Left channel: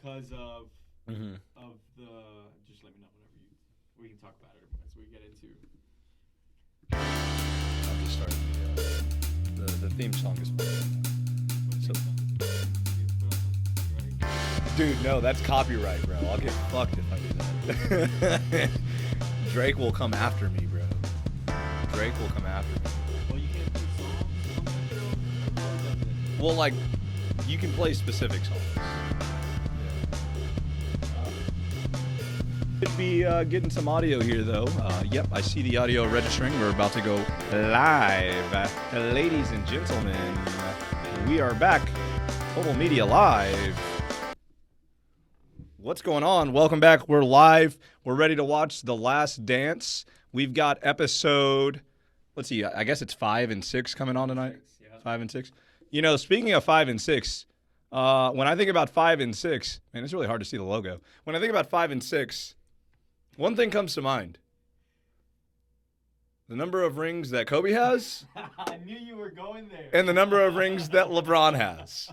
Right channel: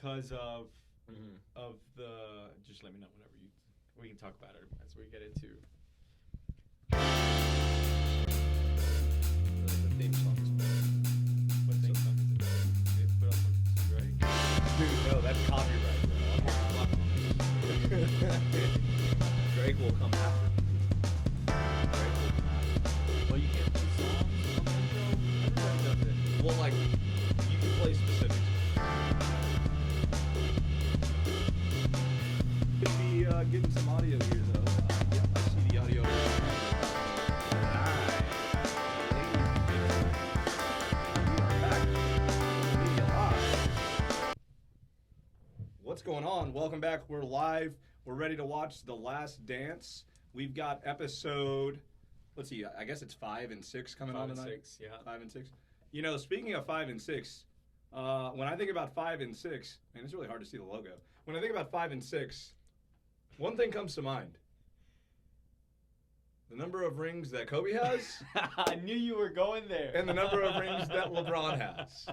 because of Mm-hmm. the. Just let me know whenever we can talk about it as we get into. The theme song is playing. What theme song is it? Put up some Drake. Dude, no, that's copyright, bro. I'll get fucked if I Drake will come after me, bro. Drake will come after me. Well, you can't put songs on the show. Well, like, you can play specific songs. Could be getting some audio here, though. Yep, I see the audio registering. We're about to go live. Ladies and gentlemen, we are back. Total Media Live. What's going on? Welcome back. We're live. We're ready to watch The Last Dance. We've got episode, let's see, I guess it's 5 and 6 coming on tonight. 6, yeah. 5 and 6. You know, speaking of 5 and 6, when I think about 5 and 6, man, it's really hard to see the logo. When I think about 5 and 6, one thing comes to mind. The number of rings that Kobe has I knew you were going there. and the number of rings that LeBron has.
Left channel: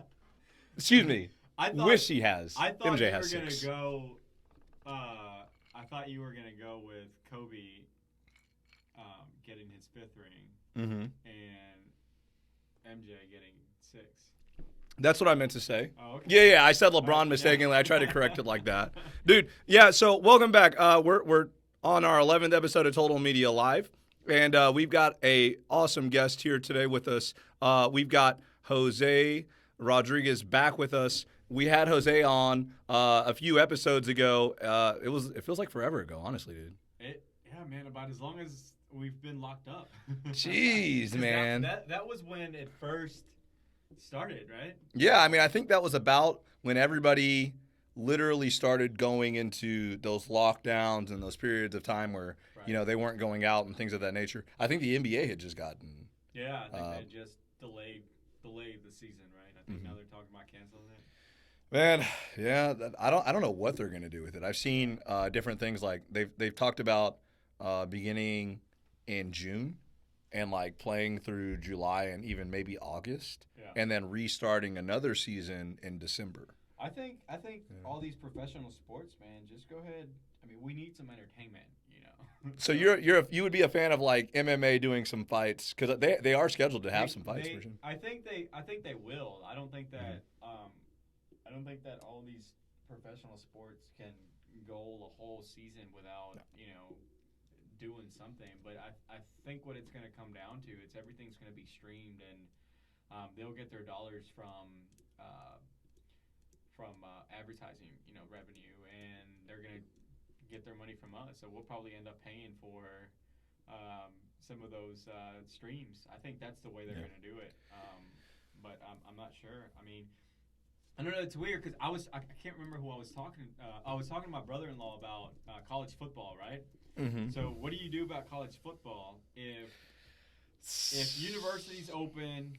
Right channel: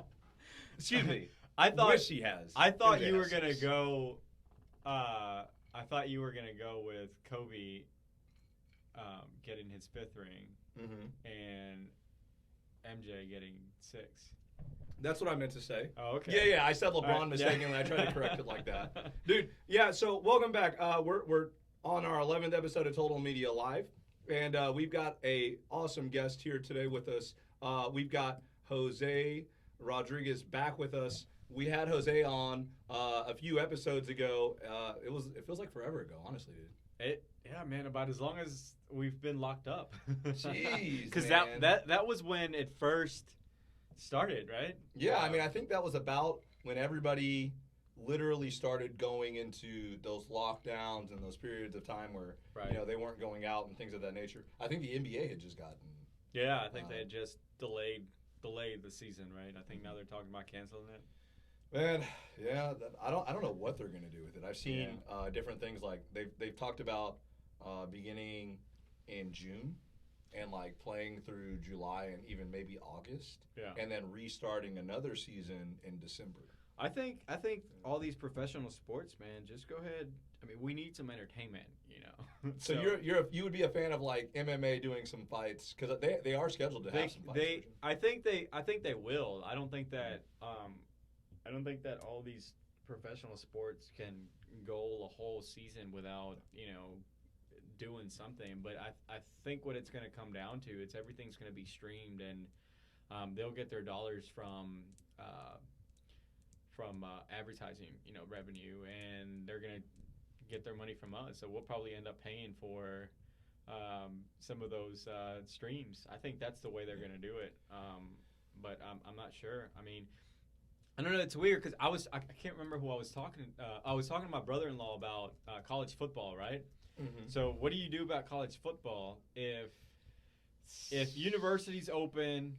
Excuse me. I thought, Wish he has. I thought MJ you were has gonna 6. go. I thought you were gonna go with Kobe getting his 5th ring Mm-hmm. and MJ getting 6. That's what I meant to say. Oh, okay. Yeah. I said LeBron Right, yeah. mistakenly. I tried to correct it like that. Dude, yeah, so welcome back. We're on our 11th episode of Total Media Live, and we've got a awesome guest here today with us. We've got Jose Rodriguez back with us. We had Jose on a few episodes ago. It feels like forever ago, honestly, dude. Yeah, man. About as long as we've been locked up. Jeez, 'Cause man. That was when it first started, right? Yeah, I mean, I think that was about when everybody literally started going into those lockdowns and those periods of time where, Right. you know, they weren't going out and things of that nature. I think the NBA had just gotten. Yeah, I think they just delayed the season, right? I think now they're talking about canceling it. Man, yeah, I don't know what they're gonna do with it. I've seen different things like they've talked about beginning in June and like playing through July and even maybe August, Yeah. and then restarting another season in December. I think all these professional sports, man, just go ahead. I mean, we need some entertainment, you know. So you would be a fan of like MMA doing some fights because they are scheduled to have some fights. For sure. I think they will. I don't think that all these professional sports can go a whole season without doing something. But I think what it's going to come down to, it's everything's going to be streamed, and they'll get their dollars from advertising, revenue, and they're going to get their money from us. So we'll probably end up paying for some of those streams. I think that's the way they're going to do it. But I'm not sure. I mean, I don't know. It's weird because I can't remember who I was talking. I was talking to my brother-in-law about college football, right? Mm-hmm. So what do you do about college football if universities open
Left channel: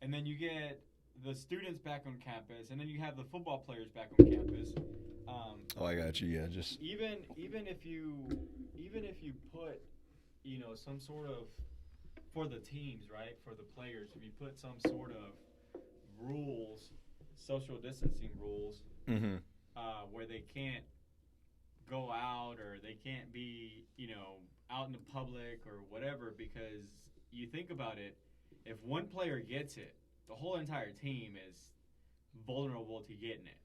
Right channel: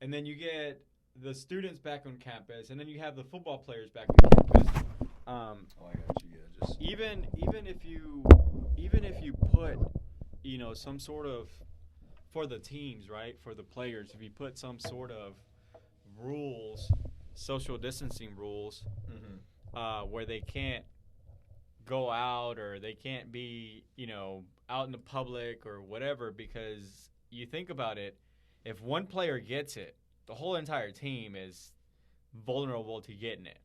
and then you get the students back on campus and then you have the football players back on campus? I got you. Yeah, just even if you put some sort of, for the teams, right, for the players, if you put some sort of rules, social distancing rules, where they can't go out or they can't be out in the public or whatever, because you think about it, if one player gets it, the whole entire team is vulnerable to getting it.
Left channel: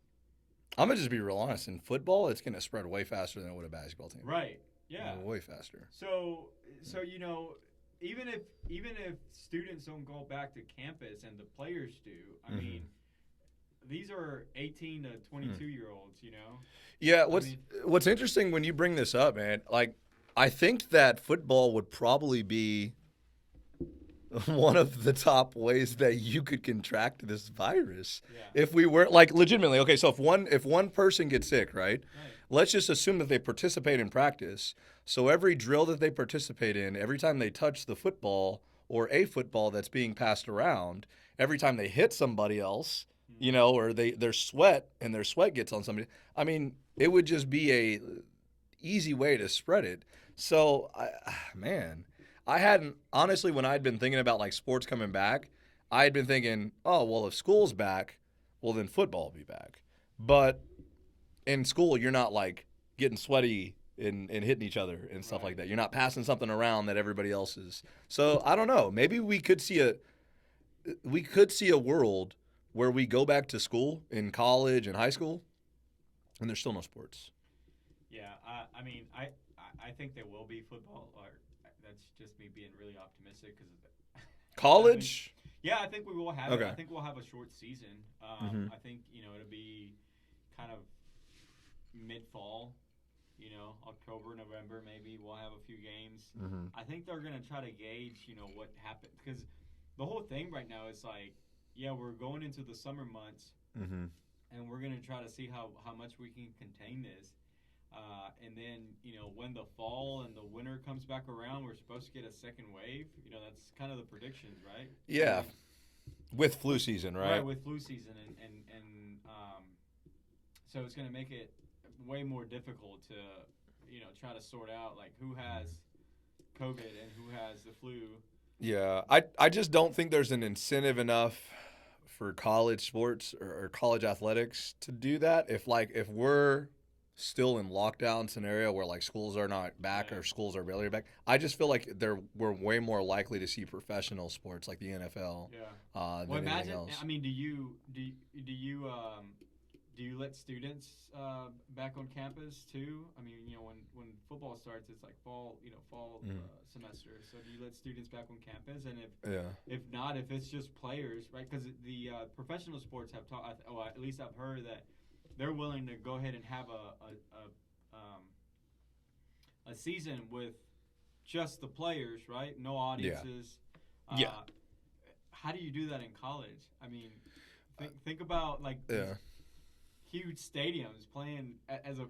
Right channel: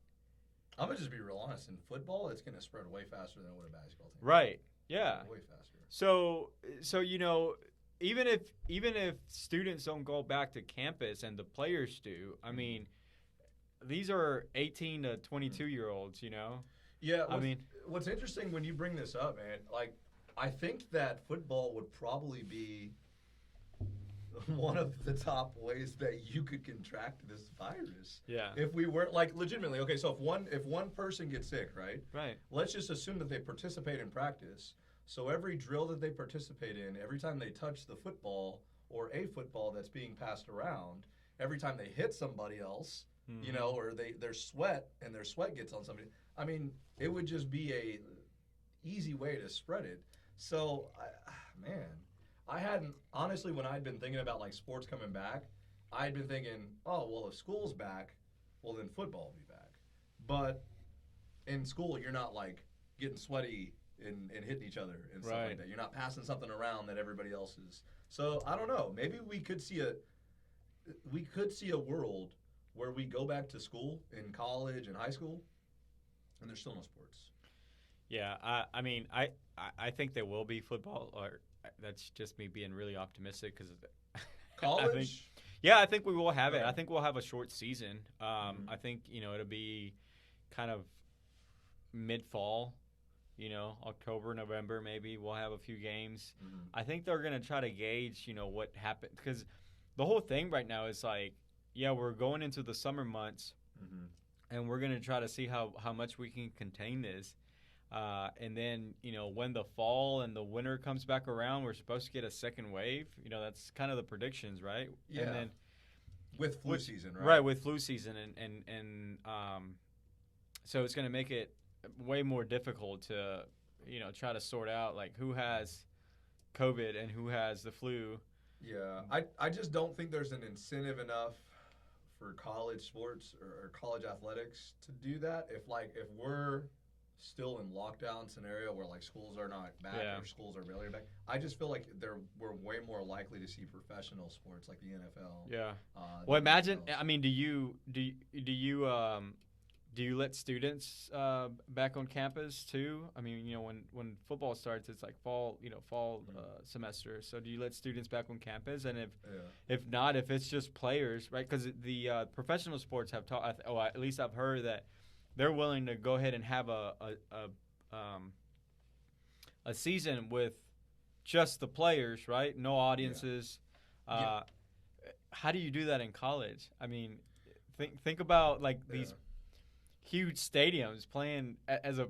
I'm gonna just be real honest. In football, it's gonna spread way faster than it would a basketball team. Right. Yeah. Way faster. So even if students don't go back to campus and the players do, I mean, these are 18 to 22-year-olds, Yeah, what's interesting when you bring this up, man, like, I think that football would probably be one of the top ways that you could contract this virus. Yeah. If we were, like, legitimately, okay, so if one person gets sick, right? Right. Let's just assume that they participate in practice. So every drill that they participate in, every time they touch the football or a football that's being passed around, every time they hit somebody else, or their sweat gets on somebody, I mean, it would just be a easy way to spread it. So, I hadn't, honestly, when I'd been thinking about like sports coming back, I had been thinking, oh, well, if school's back, well, then football will be back. But in school you're not like getting sweaty and hitting each other and stuff like Right. that. You're not passing something around that everybody else is. So I don't know. Maybe we could see a world where we go back to school in college and high school, and there's still no sports. Yeah, I mean, I think there will be football, or that's just me being really optimistic because College? yeah, I think we will have it. Okay. I think we'll have a short season. Mhm. I think it'll be kind of mid fall. October, November, maybe we'll have a few games. Mhm. I think they're gonna try to gauge, what happened because the whole thing right now is like, yeah, we're going into the summer months Mhm. and we're gonna try to see how much we can contain this. And then, when the fall and the winter comes back around, we're supposed to get a second wave. That's kind of the predictions, right? Yeah. And then, With flu season, right? right, with flu season, and so it's going to make it way more difficult to, try to sort out like who has COVID and who has the flu. Yeah, I just don't think there's an incentive enough for college sports or college athletics to do that. If we're still in lockdown scenario where like schools are not back Yeah. or schools are barely back, I just feel like we're way more likely to see professional sports like the NFL. Yeah. Well, Well, imagine. I mean, do you let students back on campus too? I mean, when football starts, it's like fall semester. So do you let students back on campus? And Yeah. if not, if it's just players, right? Because the professional sports have taught. At least I've heard that they're willing to go ahead and have a season with just the players, right? No audiences. Yeah. How do you do that in college? I mean, think about like these Yeah. huge stadiums playing as a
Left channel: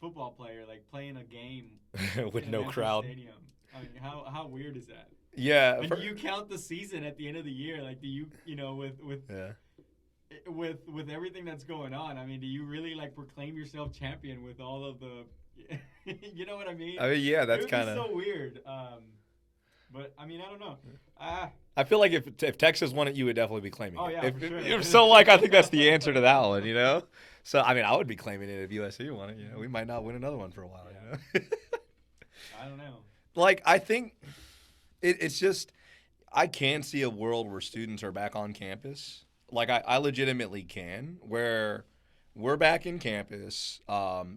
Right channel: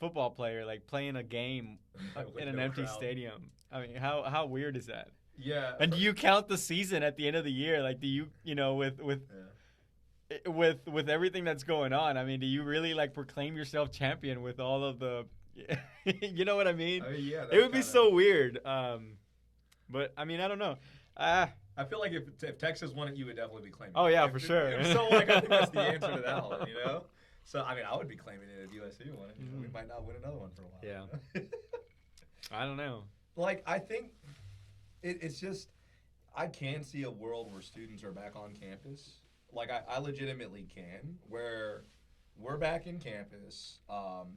football player, like playing a game With in no an empty crowd. stadium. I mean, how weird is that? Yeah. And do you count the season at the end of the year? Like, do you Yeah. with everything that's going on? I mean, do you really like proclaim yourself champion with all of the? You know what I mean? I mean, yeah, It that's would kind be of. so weird. But I mean, I don't know. I feel like if Texas won it, you would definitely be claiming Oh, it. yeah, for sure. So, like, I think that's the answer to that one, you know? So, I mean, I would be claiming it if USC won it. We might not win another one for a while. Yeah. I don't know. Like, I think it's just, I can see a world where students are back on campus. Like, I legitimately can, where we're back in campus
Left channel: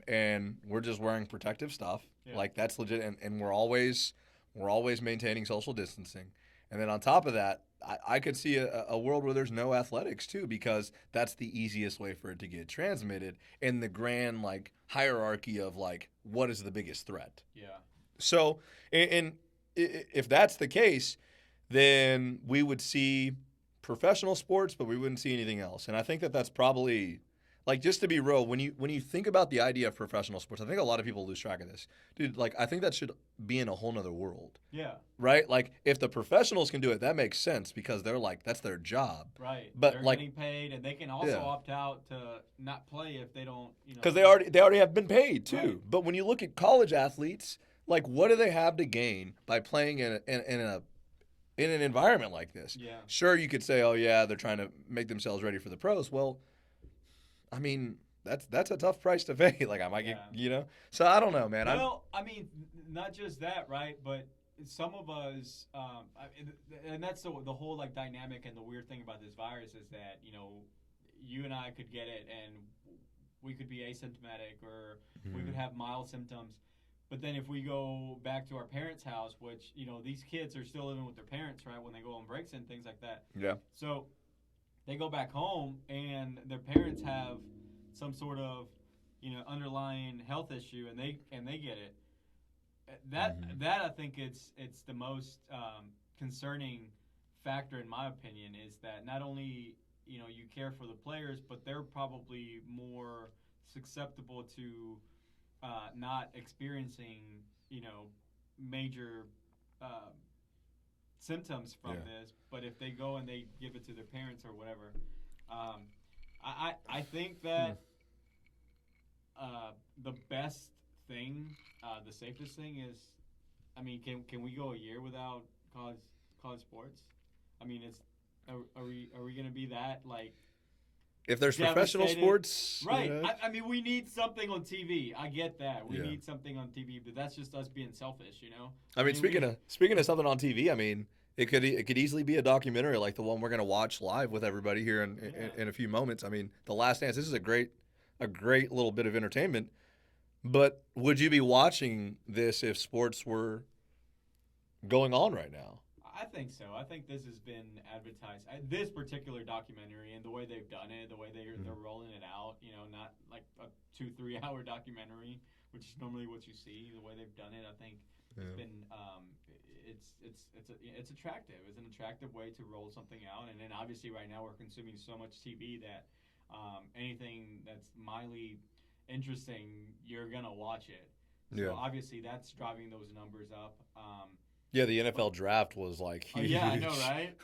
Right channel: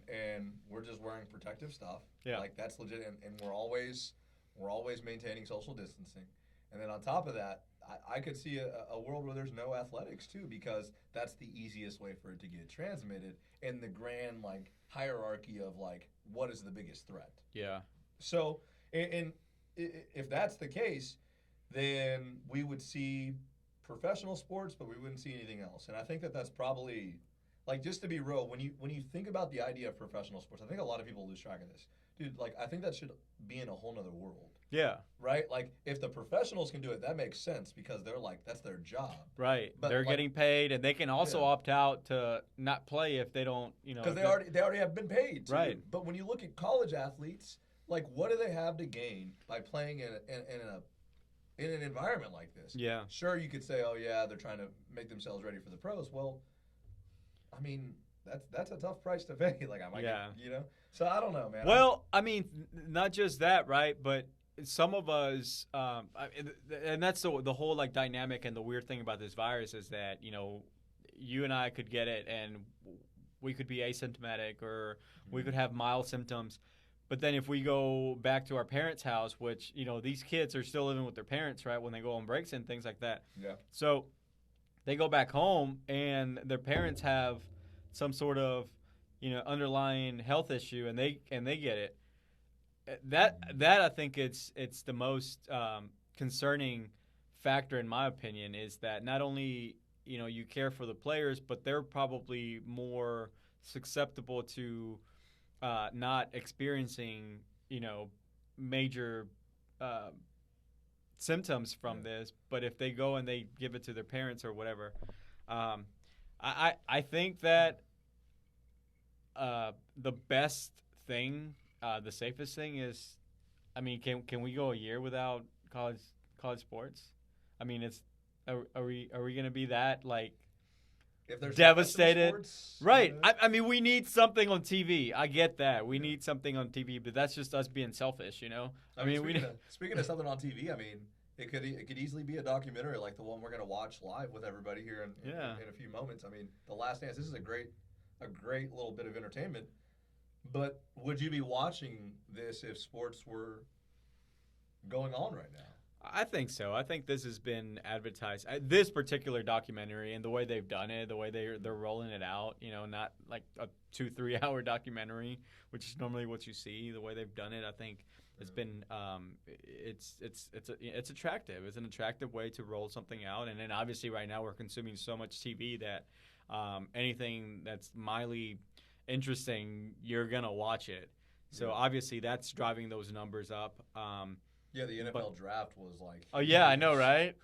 and we're just wearing protective stuff. Yeah. Like, that's legit. And we're always maintaining social distancing. And then on top of that, I could see a world where there's no athletics too, because that's the easiest way for it to get transmitted in the grand like hierarchy of like what is the biggest threat. Yeah. So, and if that's the case, then we would see professional sports, but we wouldn't see anything else. And I think that that's probably like, just to be real, when you think about the idea of professional sports, I think a lot of people lose track of this, dude. Like, I think that should be in a whole nother world. Yeah. Right? Like, if the professionals can do it, that makes sense because they're like, that's their job. Right. But, they're like- getting paid, and they can also Yeah. opt out to not play if they don't, Because they already have been paid too. Right. But when you look at college athletes, like, what do they have to gain by playing in an environment like this? Yeah. Sure, you could say, oh yeah, they're trying to make themselves ready for the pros. Well, I mean, that's a tough price to pay. Like, I might Yeah. get. So I don't know, man. Well, I mean, not just that, right? But some of us, and that's the whole like dynamic and the weird thing about this virus is that you and I could get it and we could be asymptomatic or we could have mild symptoms. But then if we go back to our parents' house, which these kids are still living with their parents, right? When they go on breaks and things like that. Yeah. So they go back home and their parents have some sort of underlying health issue and they get it. That I think it's the most concerning factor in my opinion is that not only you care for the players, but they're probably more susceptible to not experiencing major symptoms from this. But if they go and they give it to their parents or whatever, I think that the best thing, the safest thing is, I mean, can we go a year without college sports? I mean, are we gonna be that like? if there's professional devastated. sports, Right. I mean, we need something on TV. I get that. We Yeah. need something on TV, but that's just us being selfish, you know? I mean, speaking of something on TV, I mean, it could easily be a documentary like the one we're gonna watch live with everybody here in a few moments. I mean, The Last Dance. This is a great little bit of entertainment. But would you be watching this if sports were going on right now? I think so. I think this has been advertised. This particular documentary and the way they've done it, the way they're rolling it out, you know, not like a 2-3 hour documentary, which is normally what you see. The way they've done it, I think it's been it's attractive. It's an attractive way to roll something out. And then obviously right now we're consuming so much TV that anything that's mildly interesting, you're gonna watch it. So obviously that's driving those numbers up. Yeah, the NFL draft was like huge. Oh yeah, I know, right?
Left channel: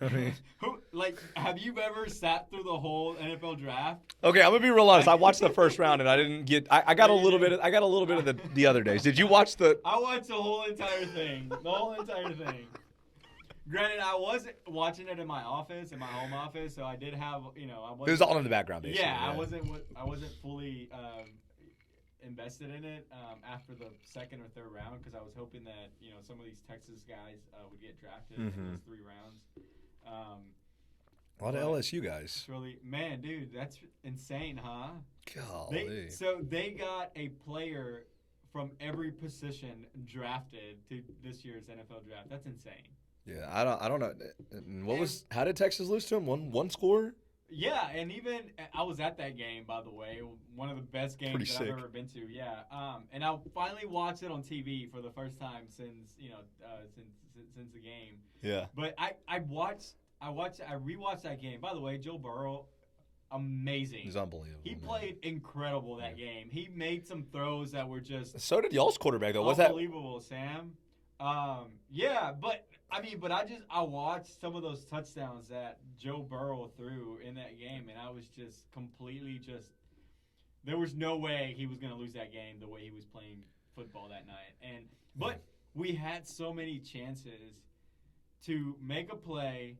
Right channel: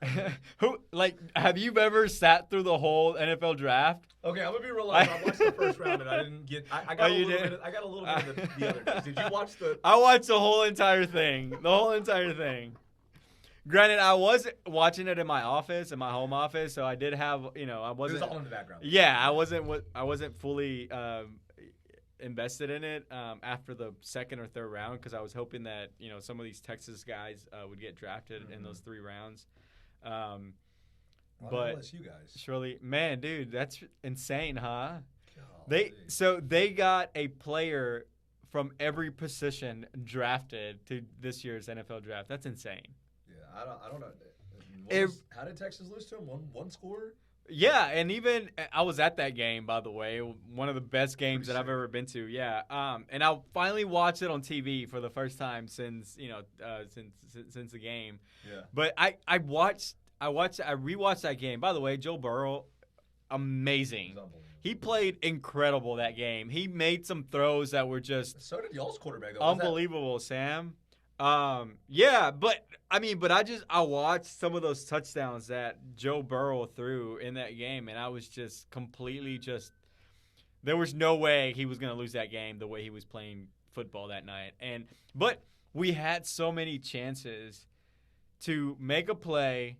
Have you ever sat through the whole NFL draft? Okay, I'm gonna be real honest. I watched the first round and I didn't get. I got a little bit. I got a little bit of the other days. Did you watch the? I watched the whole entire thing. The whole entire thing. Granted, I was watching it in my office, in my home office, so I did have, I wasn't. It was all in the background. Yeah, I wasn't fully invested in it after the second or third round because I was hoping that some of these Texas guys would get drafted in those 3 rounds. A lot of LSU guys. It's really, man, dude, that's insane, huh? Golly. They got a player from every position drafted to this year's NFL draft. That's insane. Yeah, I don't know. How did Texas lose to him? One score? Yeah, and even I was at that game, by the way. One of the best games Pretty that I've sick. ever been to. Yeah, and I finally watched it on TV for the first time since the game. Yeah. But I rewatched that game. By the way, Joe Burrow, amazing. He's unbelievable. He played incredible that game. He made some throws that were just So did y'all's quarterback though. unbelievable, Sam. Yeah, but I watched some of those touchdowns that Joe Burrow threw in that game, and I was just completely there was no way he was going to lose that game the way he was playing football that night. But we had so many chances to make a play,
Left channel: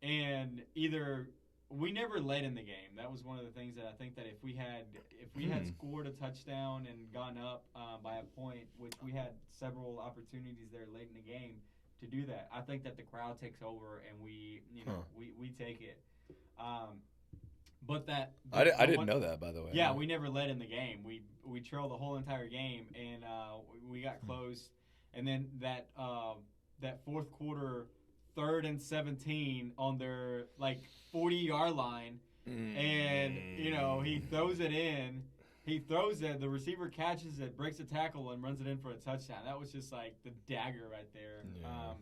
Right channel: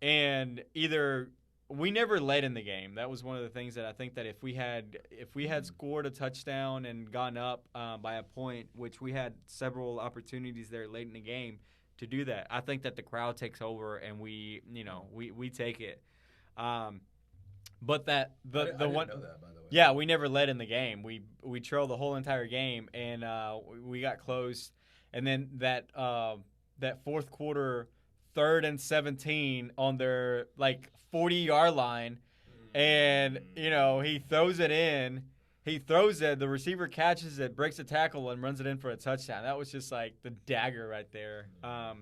and either we never led in the game. That was one of the things that I think that if we had scored a touchdown and gone up by a point, which we had several opportunities there late in the game to do that, I think that the crowd takes over and we take it. But I didn't know that, by the way. Yeah, we never led in the game. We trailed the whole entire game, and we got close. And then that fourth quarter, 3rd and 17 on their 40-yard line, and he throws it in. He throws it. The receiver catches it, breaks a tackle, and runs it in for a touchdown. That was just the dagger right there. Yeah.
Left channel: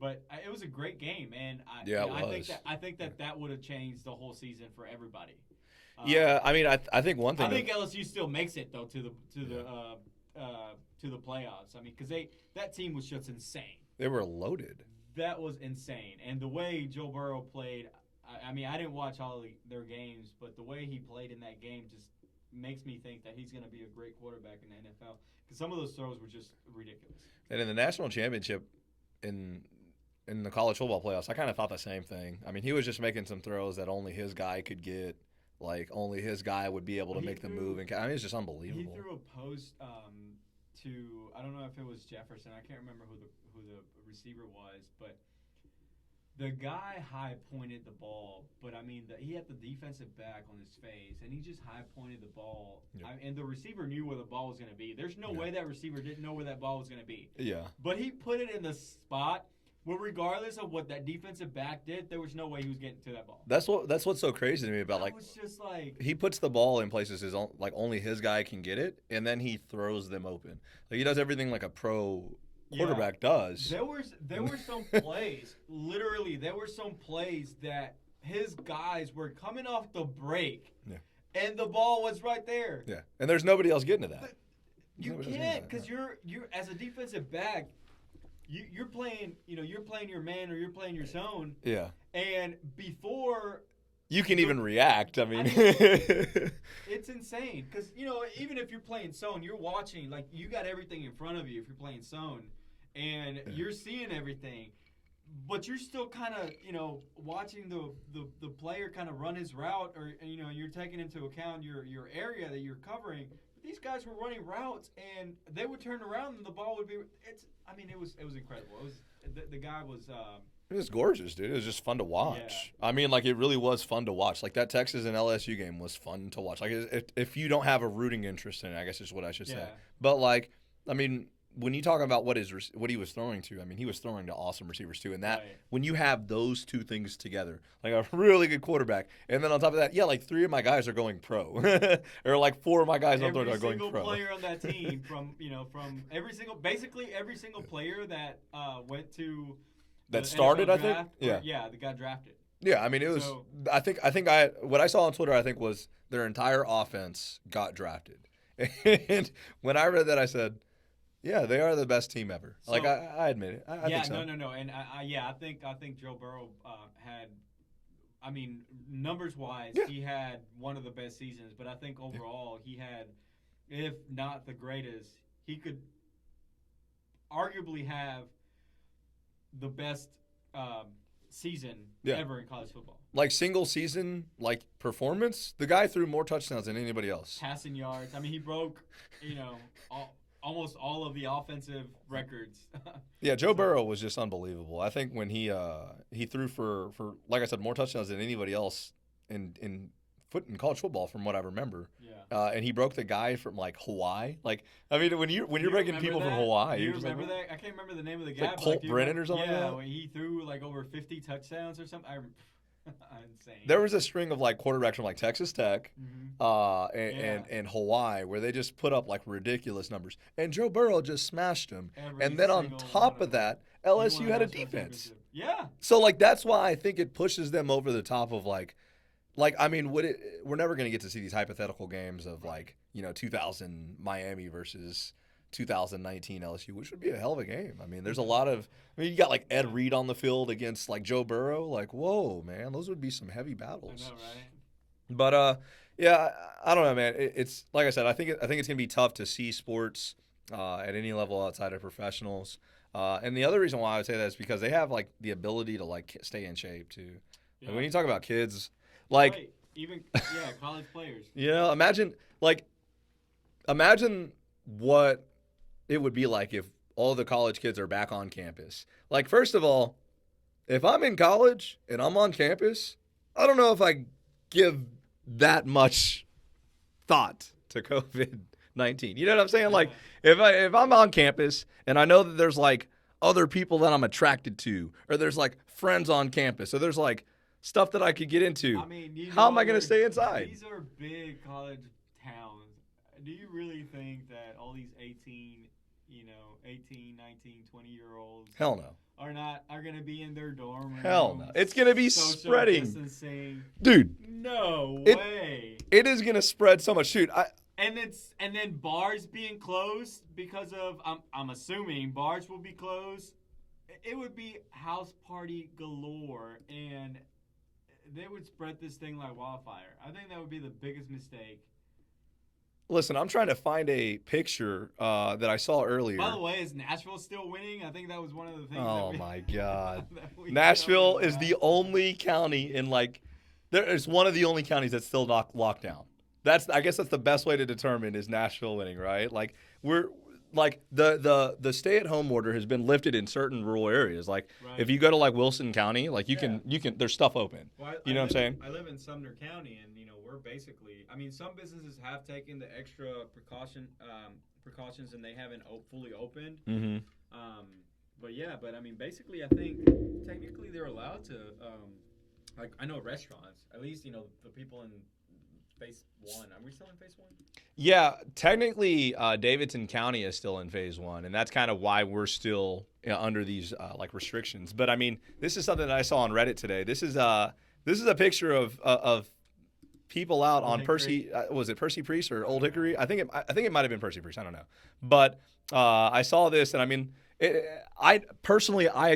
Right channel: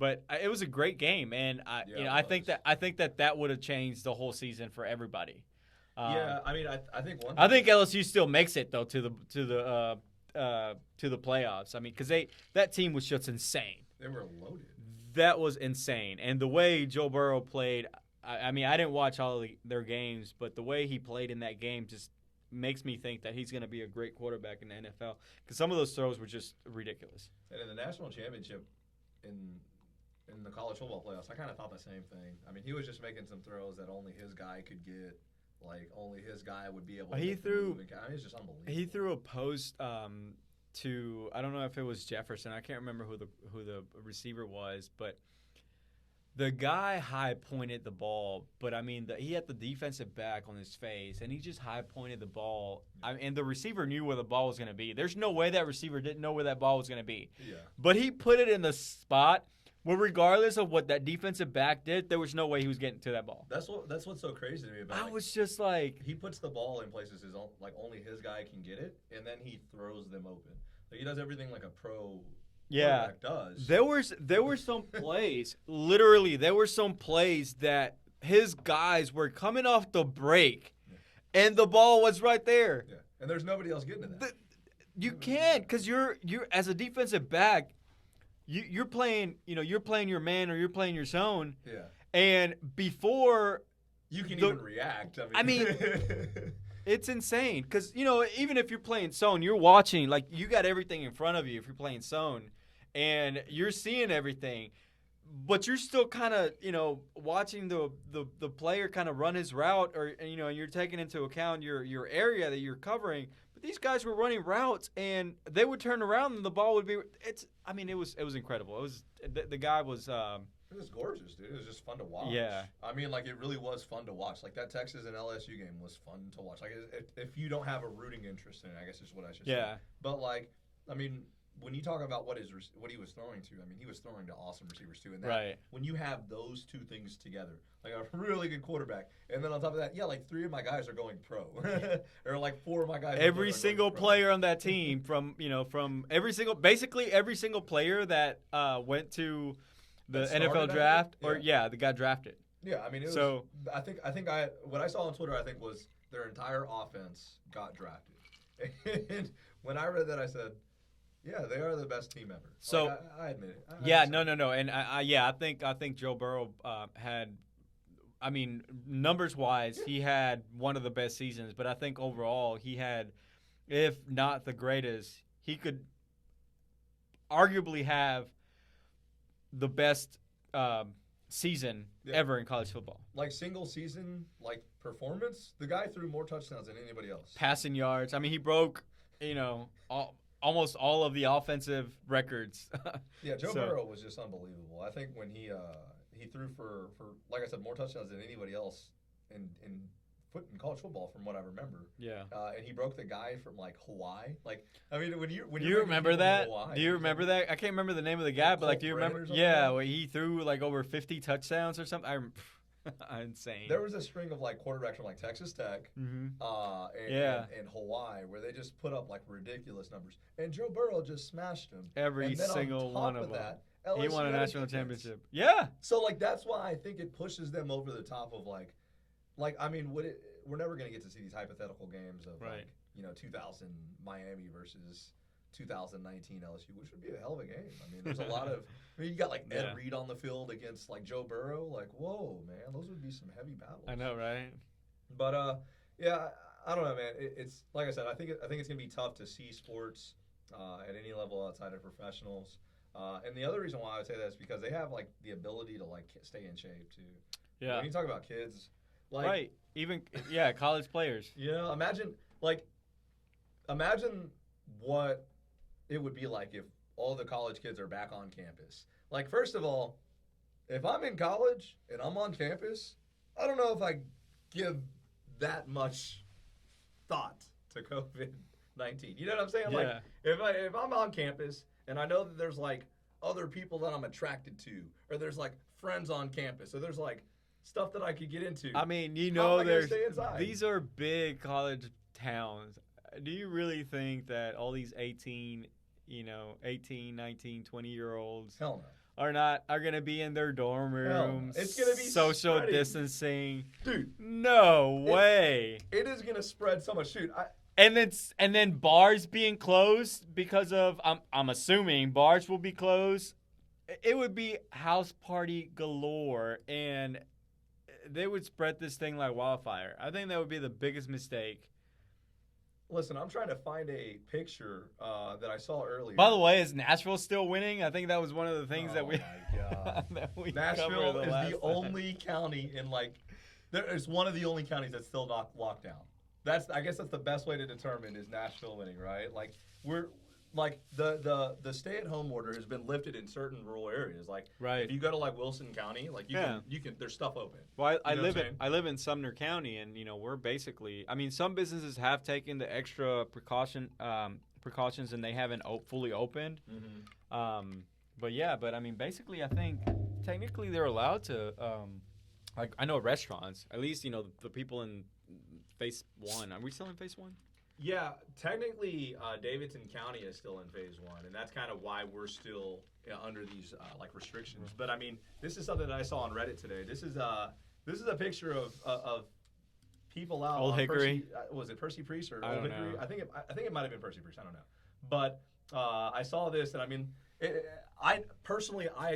But it was a great game, and I think that would have changed the whole season for everybody. Yeah, I mean, I think one thing. I think LSU still makes it though to the playoffs. I mean, because that team was just insane. They were loaded. That was insane, and the way Joe Burrow played. I mean, I didn't watch all of their games, but the way he played in that game just makes me think that he's going to be a great quarterback in the NFL because some of those throws were just ridiculous. And in the national championship, in the college football playoffs, I kind of thought the same thing. I mean, he was just making some throws that only his guy could get. Only his guy would be able to make the move. I mean, it's just unbelievable. He threw a post to, I don't know if it was Jefferson. I can't remember who the receiver was, but the guy high pointed the ball. But I mean, he had the defensive back on his face, and he just high pointed the ball. Yeah. And the receiver knew where the ball was going to be. There's no way that receiver didn't know where that ball was going to be. Yeah. But he put it in the spot. Well, regardless of what that defensive back did, there was no way he was getting to that ball. That's what's so crazy to me about I was just he puts the ball in places only his guy can get it, and then he throws them open. He does everything like a pro quarterback does. There were some plays, literally, there were some plays that his guys were coming off the break, and the ball was right there. Yeah, and there's nobody else getting to that. You can't because you're as a defensive back. You're playing your man or you're playing your zone. Yeah. And before you can even react, I mean it's insane because even if you're playing zone, you're watching you got everything in front of you if you're playing zone, and you're seeing everything. but you're still kind of, watching the player kind of run his route, or and you're taking into account your area that you're covering. But these guys were running routes, and they would turn around, and the ball would be. It was incredible. It was the guy was. It was gorgeous, dude. It was just fun to watch. Yeah. I mean, like, it really was fun to watch. Like, that Texas and LSU game was fun to watch. Like, if you don't have a rooting interest in it, I guess is what I should say. Yeah. But, like, I mean, when you talk about what he was throwing to, I mean, he was throwing to awesome receivers, too. And that, Right. when you have those two things together, like a really good quarterback, and then on top of that, yeah, like 3 of my guys are going pro. Or, like, 4 of my guys are going pro. Every single player on that team basically every single player that went to the started, NFL I think? draft, Yeah. that got drafted. Yeah, I mean, it was. So- What I saw on Twitter, I think, was their entire offense got drafted. And when I read that, I said, "Yeah, they are the best team ever." So- Like, I admit it. I Yeah, think so. no, and I think Joe Burrow had, numbers wise, Yeah. he had one of the best seasons. But I think overall he had, if not the greatest, he could arguably have the best season Yeah. ever in college football. Like, single season, like, performance, the guy threw more touchdowns than anybody else. Passing yards. He broke, almost all of the offensive records. Yeah, Joe So- Burrow was just unbelievable. I think when he threw for like I said, more touchdowns than anybody else in college football, from what I remember. Yeah. And he broke the guy from, like, Hawaii. Like, I mean, when you're breaking remember people that? from Hawaii. Do you you're just remember like, that? I can't remember the name of the guy, but Colt do you Brennan remember? or something Yeah, like where he threw like over 50 touchdowns or something. Insane. There was a string of, like, quarterbacks from, like, Texas Tech Mhm. and Hawaii where they just put up, like, ridiculous numbers. And Joe Burrow just smashed them. Every And then on single one top of of them. that, He won LSU had a national defense. championship. Yeah. So, like, that's why I think it pushes them over the top of, like I mean, we're never going to get to see these hypothetical games of, Right. like, 2000 Miami versus 2019 LSU, which would be a hell of a game. I mean, there's a lot of you got, like, Ed Yeah. Reed on the field against, like, Joe Burrow. Like, whoa, man, those would be some heavy battles. I know, right? But yeah, I don't know, man. It's like I said. I think it's gonna be tough to see sports at any level outside of professionals. And the other reason why I would say that is because they have, like, the ability to, like, stay in shape too. Yeah. When you talk about kids, like, right. Even college players. imagine what it would be like if all the college kids are back on campus. Like, first of all, if I'm in college and I'm on campus, I don't know if I give that much thought to COVID-19. You know what I'm saying? Like, if I'm on campus and I know that there's, like, other people that I'm attracted to, or there's, like, friends on campus, or there's, like, stuff that I could get into. how am I going to stay inside? These are big college towns. Do you really think that all these 18, 19, 20-year-olds Hell no. are going to be in their dorm rooms? Hell no. It's gonna be social spreading. distancing. Dude, No way. it is going to spread so much. Dude, And then bars being closed because of I'm assuming bars will be closed. It would be house party galore, and they would spread this thing like wildfire. I think that would be the biggest mistake. listen, I'm trying to find a picture that I saw earlier. By the way, is Nashville still winning? I think that was one of the things that we. Oh, my God. that we Nashville covered is last the time. only county in, like, it's one of the only counties that's still not locked down. I guess that's the best way to determine is Nashville winning, right? Like, we're like the stay-at-home order has been lifted in certain rural areas. Like, Right. if you go to, like, Wilson County, like, you Yeah. can there's stuff open. Well, You know what I'm saying? I live in Sumner County, and we're basically. Some businesses have taken the extra precautions, and they haven't fully opened. Mm-hmm. But basically, I think technically they're allowed to. Like, I know restaurants, at least the people in phase 1. Are we still in phase 1? Yeah, technically, Davidson County is still in phase 1, and that's kind of why we're still under these like restrictions. But I mean, this is something that I saw on Reddit today. This is a picture of people out Old on Hickory? Percy. Was it Percy Priest or I Old don't Hickory? know. I think it might have been Percy Priest. I don't know, but I saw this, and I mean, I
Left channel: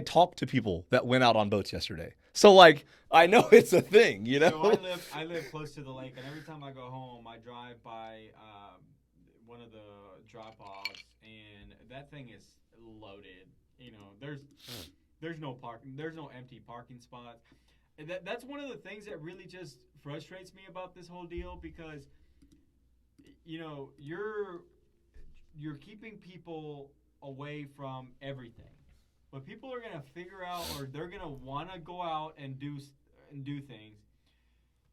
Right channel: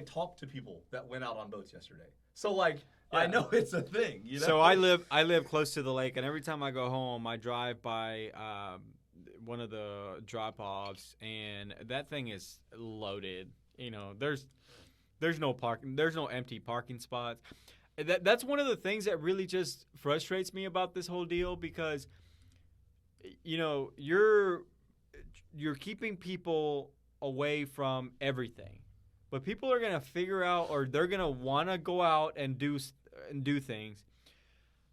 talked to people that went out on boats yesterday, so like. I know it's a thing, So I live close to the lake, and every time I go home, I drive by one of the drop-offs, and that thing is loaded. There's there's no parking. There's no empty parking spots. That's one of the things that really just frustrates me about this whole deal because, you're keeping people away from everything, but people are gonna figure out, or they're gonna want to go out and do things.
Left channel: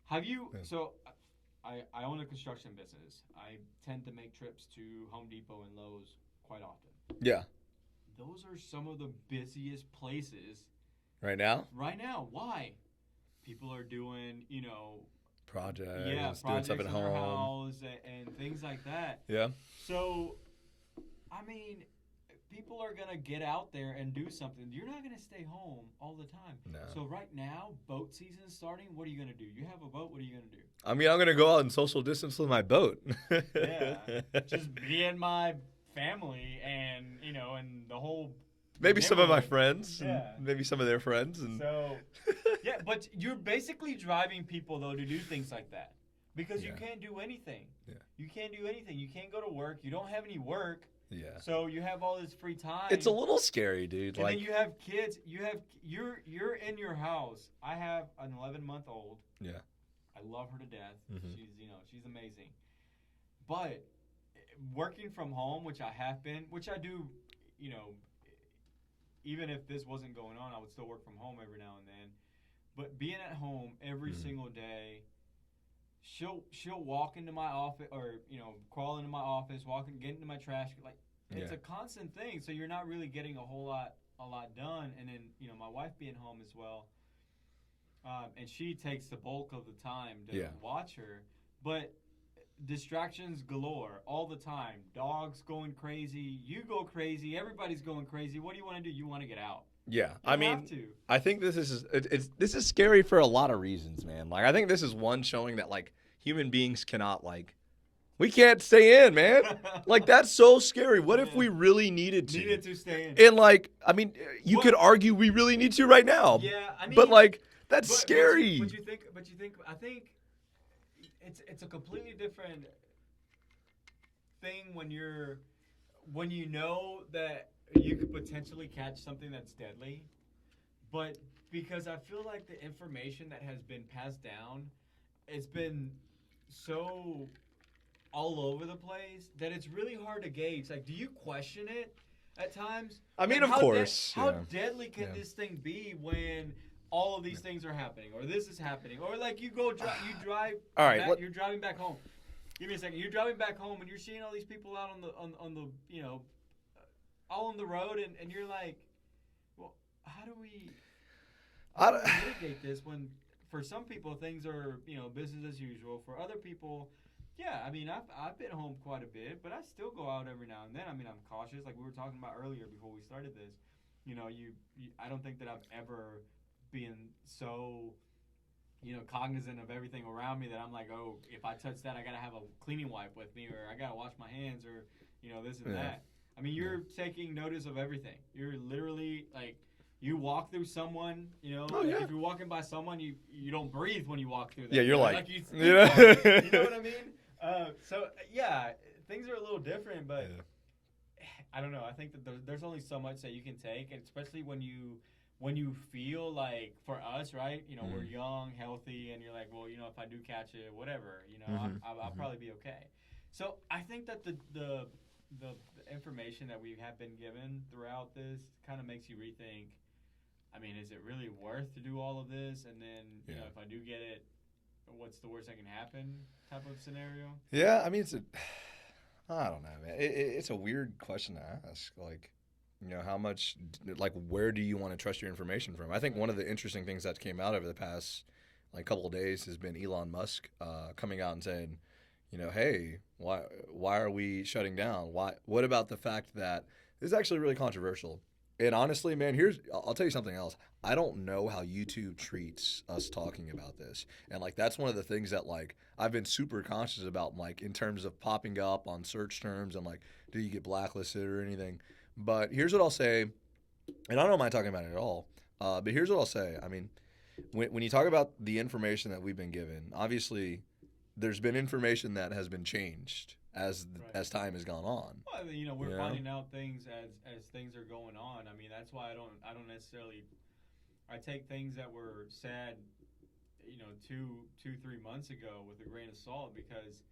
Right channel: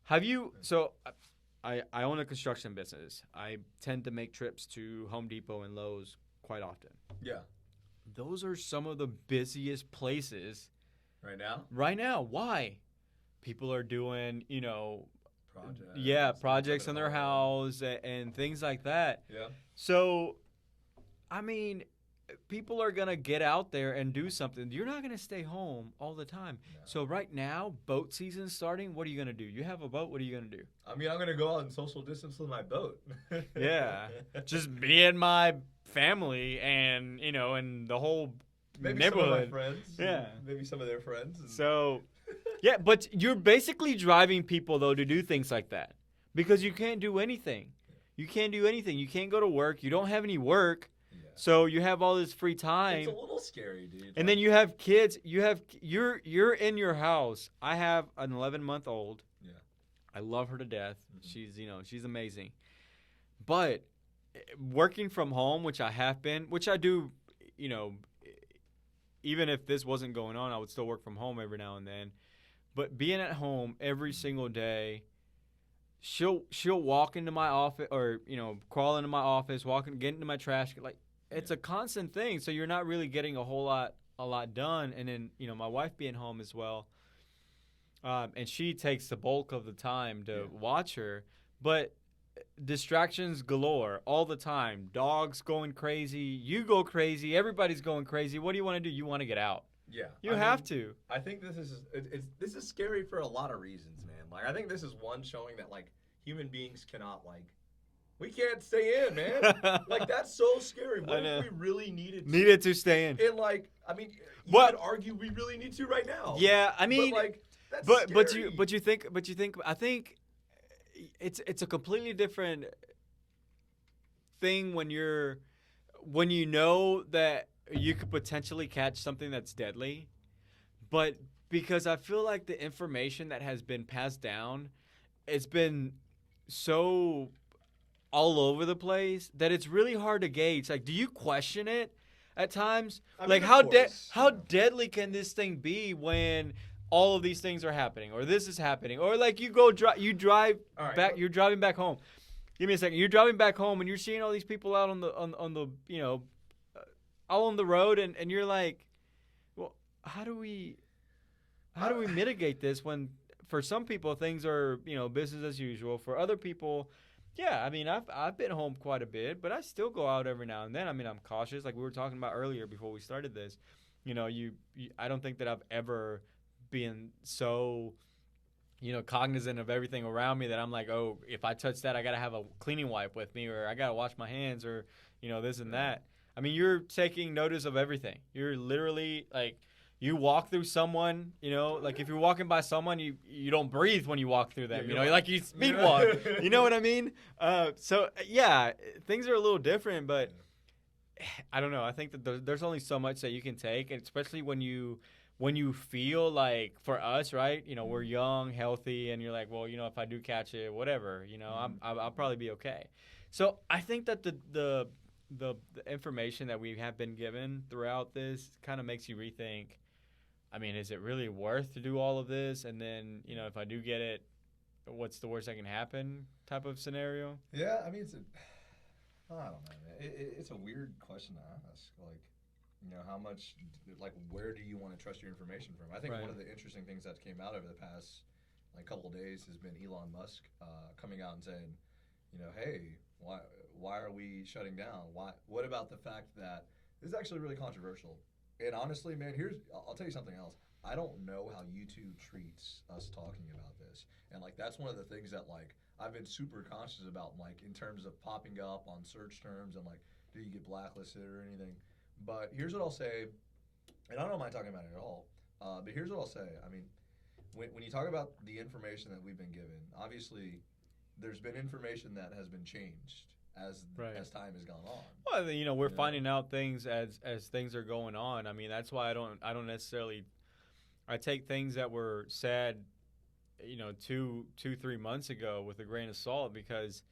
Have you? So, I own a construction business. I tend to make trips to Home Depot and Lowe's quite often. Yeah. Those are some of the busiest places Right now? right now. Why? People are doing, Projects. yeah, doing projects stuff in at their home. house and things like that. Yeah. So, I mean, people are going to get out there and do something. You're not going to stay home all the time. No. So, right now, boat season's starting. What are you going to do? You have a boat. What are you going to do? I mean, I'm going to go out and social distance with my boat. Yeah. Just be in my family and, and the whole Maybe some of my neighborhood. friends. Yeah. Maybe some of their friends. And So, yeah, but you're basically driving people, though, to do things like that because you can't do anything. Yeah. You can't do anything. You can't go to work. You don't have any work. Yeah. So you have all this free time. It's a little scary, dude. And then you have kids. You're in your house. I have an 11-month-old. Yeah. I love her to death. Mhm. She's amazing. But working from home, which I have been, which I do, even if this wasn't going on, I would still work from home every now and then. But being at home every single day, she'll walk into my office or crawl into my office, get into my trash. Like it's a constant thing. So you're not really getting a lot done. And then my wife being home as well, and she takes the bulk of the time to watch her. But distractions galore all the time. Dogs going crazy. You go crazy. Everybody's going crazy. What do you want to do? You want to get out. Yeah, You have to. I think this is scary for a lot of reasons, man. Like I think this is one showing that like human beings cannot we can't stay in, man. Like that's so scary. What if we really needed to stay in? And I mean, you could argue we really need to right now. Yeah, I mean, but that's scary. But you think I think it's a completely different thing when you know that you could potentially catch something that's deadly, but because I feel like the information that has been passed down, it's been so all over the place that it's really hard to gauge. Like, do you question it at times? I mean, how of course. how deadly can this thing be when all of these things are happening, or this is happening, or like you drive all right, back, you're driving back home. Give me a second. You're driving back home and you're seeing all these people out on the all on the road, and you're like, well, how do we mitigate this when for some people things are business as usual. For other people, yeah, I mean I've been home quite a bit, but I still go out every now and then. I mean I'm cautious, like we were talking about earlier before we started this. I don't think that I've ever been so cognizant of everything around me that I'm like, oh, if I touch that, I gotta have a cleaning wipe with me, or I gotta wash my hands, or this and that. I mean, you're taking notice of everything. You're literally like, you walk through someone, if you're walking by someone, you don't breathe when you walk through them. Yeah, you're like you sleepwalk. You know what I mean? So yeah, things are a little different, but I don't know. I think that there's only so much that you can take, and especially when you feel like, for us, right? We're young, healthy, and you're like, well, if I do catch it, whatever, I'll probably be okay. So I think that the information that we have been given throughout this kind of makes you rethink. I mean, is it really worth to do all of this? And then, if I do get it, what's the worst that can happen type of scenario? Yeah, I mean, I don't know, man. It's a weird question to ask. Like, how much, where do you want to trust your information from? I think one of the interesting things that came out over the past, couple of days has been Elon Musk coming out and saying, hey, why are we shutting down? What about the fact that this is actually really controversial? And honestly, man, I'll tell you something else. I don't know how YouTube treats us talking about this. And that's one of the things that I've been super conscious about, in terms of popping up on search terms and do you get blacklisted or anything? But here's what I'll say, and I don't mind talking about it at all, but here's what I'll say. I mean, when you talk about the information that we've been given, obviously there's been information that has been changed as time has gone on. Well, we're finding out things as things are going on. I mean, that's why I don't necessarily I take things that were said, 3 months ago with a grain of salt, because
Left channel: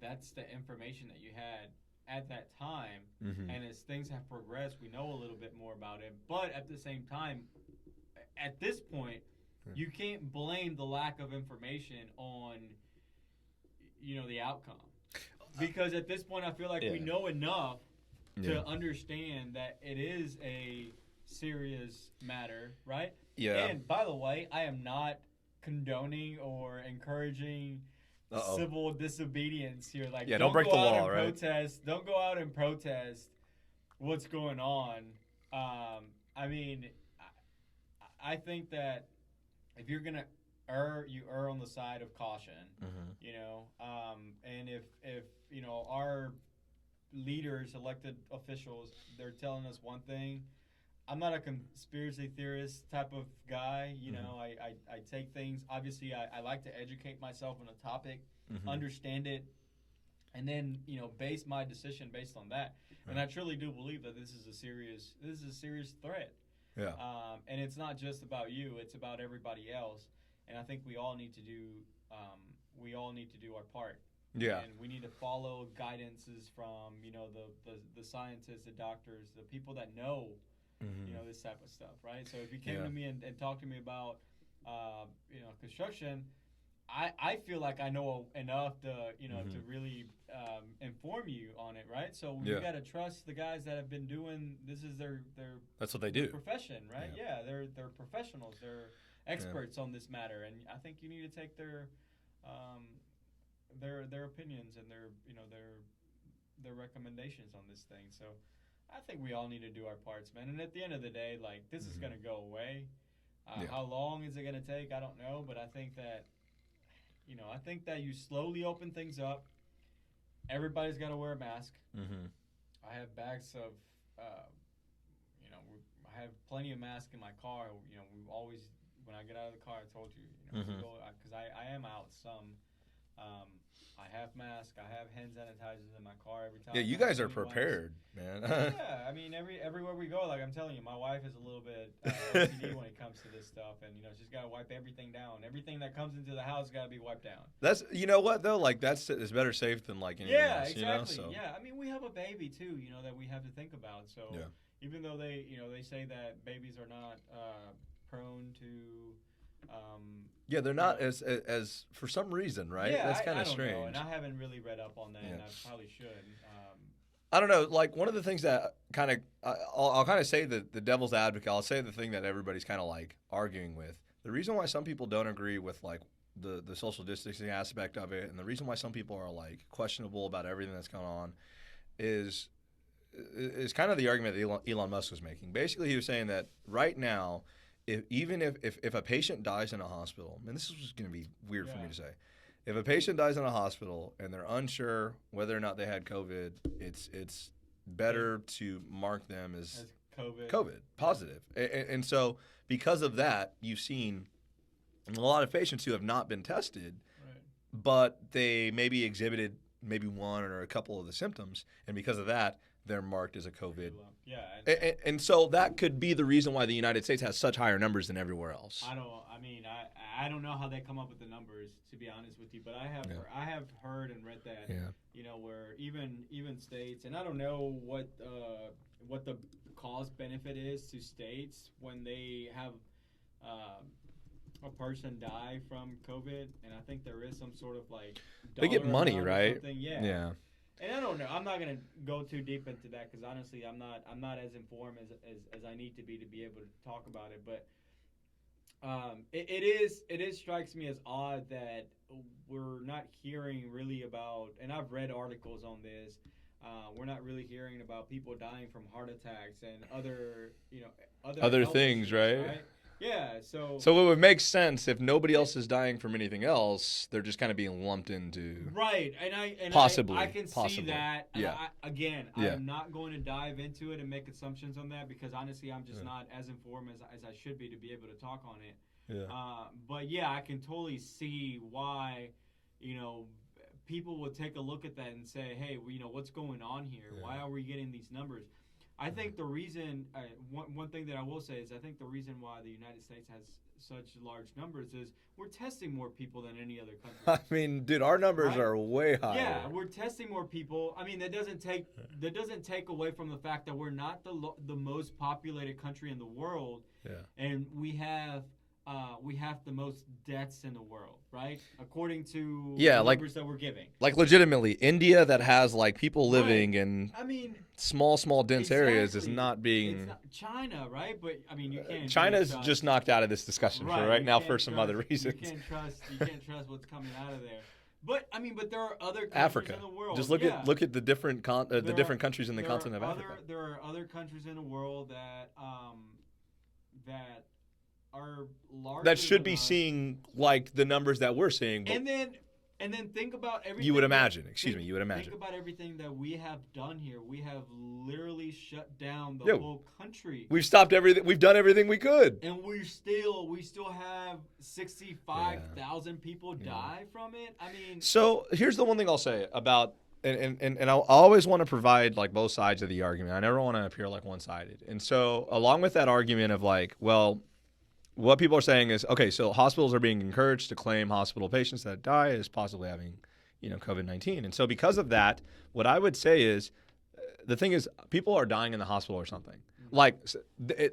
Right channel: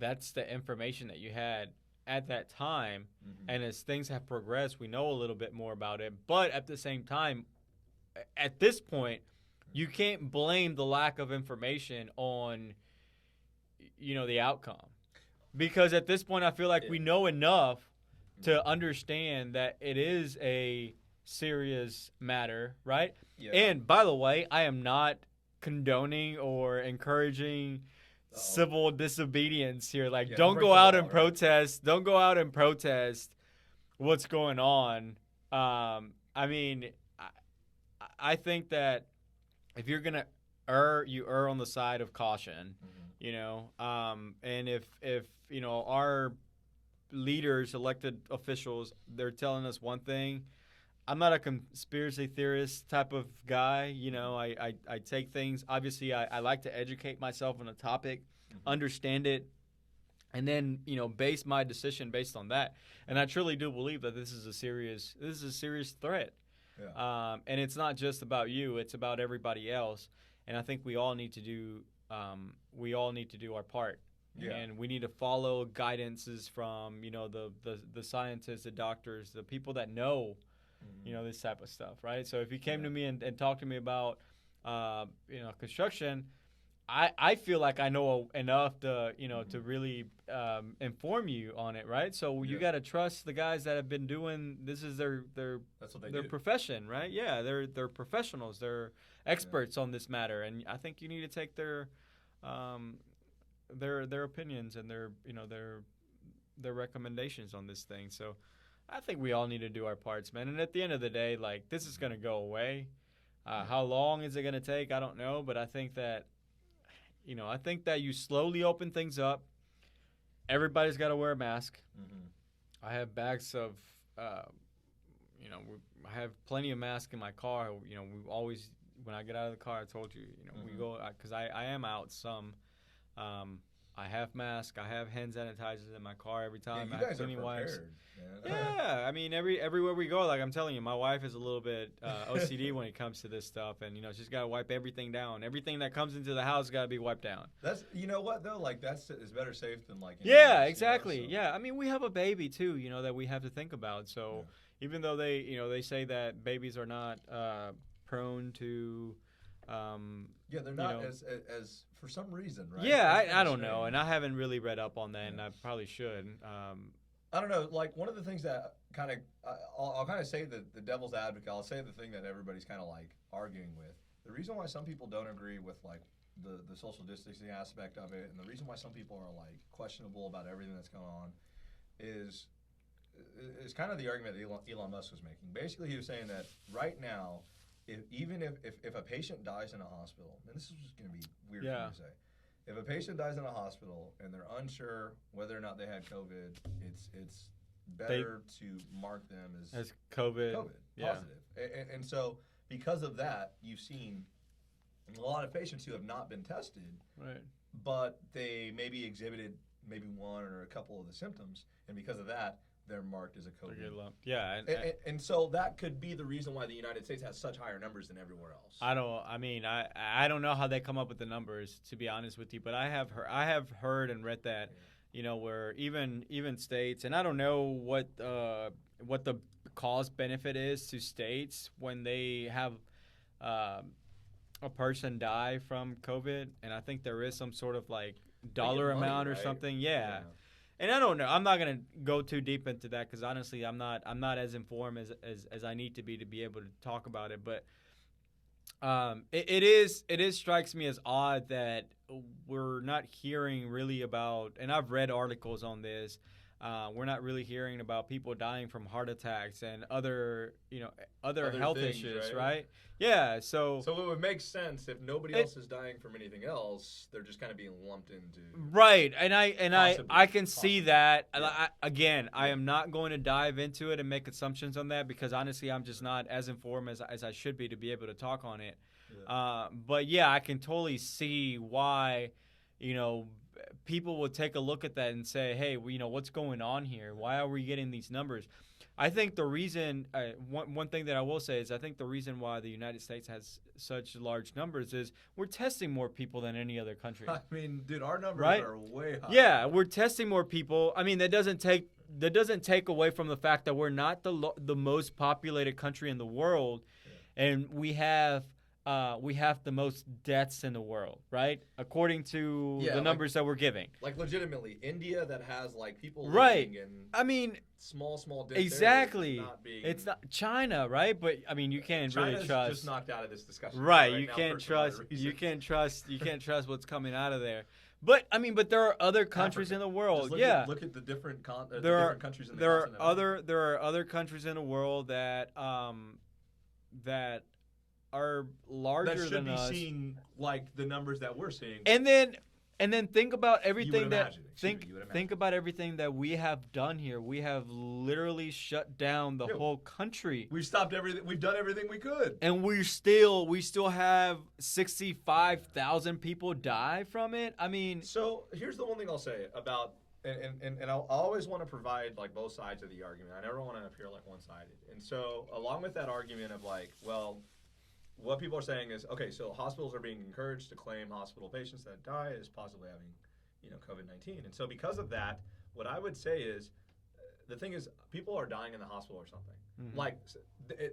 that's the information that you had at that time. Mm-hmm. And as things have progressed, we know a little bit more about it. But at the same time, at this point, you can't blame the lack of information on, the outcome. Because at this point, I feel like we know enough to understand that it is a serious matter, right? Yeah. And by the way, I am not condoning or encouraging civil disobedience here. Like, don't go out and protest. Don't go out and protest what's going on. I mean, I think that if you're gonna you err on the side of caution. And if our leaders, elected officials, they're telling us one thing. I'm not a conspiracy theorist type of guy. I take things. Obviously, I like to educate myself on a topic, understand it, and then base my decision based on that. And I truly do believe that this is a serious threat. Yeah. And it's not just about you; it's about everybody else. And I think we all need to do our part. Yeah. And we need to follow guidances from the scientists, the doctors, the people that know. This type of stuff, right? So if you came to me and talked to me about, construction, I feel like I know enough to, to really inform you on it, right? So you got to trust the guys that have been doing. This is their that's what they their do. Profession, right? Yeah, they're professionals. They're experts on this matter, and I think you need to take their opinions and their recommendations on this thing. So I think we all need to do our parts, man. And at the end of the day, like, this is going to go away. How long is it going to take? I don't know. But I think that, you slowly open things up. Everybody's got to wear a mask. I have bags of, I have plenty of masks in my car. We've always, when I get out of the car, I told you, we go, because I am out some. I have masks. I have hand sanitizers in my car every time. Yeah, you guys are prepared, man. Yeah, I mean, everywhere we go, like I'm telling you, my wife is a little bit OCD when it comes to this stuff, and she's got to wipe everything down. Everything that comes into the house got to be wiped down. That's what though, like it's better safe than like. Yeah, exactly. Yeah, I mean, we have a baby too, that we have to think about. So even though they say that babies are not prone to. Yeah, they're not as for some reason, right? Yeah, I don't know, and I haven't really read up on that, and I probably should. I don't know. Like, one of the things that kind of I'll kind of say the devil's advocate. I'll say the thing that everybody's kind of like arguing with. The reason why some people don't agree with like the social distancing aspect of it, and the reason why some people are like questionable about everything that's going on, is kind of the argument that Elon Musk was making. Basically, he was saying that right now, if a patient dies in a hospital, and this is going to be weird for me to say, if a patient dies in a hospital and they're unsure whether or not they had COVID, it's better to mark them as COVID positive. And so because of that, you've seen a lot of patients who have not been tested, right, but they maybe exhibited maybe one or a couple of the symptoms, and because of that, they're marked as a COVID. Yeah. And so that could be the reason why the United States has such higher numbers than everywhere else. I don't know how they come up with the numbers, to be honest with you, but I have heard and read that, where even states, and I don't know what the cost benefit is to states when they have a person die from COVID, and I think there is some sort of like dollar they get money, amount right? Or something. Yeah. And I don't know. I'm not gonna go too deep into that because honestly, I'm not as informed as I need to be able to talk about it. But it strikes me as odd that we're not hearing really about. And I've read articles on this. We're not really hearing about people dying from heart attacks and other health things, issues, right? Yeah, so it would make sense if nobody else is dying from anything else. They're just kind of being lumped into right, and I can see that. Yeah. I am not going to dive into it and make assumptions on that because honestly, I'm just not as informed as I should be to be able to talk on it. Yeah. But yeah, I can totally see why people will take a look at that and say, hey, what's going on here? Why are we getting these numbers? I think the reason, one thing that I will say is I think the reason why the United States has such large numbers is we're testing more people than any other country. I mean, dude, our numbers Right? are way higher. Yeah, we're testing more people. I mean, that doesn't take away from the fact that we're not the most populated country in the world, and we have the most deaths in the world, right? According to the numbers that we're giving. Like legitimately, India that has like people living in small dense areas is not being. It's not China, right? But I mean, you can't. China's just knocked out of this discussion right now for some other reasons. You can't trust what's coming out of there. But I mean, there are other countries in the world. Just look at the different different countries in the continent of Africa. There are other countries in the world that are larger that should than be us. Seeing like the numbers that we're seeing. And then think about everything. You would imagine. You would imagine. Think about everything that we have done here. We have literally shut down the whole country. We've stopped everything. We've done everything we could. And we still have 65,000 people die from it. I mean. So here's the one thing I'll say about. And I always want to provide like both sides of the argument. I never want to appear like one-sided. And so along with that argument of like, well, what people are saying is, okay, so hospitals are being encouraged to claim hospital patients that die as possibly having, COVID-19. And so because of that, what I would say is, the thing is, people are dying in the hospital or something. Mm-hmm. Like,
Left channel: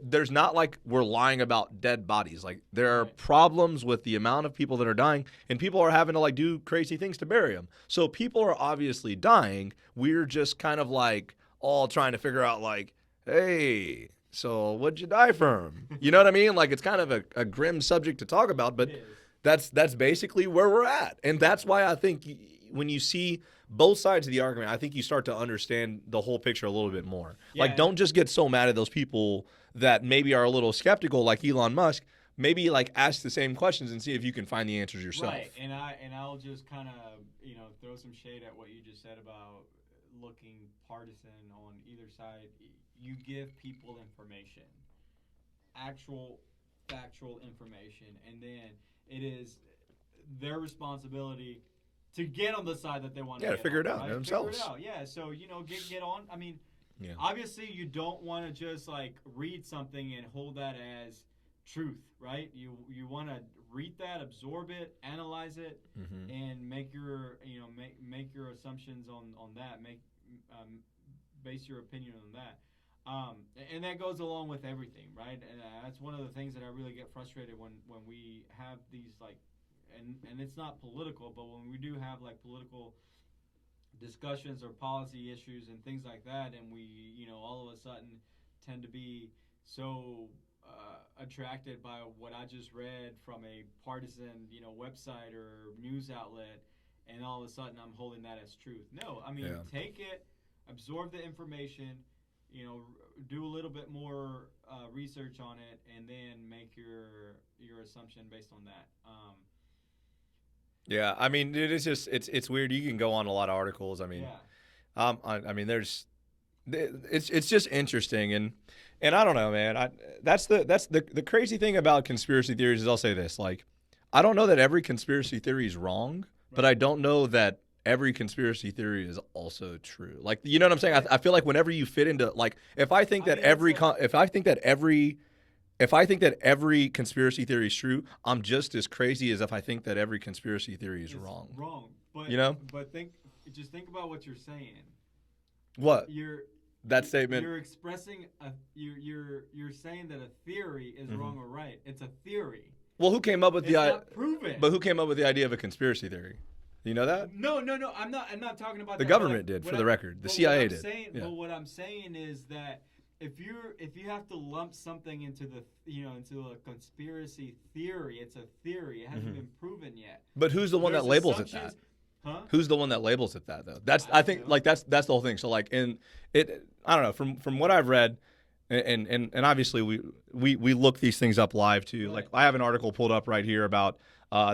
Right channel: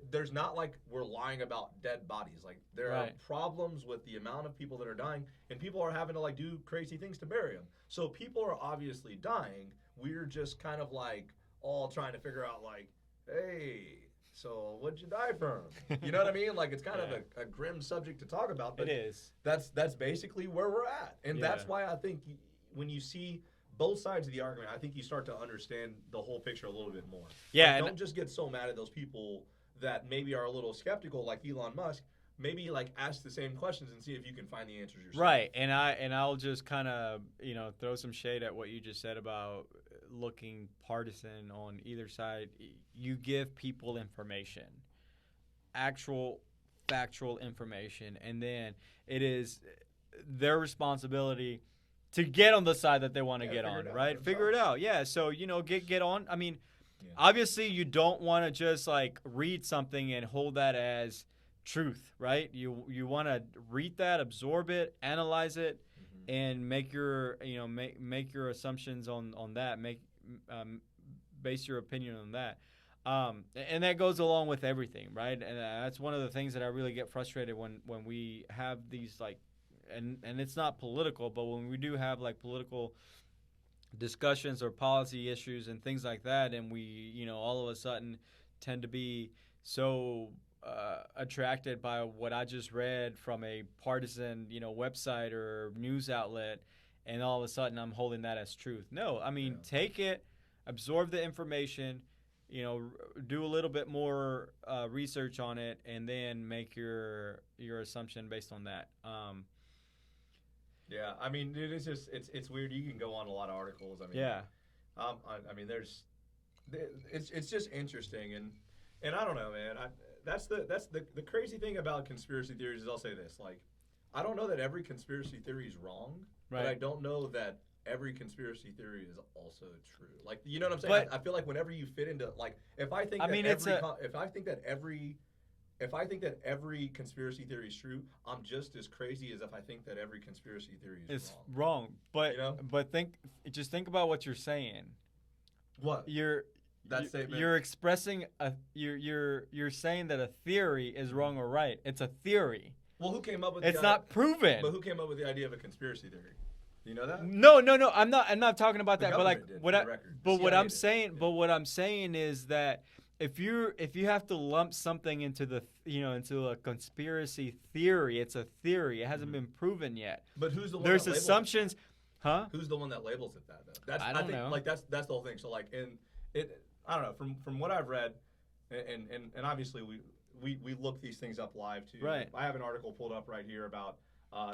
there's not like we're lying about dead bodies. Like, there are problems with the amount of people that are dying, and people are having to like do crazy things to bury them. So people are obviously dying. We're just kind of like all trying to figure out like, hey, so what'd you die from? You know what I mean? Like, it's kind of a grim subject to talk about, but that's basically where we're at. And that's why I think when you see both sides of the argument, I think you start to understand the whole picture a little bit more. Yeah, like, don't just get so mad at those people that maybe are a little skeptical, like Elon Musk. Maybe like ask the same questions and see if you can find the answers yourself. Right, and I'll just kind of throw some shade at what you just said about looking partisan on either side. You give people information, actual factual information, and then it is their responsibility to get on the side that they want to get figure on, it out, right? themselves. Figure it out. Yeah, so get on. I mean, obviously you don't want to just like read something and hold that as truth, right? You want to read that, absorb it, analyze it, and make your make your assumptions on that. Base your opinion on that. And that goes along with everything, right? And that's one of the things that I really get frustrated when we have these like, and it's not political, but when we do have like political discussions or policy issues and things like that, and we all of a sudden tend to be so attracted by what I just read from a partisan website or news outlet, and all of a sudden I'm holding that as truth. No, I mean take it, absorb the information, do a little bit more research on it, and then make your assumption based on that. Yeah, I mean, it's weird. You can go on a lot of articles. I mean, I mean, it's just interesting, and I don't know, man. That's the crazy thing about conspiracy theories is I'll say this, like, I don't know that every conspiracy theory is wrong, but I don't know that every conspiracy theory is also true. Like, you know what I'm saying? Right. I feel like whenever you fit into like, if I think that every conspiracy theory is true, I'm just as crazy as if I think that every conspiracy theory is wrong. Wrong, but just think about what you're saying. What? That statement. You're expressing you're saying that a theory is wrong or right. It's a theory. Well, who came up with it's not proven. But who came up with the idea of a conspiracy theory? You know that? No. I'm not talking about that. The government did, for the record. The CIA did. But what I'm saying is that if you have to lump something into into a conspiracy theory, it's a theory. It hasn't been proven yet. But who's the one that labels it that? Huh? Who's the one that labels it that though? That's I think that's the whole thing. So like I don't know, from what I've read, and obviously we look these things up live too. Right. Like I have an article pulled up right here about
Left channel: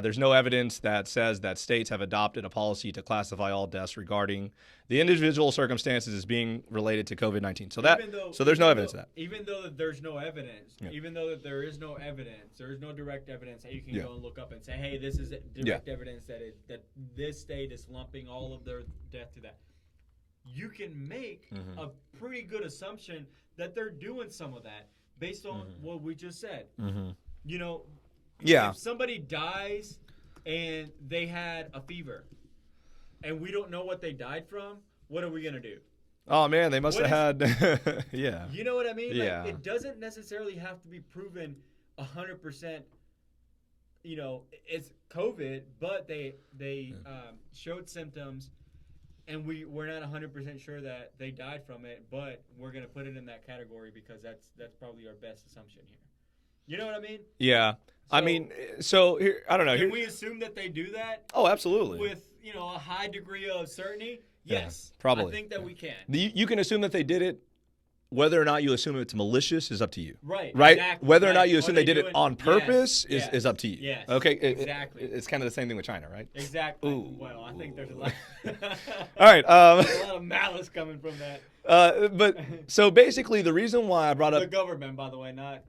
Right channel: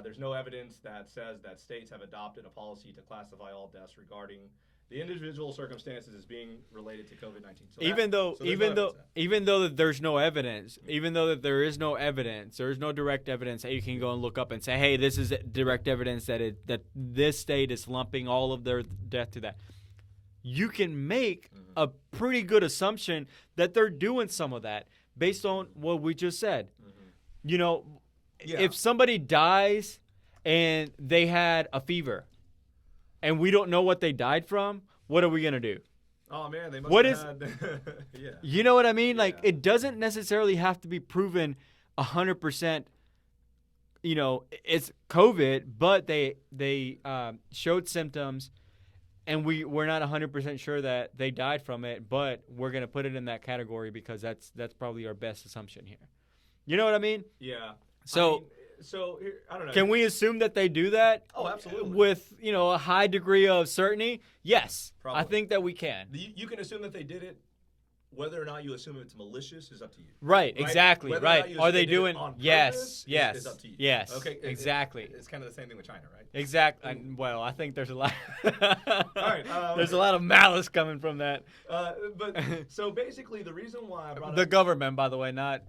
There's no evidence that says that states have adopted a policy to classify all deaths regarding the individual circumstances as being related to COVID-19. So there's no evidence of that. Even though that there's no evidence, even though that there is no evidence, there is no direct evidence that you can go and look up and say, hey, this is direct evidence that this state is lumping all of their death to that. You can make a pretty good assumption that they're doing some of that based on what we just said. You know, if somebody dies and they had a fever and we don't know what they died from, what are we going to do? Oh, man, they must have had – yeah. You know what I mean? Like, it doesn't necessarily have to be proven 100%, you know, it's COVID, but they showed symptoms and we're not 100% sure that they died from it, but we're going to put it in that category because that's probably our best assumption here. You know what I mean? Yeah. So here, I don't know. Can we assume that they do that? Oh, absolutely. With, you know, a high degree of certainty? Yes. Probably. I think that we can. You can assume that they did it. Whether or not you assume it's malicious is up to you. Right. Exactly. Whether or not you assume they did it on purpose is up to you. Yes. Okay. Exactly. It's kind of the same thing with China, right? Exactly. Well, I think there's a lot. All right. There's a lot of malice coming from that. But so basically, the reason why I brought up the government, by the way, not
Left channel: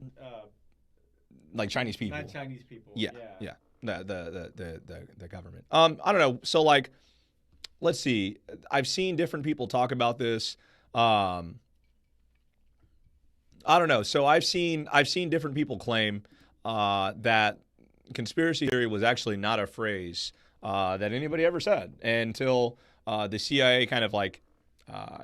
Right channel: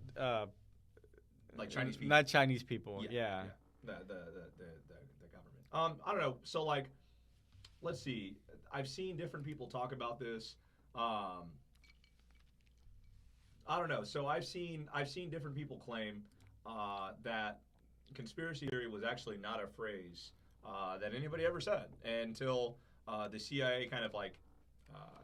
like Chinese people. Not Chinese people. Yeah. The government. I don't know. So like, let's see. I've seen different people talk about this. I don't know. So I've seen different people claim that conspiracy theory was actually not a phrase that anybody ever said until the CIA kind of like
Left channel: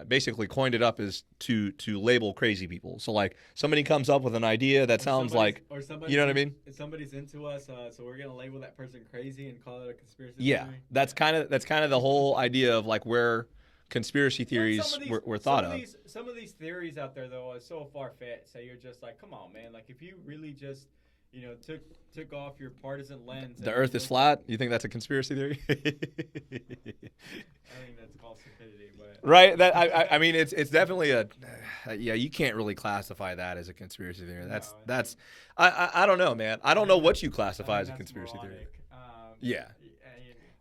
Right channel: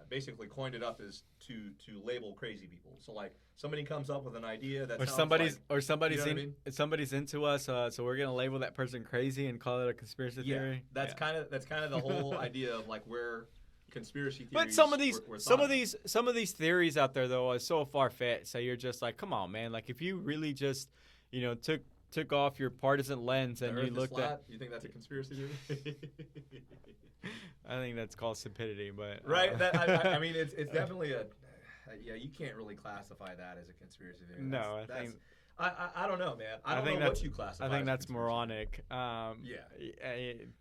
basically coined it up as to label crazy people. So like somebody comes up with an idea that sounds like, or somebody, you know what I mean? Somebody's into us, so we're gonna label that person crazy and call it a conspiracy Yeah, theory. that's kind of the whole idea of like where conspiracy theories were thought of. Some of these theories out there though are so far-fetched. So you're just like, come on, man. Like if you really just, you know, took off your partisan lens. The Earth is flat. You think that's a conspiracy theory? I think that's called stupidity, but right. That I mean, it's definitely you can't really classify that as a conspiracy theory. I don't know, man. I don't know what you classify as a conspiracy moronic.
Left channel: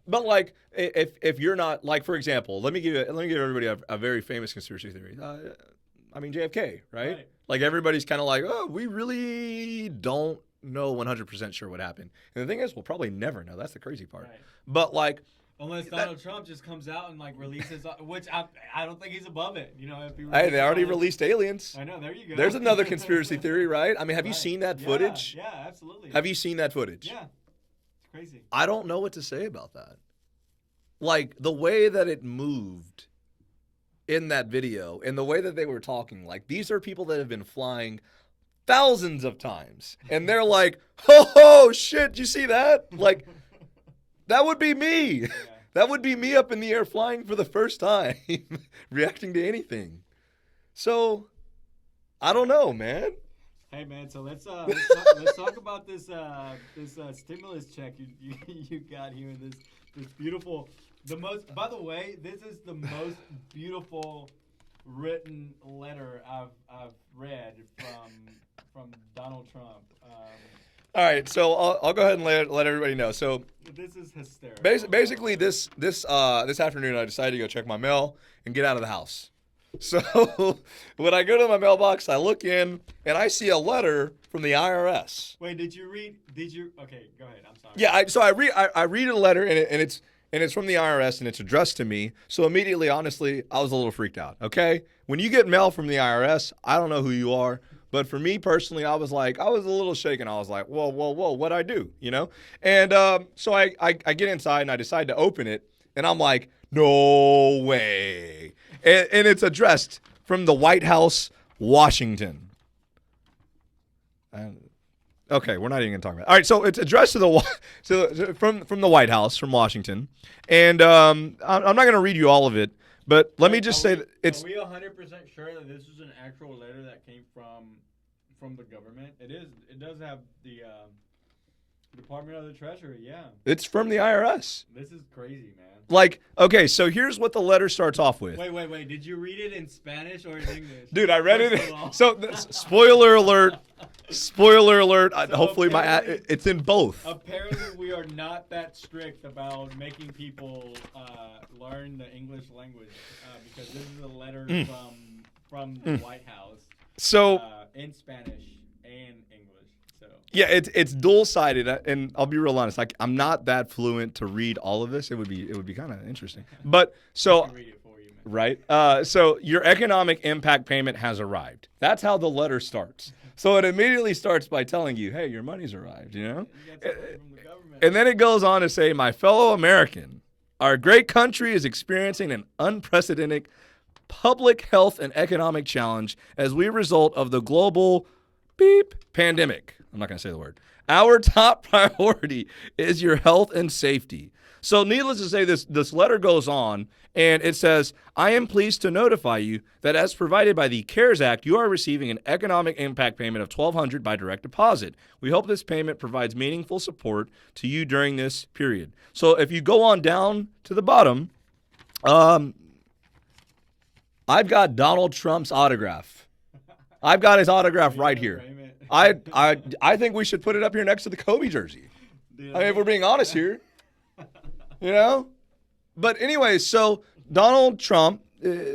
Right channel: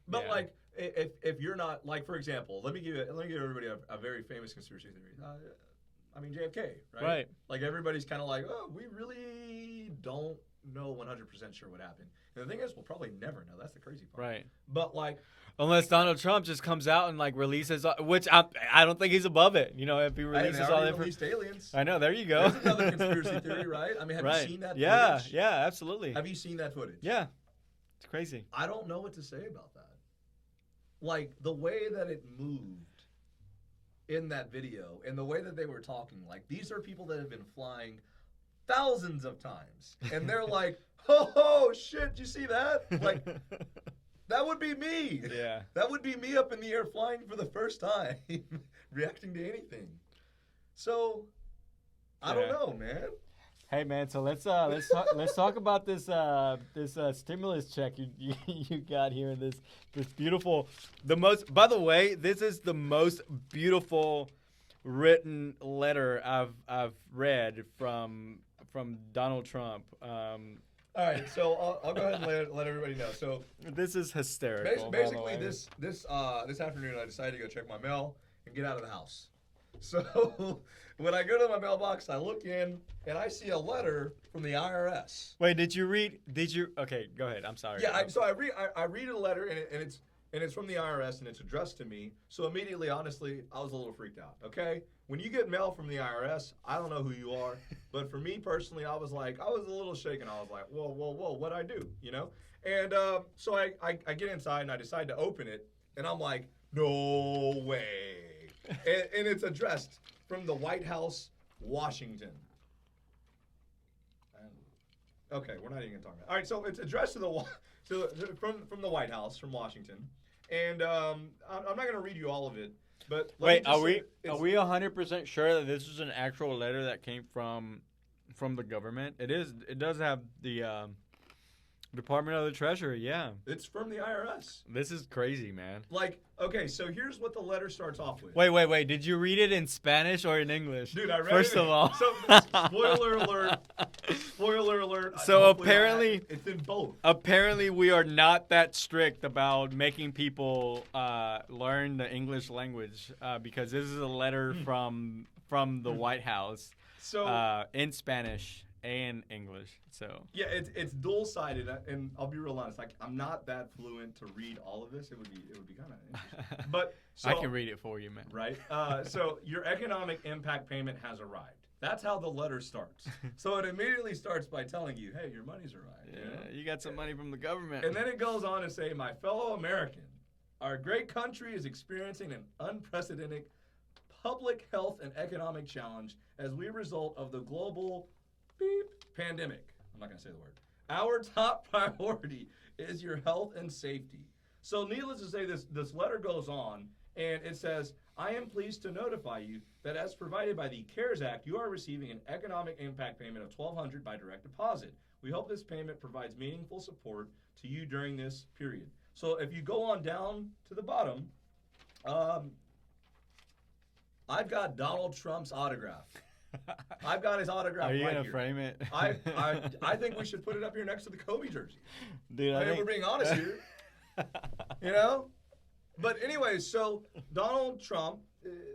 But like, if you're not like, for example, let me give everybody a very famous conspiracy theory. I mean, JFK, right? Like everybody's kind of like, oh, we really don't know 100% sure what happened. And the thing is, we'll probably never know. That's the crazy part. Right. But like, unless Donald Trump just comes out and like releases, which I don't think he's above it. You know, if he they already released aliens. I know. There you go. There's another conspiracy theory, right? I mean, have you seen that footage? Yeah, absolutely. Have you seen that footage? Yeah, it's crazy. I don't know what to say about that. Like the way that it moved in that video and the way that they were talking, like these are people that have been flying thousands of times, and they're like, "Oh shit, you see that?" Like, that would be me. Yeah. That would be me up in the air flying for the first time, reacting to anything. So, I don't know, man. Hey man, so let's talk about this stimulus check you got here in this beautiful, by the way, this is the most beautiful written letter I've read from Donald Trump. All right, so I'll go ahead and let everybody know. So this is hysterical. Basically, this afternoon, I decided to go check my mail and get out of the house. So when I go to my mailbox, I look in and I see a letter from the IRS. Wait, did you? Okay, go ahead. I'm sorry. Yeah, I read a letter and it's from the IRS and it's addressed to me. So immediately, honestly, I was a little freaked out. Okay, when you get mail from the IRS, I don't know who you are, but for me personally, I was a little shaken. I was like, whoa, what'd I do? You know? And so I get inside and I decide to open it, and I'm like, no way. And it's addressed from the White House, Washington. Okay, we're not even going to talk about it. All right, so it's addressed from the White House, from Washington. And I'm not going to read you all of it, but let me just say that it's... Are we 100% sure that this is an actual letter that came from the government? It is. It does have the Department of the Treasury, yeah. It's from the IRS. This is crazy, man. Like, okay, so here's what the letter starts off with. Wait. Did you read it in Spanish or in English? Dude, I read First it. of all. So, spoiler alert. Spoiler alert. So Hopefully, apparently- it's in both. Apparently, we are not that strict about making people learn the English language because this is a letter from the White House So, in Spanish and English. So yeah, it's dual-sided, and I'll be real honest. Like, I'm not that fluent to read all of this. It would be kind of interesting. But so I can read it for you, man. right? So your economic impact payment has arrived. That's how the letter starts. So it immediately starts by telling you, hey, your money's arrived, you know? You got some money from the government. And then it goes on to say, my fellow American, our great country is experiencing an unprecedented public health and economic challenge as we result of the global pandemic. I'm not going to say the word. Our top priority is your health and safety. So needless to say, this letter goes on, and it says, I am pleased to notify you that as provided by the CARES Act, you are receiving an economic impact payment of $1,200 by direct deposit. We hope this payment provides meaningful support to you during this period. So if you go on down to the bottom, I've got Donald Trump's autograph. I've got his autograph Are you right gonna here. frame it? I think we should put it up here next to the Kobe jersey. Dude, I mean, if we're being honest here, you know. But anyway, so Donald Trump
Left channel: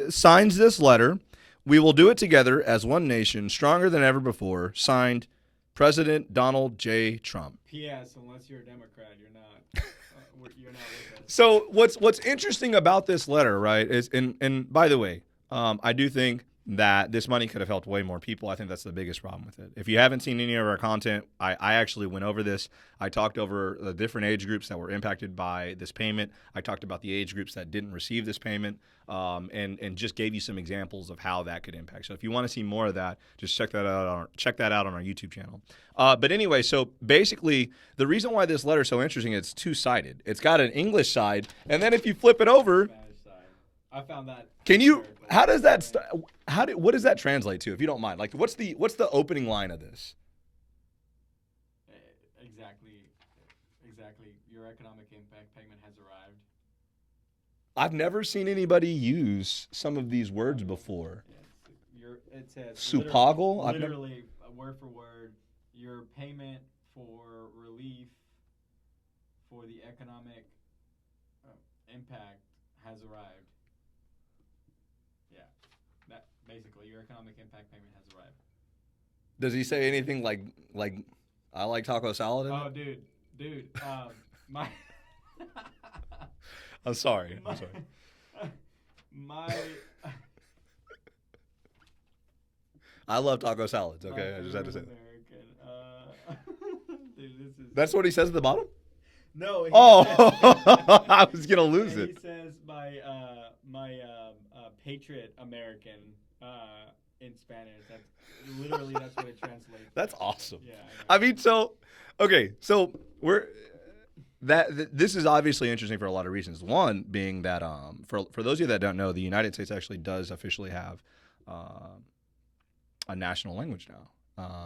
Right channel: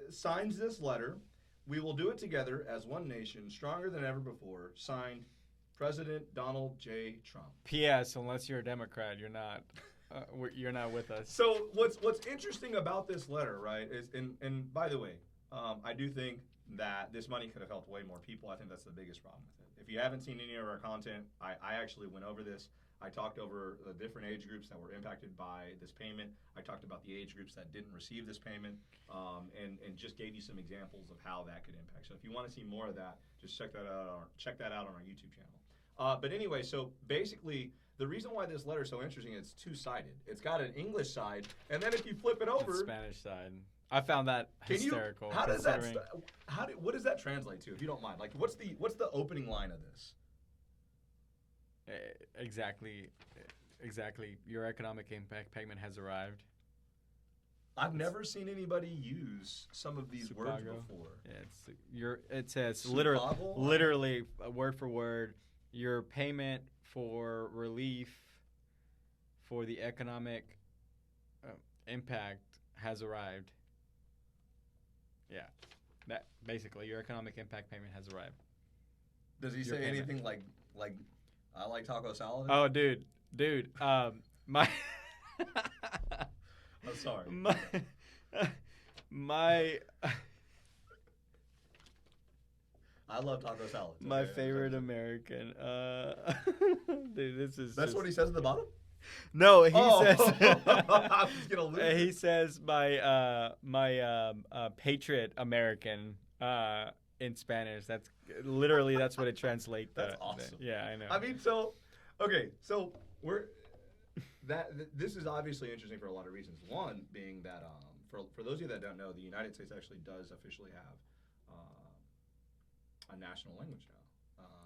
signs this letter. We will do it together as one nation, stronger than ever before. Signed, President Donald J. Trump. P.S. Unless you're a Democrat, you're not. You're not with us. So what's interesting about this letter, right, is and by the way, I do think that this money could have helped way more people. I think that's the biggest problem with it. If you haven't seen any of our content, I actually went over this. I talked over the different age groups that were impacted by this payment. I talked about the age groups that didn't receive this payment, and just gave you some examples of how that could impact. So if you want to see more of that, just check that out on our YouTube channel. But anyway, so basically, the reason why this letter is so interesting, it's two-sided. It's got an English side, and then if you flip it over, Spanish side. I found that. can you? hysterical. How does that? I mean, What does that translate to? If you don't mind, like, what's the opening line of this? Exactly. Your economic impact payment has arrived. I've never seen anybody use some of these words Chicago. before. It says Supago? literally word for word. Your payment for relief for the economic impact has arrived. Yeah, that basically your economic impact payment has arrived. Does he say anything like I like taco salad? Oh, dude, my I'm sorry. my I love taco salads. Okay, my I just have to favorite say. American. Dude, this is. That's what he says at the bottom. No, he Oh, says. I was gonna lose He it. says my patriot American in Spanish. That's literally that's what it translates. That's to. awesome. Yeah, I know. I mean, so okay, so this is obviously interesting for a lot of reasons. One being that for those of you that don't know, the United States actually does officially have a national language now.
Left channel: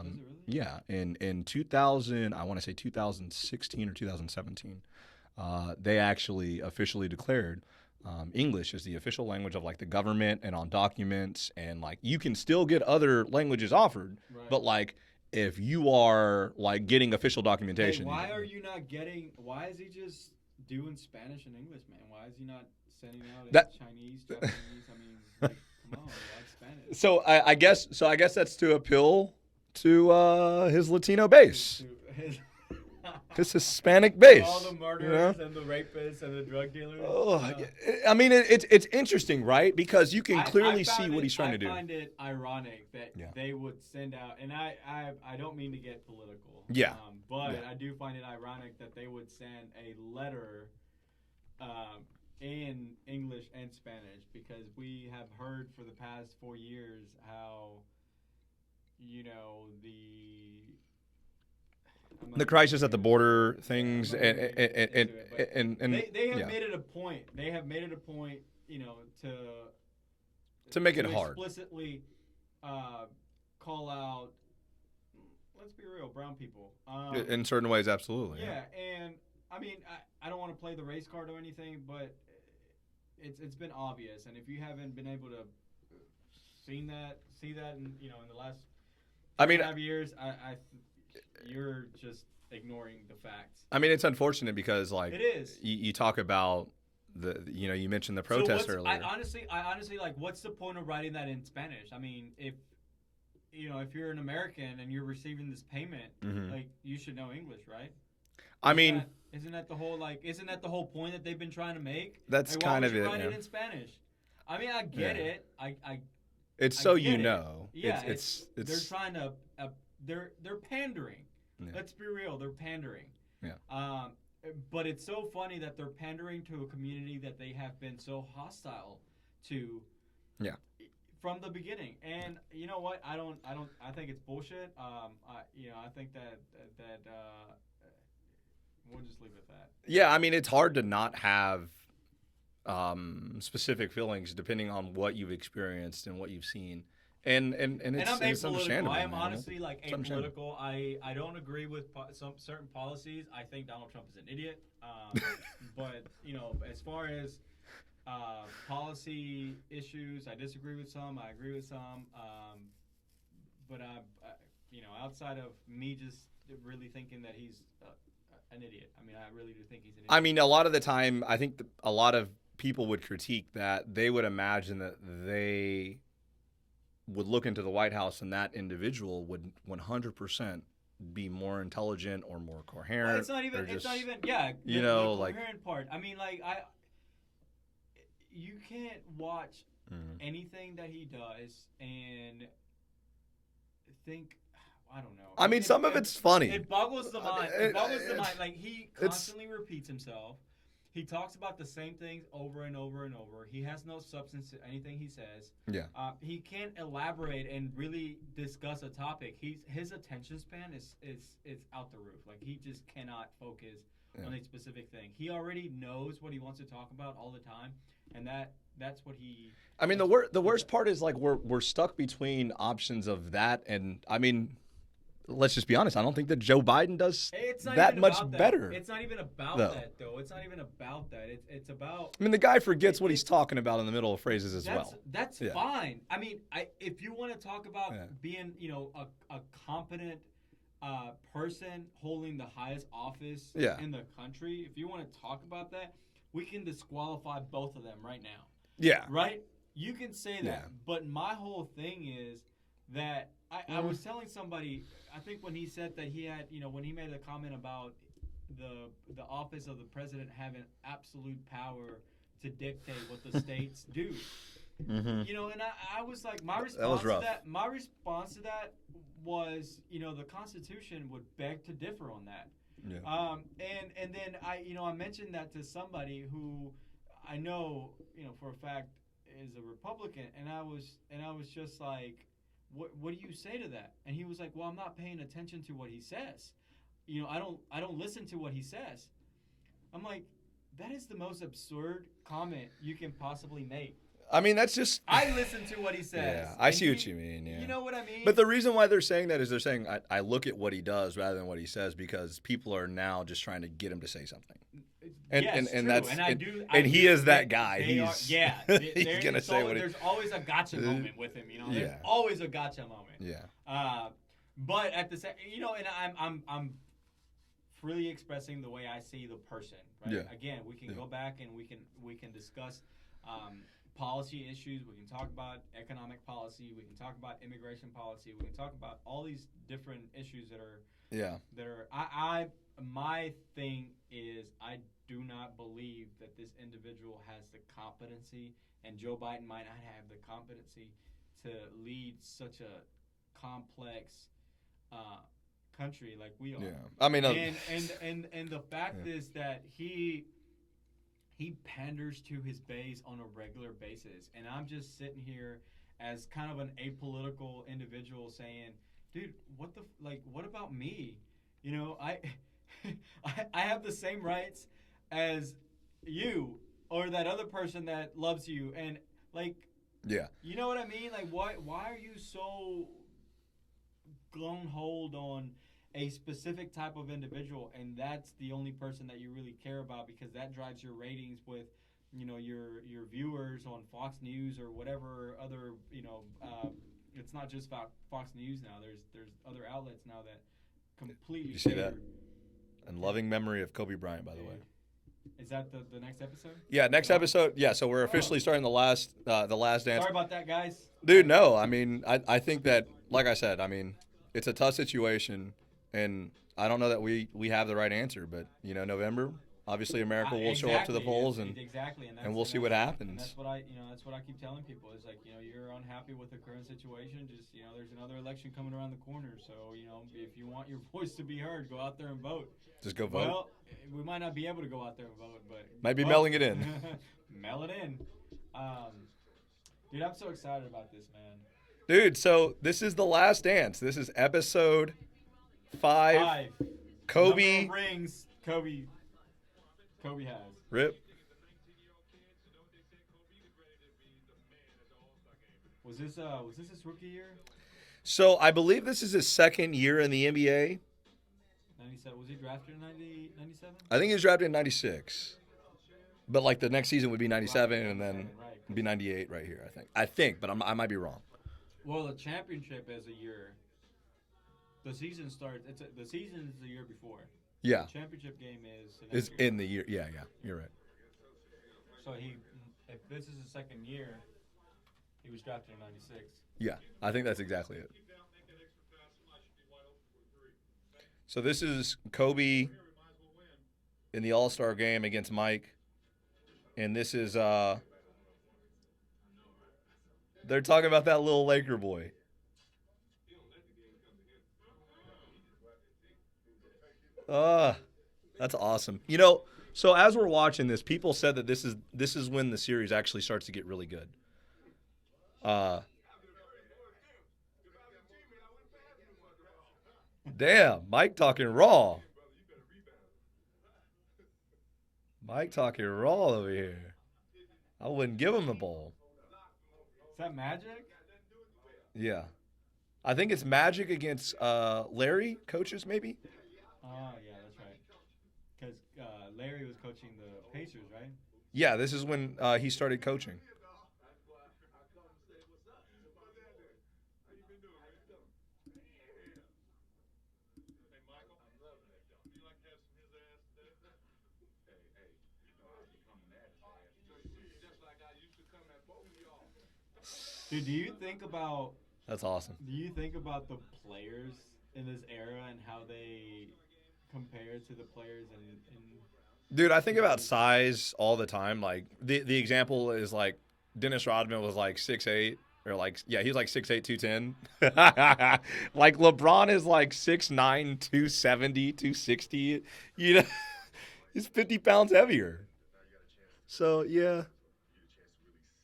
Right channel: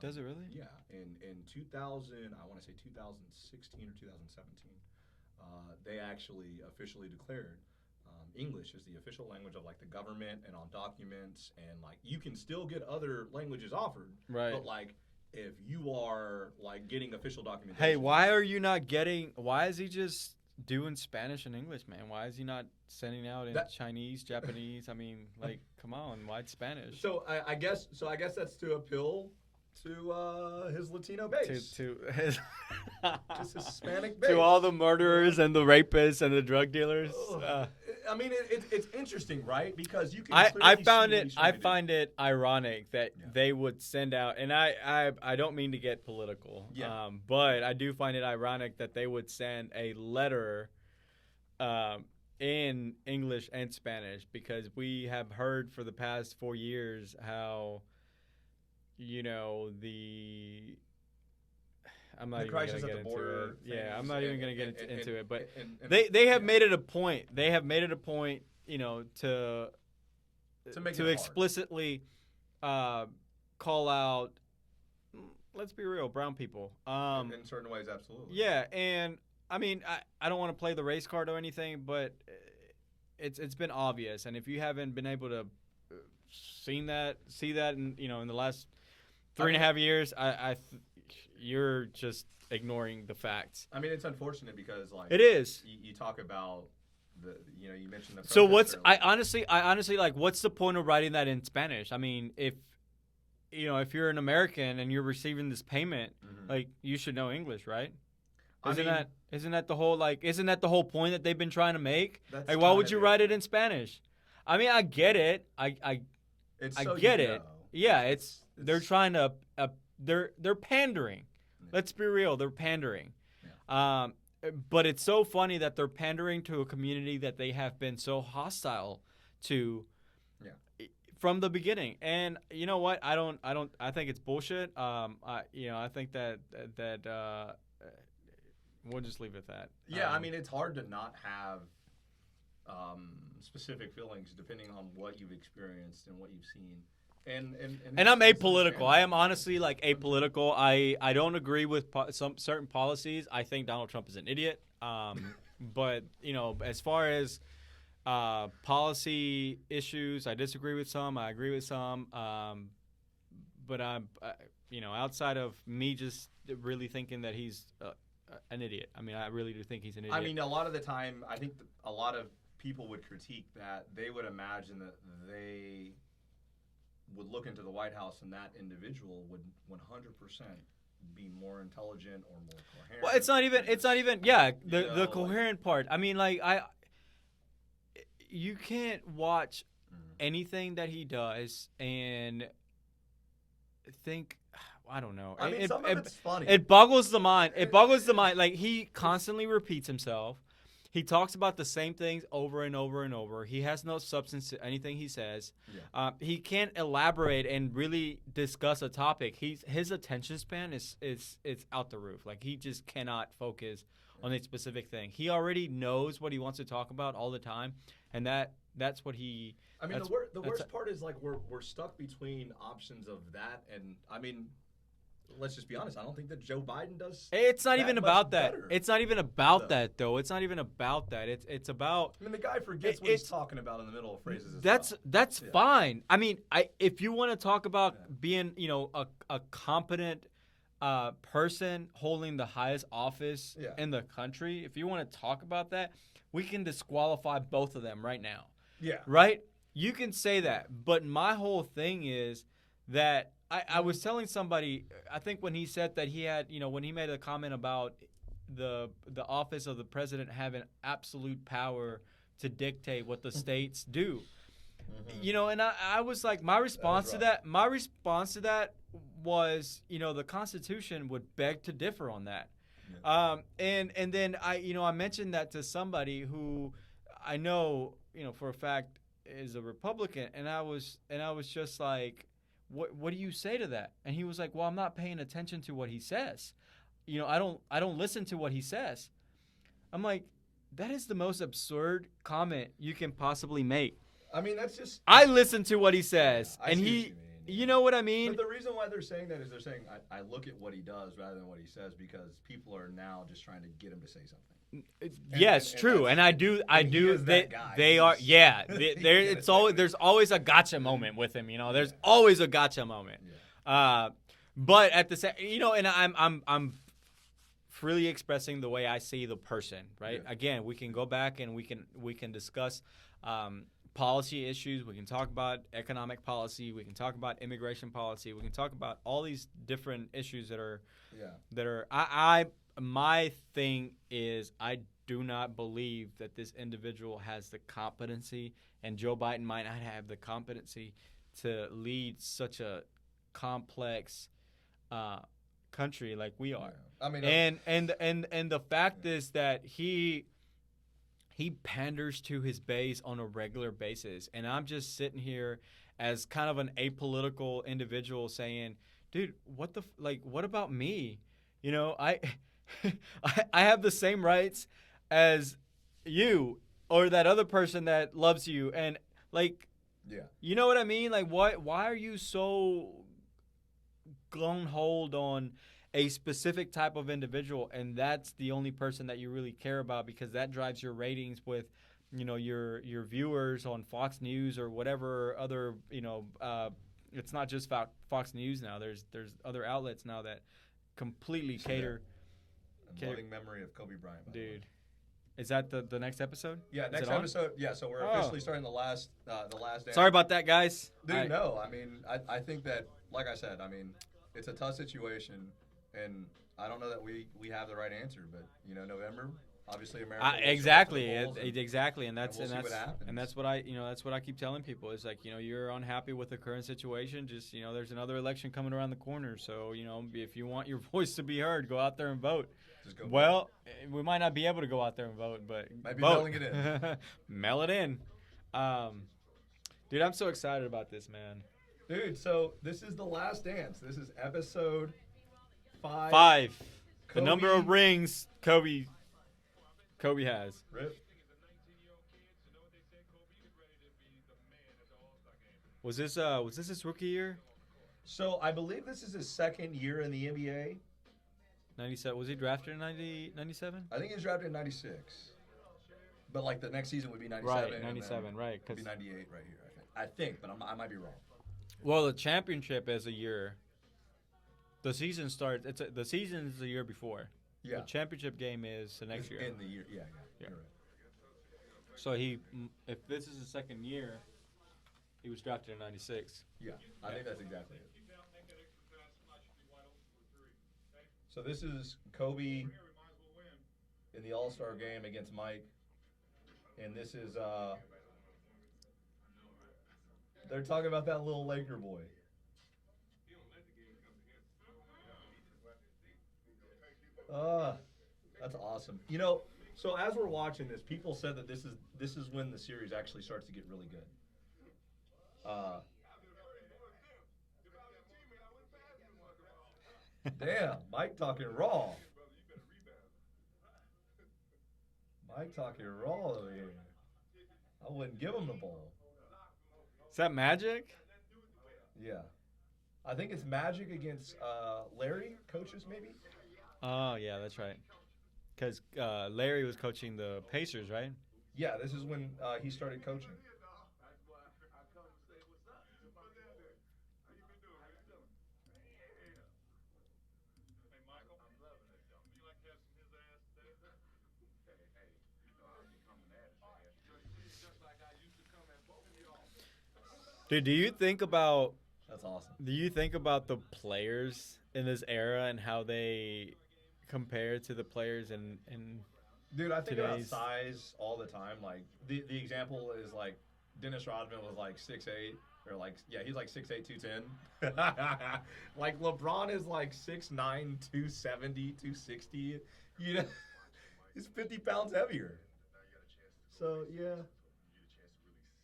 Does it really? Yeah, in 2000, I want to say 2016 or 2017, they actually officially declared English as the official language of like the government and on documents, and like you can still get other languages offered, Right. but like if you are like getting official documentation. Hey, why are you not getting? Why is he just doing Spanish and English, man? Why is he not sending out in Chinese, Japanese? I mean, like, come on, why Spanish? So I guess that's to appeal to his Latino base, To his his Hispanic base. to all the murderers and the rapists and the drug dealers. I mean, it's interesting, right? Because you can clearly see what he's trying to do. I find it ironic that Yeah. they would send out, and I don't mean to get political. Yeah. But I do find it ironic that they would send a letter, in English and Spanish, because we have heard for the past 4 years how, The crisis at the border Yeah, things, I'm not even gonna get into it, but they have yeah. made it a point. They have made it a point, to make it hard. explicitly call out let's be real, brown people. In certain ways, absolutely. Yeah, and I mean, I don't want to play the race card or anything, but it's been obvious, and if you haven't been able to see that in the last three and a half years, you're just ignoring the facts. I mean, it's unfortunate because like it is. You talk about you mentioned the So protest I earlier. honestly like, what's the point of writing that in Spanish? I mean, if you're an American and you're receiving this payment, like, you should know English, right? Isn't that the whole point that they've been trying to make? That's like, why would you write it in Spanish? I mean, I get it. It's I so get you it. know. Yeah, it's they're trying to they're pandering. Yeah. Let's be real, they're pandering. Yeah. But it's so funny that they're pandering to a community that they have been so hostile to. Yeah. From the beginning. And you know what? I think it's bullshit. I think that we'll just leave it at that. Yeah, I mean, it's hard to not have specific feelings depending on what you've experienced and what you've seen. And I'm apolitical. I am honestly like It's apolitical. I don't agree with some certain policies. I think Donald Trump is an idiot. But as far as policy issues, I disagree with some. I agree with some. But outside of me just really thinking that he's an idiot. I mean, I really do think he's an idiot. I mean, a lot of the time, I think a lot of people would critique that. They would imagine that they would look into the White House and that individual would 100% be more intelligent or more coherent. Well, it's not even. Yeah, the coherent part. I mean, like you can't watch anything that he does and think. I don't know. I mean, some of it's funny. It boggles the mind. It boggles the mind. Like, he constantly repeats himself. He talks about the same things over and over and over. He has no substance to anything he says. Yeah. He can't elaborate and really discuss a topic. His attention span is out the roof. Like, he just cannot focus on a specific thing. He already knows what he wants to talk about all the time, and that's what he. I mean, the worst part is, like, we're stuck between options of that, and I mean, let's just be honest. I don't think that Joe Biden does. It's not that even much about that. better. It's not even about that, though. It's not even about that. It's about. I mean, the guy forgets what he's talking about in the middle of phrases as well. That's fine. I mean, if you want to talk about being, a competent person holding the highest office in the country, if you want to talk about that, we can disqualify both of them right now. Yeah. Right? You can say that. Yeah. But my whole thing is that I was telling somebody, I think when he said that he had, when he made a comment about the office of the president having absolute power to dictate what the states do. Mm-hmm. And I was like, my response to that was, the Constitution would beg to differ on that. Yeah. And then I mentioned that to somebody who I know, for a fact is a Republican, and I was just like, what do you say to that? And he was like, well, I'm not paying attention to what he says. I don't listen to what he says. I'm like, that is the most absurd comment you can possibly make. I mean, that's just. I listen to what he says. Yeah, I see what you mean. Yeah. You know what I mean? But the reason why they're saying that is they're saying I look at what he does rather than what he says because people are now just trying to get him to say something. Yes, true. And I do. He is that guy. They are. Yeah. There's always a gotcha moment with him. There's always a gotcha moment. Yeah. But at the same, and I'm freely expressing the way I see the person. Right. Yeah. Again, we can go back and we can discuss. Policy issues. We can talk about economic policy. We can talk about immigration policy. We can talk about all these different issues that are. My thing is I do not believe that this individual has the competency, and Joe Biden might not have the competency to lead such a complex country like we are. Yeah. I mean, and the fact is that he panders to his base on a regular basis. And I'm just sitting here as kind of an apolitical individual saying, dude, what about me? I have the same rights as you or that other person that loves you. And you know what I mean? Like, why are you so gung hold on a specific type of individual, and that's the only person that you really care about because that drives your ratings with, your viewers on Fox News or whatever other, it's not just Fox News now. There's other outlets now that completely cater. And loving memory of Kobe Bryant, by the way. Is that the next episode? Yeah, next episode. Yeah, so we're officially starting the last dance. Sorry about that, guys. Dude, no. I mean, I think that, like I said, I mean, it's a tough situation, and I don't know that we have the right answer. But November, obviously, America will show up to the polls, and we'll see what happens. And that's what I keep telling people. It's like you're unhappy with the current situation. Just there's another election coming around the corner. So if you want your voice to be heard, go out there and vote. Just go vote. Well, we might not be able to go out there and vote, but might be mailing it in. Mail it in. Dude, I'm so excited about this, man. Dude, so this is the last dance. This is episode 5. 5. Kobe. Number of rings Kobe has. Rip. Was this his rookie year? So I believe this is his second year in the NBA. 97. Was he drafted in 97? I think he was drafted in 96. But like the next season would be 97, right, and then right, it'd be 98 right here, I think, but I might be wrong. Well, the championship is a year. The season starts. The season's the year before. Yeah. The championship game is the next year. In the year. Yeah, you're right. So if this is his second year, he was drafted in 96. Yeah, I think that's exactly it. So this is Kobe in the All-Star game against Mike. And this is they're talking about that little Laker boy. That's awesome. So as we're watching this, people said that this is when the series actually starts to get really good. Damn, Mike talking raw. Mike talking raw over here. I wouldn't give him the ball. Is that Magic? Yeah. I think it's Magic against Larry, coaches maybe? Oh, yeah, that's right. Because Larry was coaching the Pacers, right? Yeah, this is when he started coaching. Dude, do you think about That's awesome. Do you think about the players in this era and how they compare to the players in Dude, I think about size all the time. Like the example is like Dennis Rodman was like 6'8", or he was like 6'8", 210. Like LeBron is like 6'9", 270, 260. He's 50 pounds heavier. So yeah.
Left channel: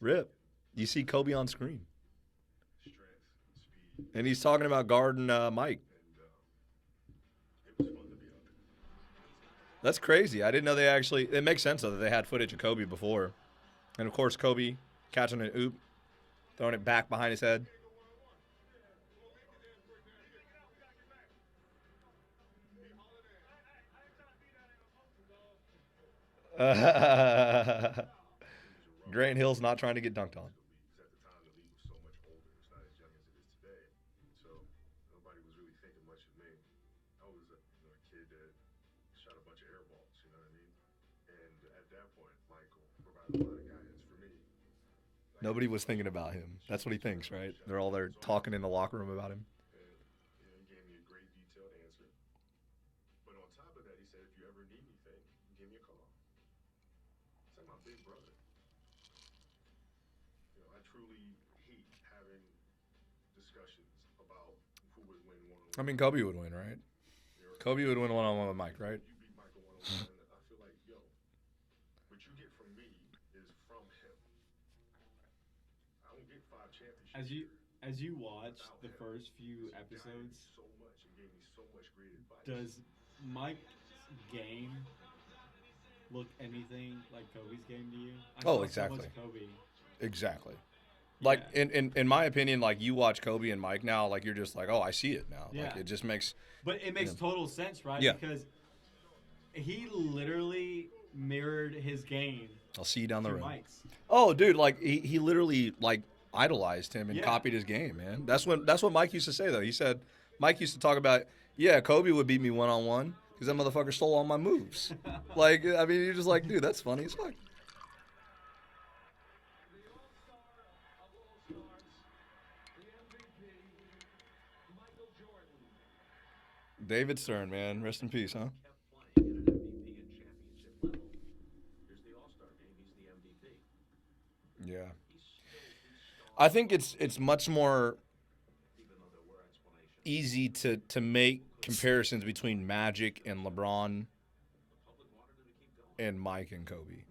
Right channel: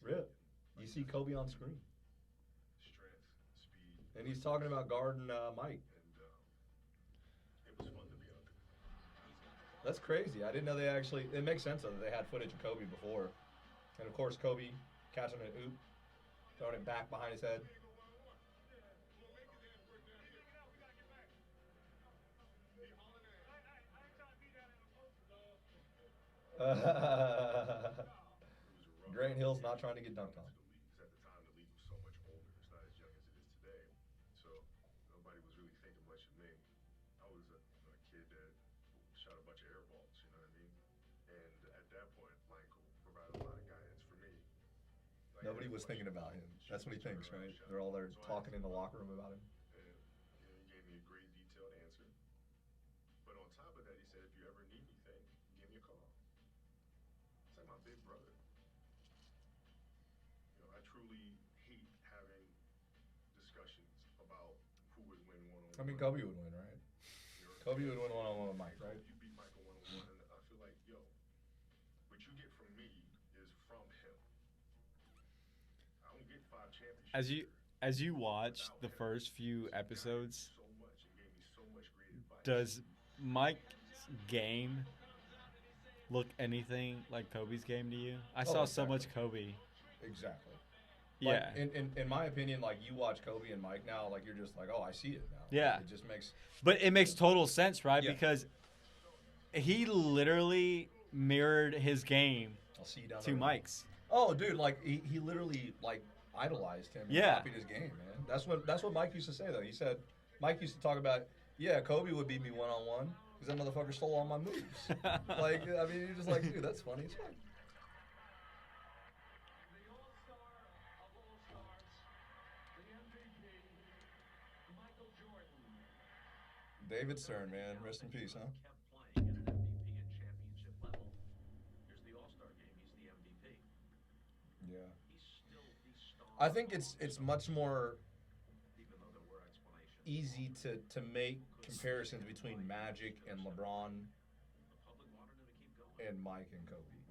Rip. You see Kobe on screen. And he's talking about guarding Mike. That's crazy. I didn't know it makes sense though that they had footage of Kobe before. And of course Kobe catching an oop, throwing it back behind his head. Grant Hill's not trying to get dunked on. Nobody was thinking about him. That's what he thinks, right? They're all there talking in the locker room about him. He gave me a great detailed answer. But on top of that, he said, if you ever need anything, give me a call. It's like my big brother. I truly hate having discussions about who would win one-on-one. I mean, Kobe would win, right? Kobe would win one-on-one with Mike, right? You beat Michael one-on-one, I feel like, what you get from me is from him. I don't get 5 championships. As you watch the first few episodes, So much and gave me so much great advice. does Mike's game look anything like Kobe's game to you? I saw so much Kobe. Exactly. Like Yeah. in my opinion, like you watch Kobe and Mike now, like you're just like, oh, I see it now. Yeah. Like, it just makes. But it makes total sense, right? Yeah. Because he literally mirrored his game I'll see you down the to road. Mike's. Oh, dude, like he literally like idolized him and Yeah. copied his game, man. That's what Mike used to say though. He said Mike used to talk about, yeah, Kobe would beat me 1-on-1 because that motherfucker stole all my moves. Like, I mean, you're just like, dude, that's funny as fuck. David Stern, man, rest in peace, huh? kept playing at an MVP and championship level. Here's the All-Star game. He's the MVP. Yeah. He's still the star, I think it's much more even though there were explanations. easy to make comparisons between Magic and LeBron The public wanted him to keep going. and Mike and Kobe.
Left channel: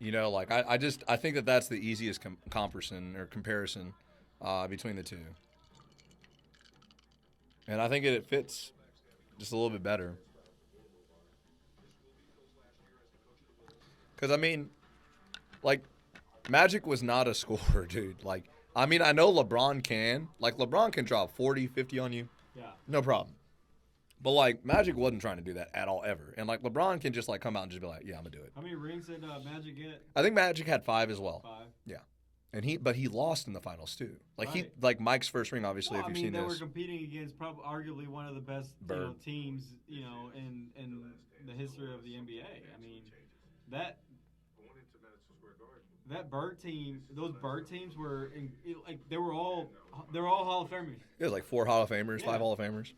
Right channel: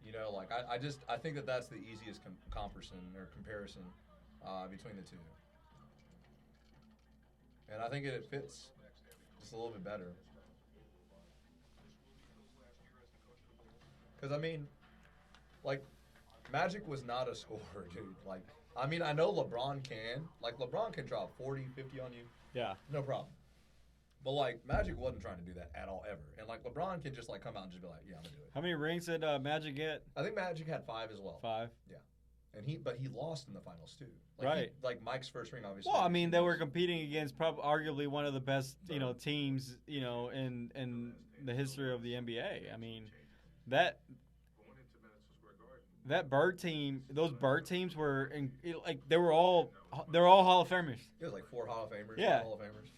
You know, like I think that's the easiest comparison between the two, and I think it fits just a little bit better. Because I mean, like, Magic was not a scorer, dude. Like, I mean, I know LeBron can. Like, LeBron can drop 40, 50 on you, Yeah. no problem. But like, Magic wasn't trying to do that at all ever. And like, LeBron can just like come out and just be like, yeah, I'm gonna do it. How many rings did Magic get? I think Magic had 5 as well. 5. And he lost in the finals too. Like Right. like Mike's first ring, obviously. Well, if I you've mean, seen they were this. competing against probably arguably one of the best, Bird. teams, in the history of the NBA. I mean, that Going into Madison Square Garden, that Bird team, those Bird teams were they're all Hall of Famers. It was like 4 Hall of Famers, Yeah. 5 Hall of Famers.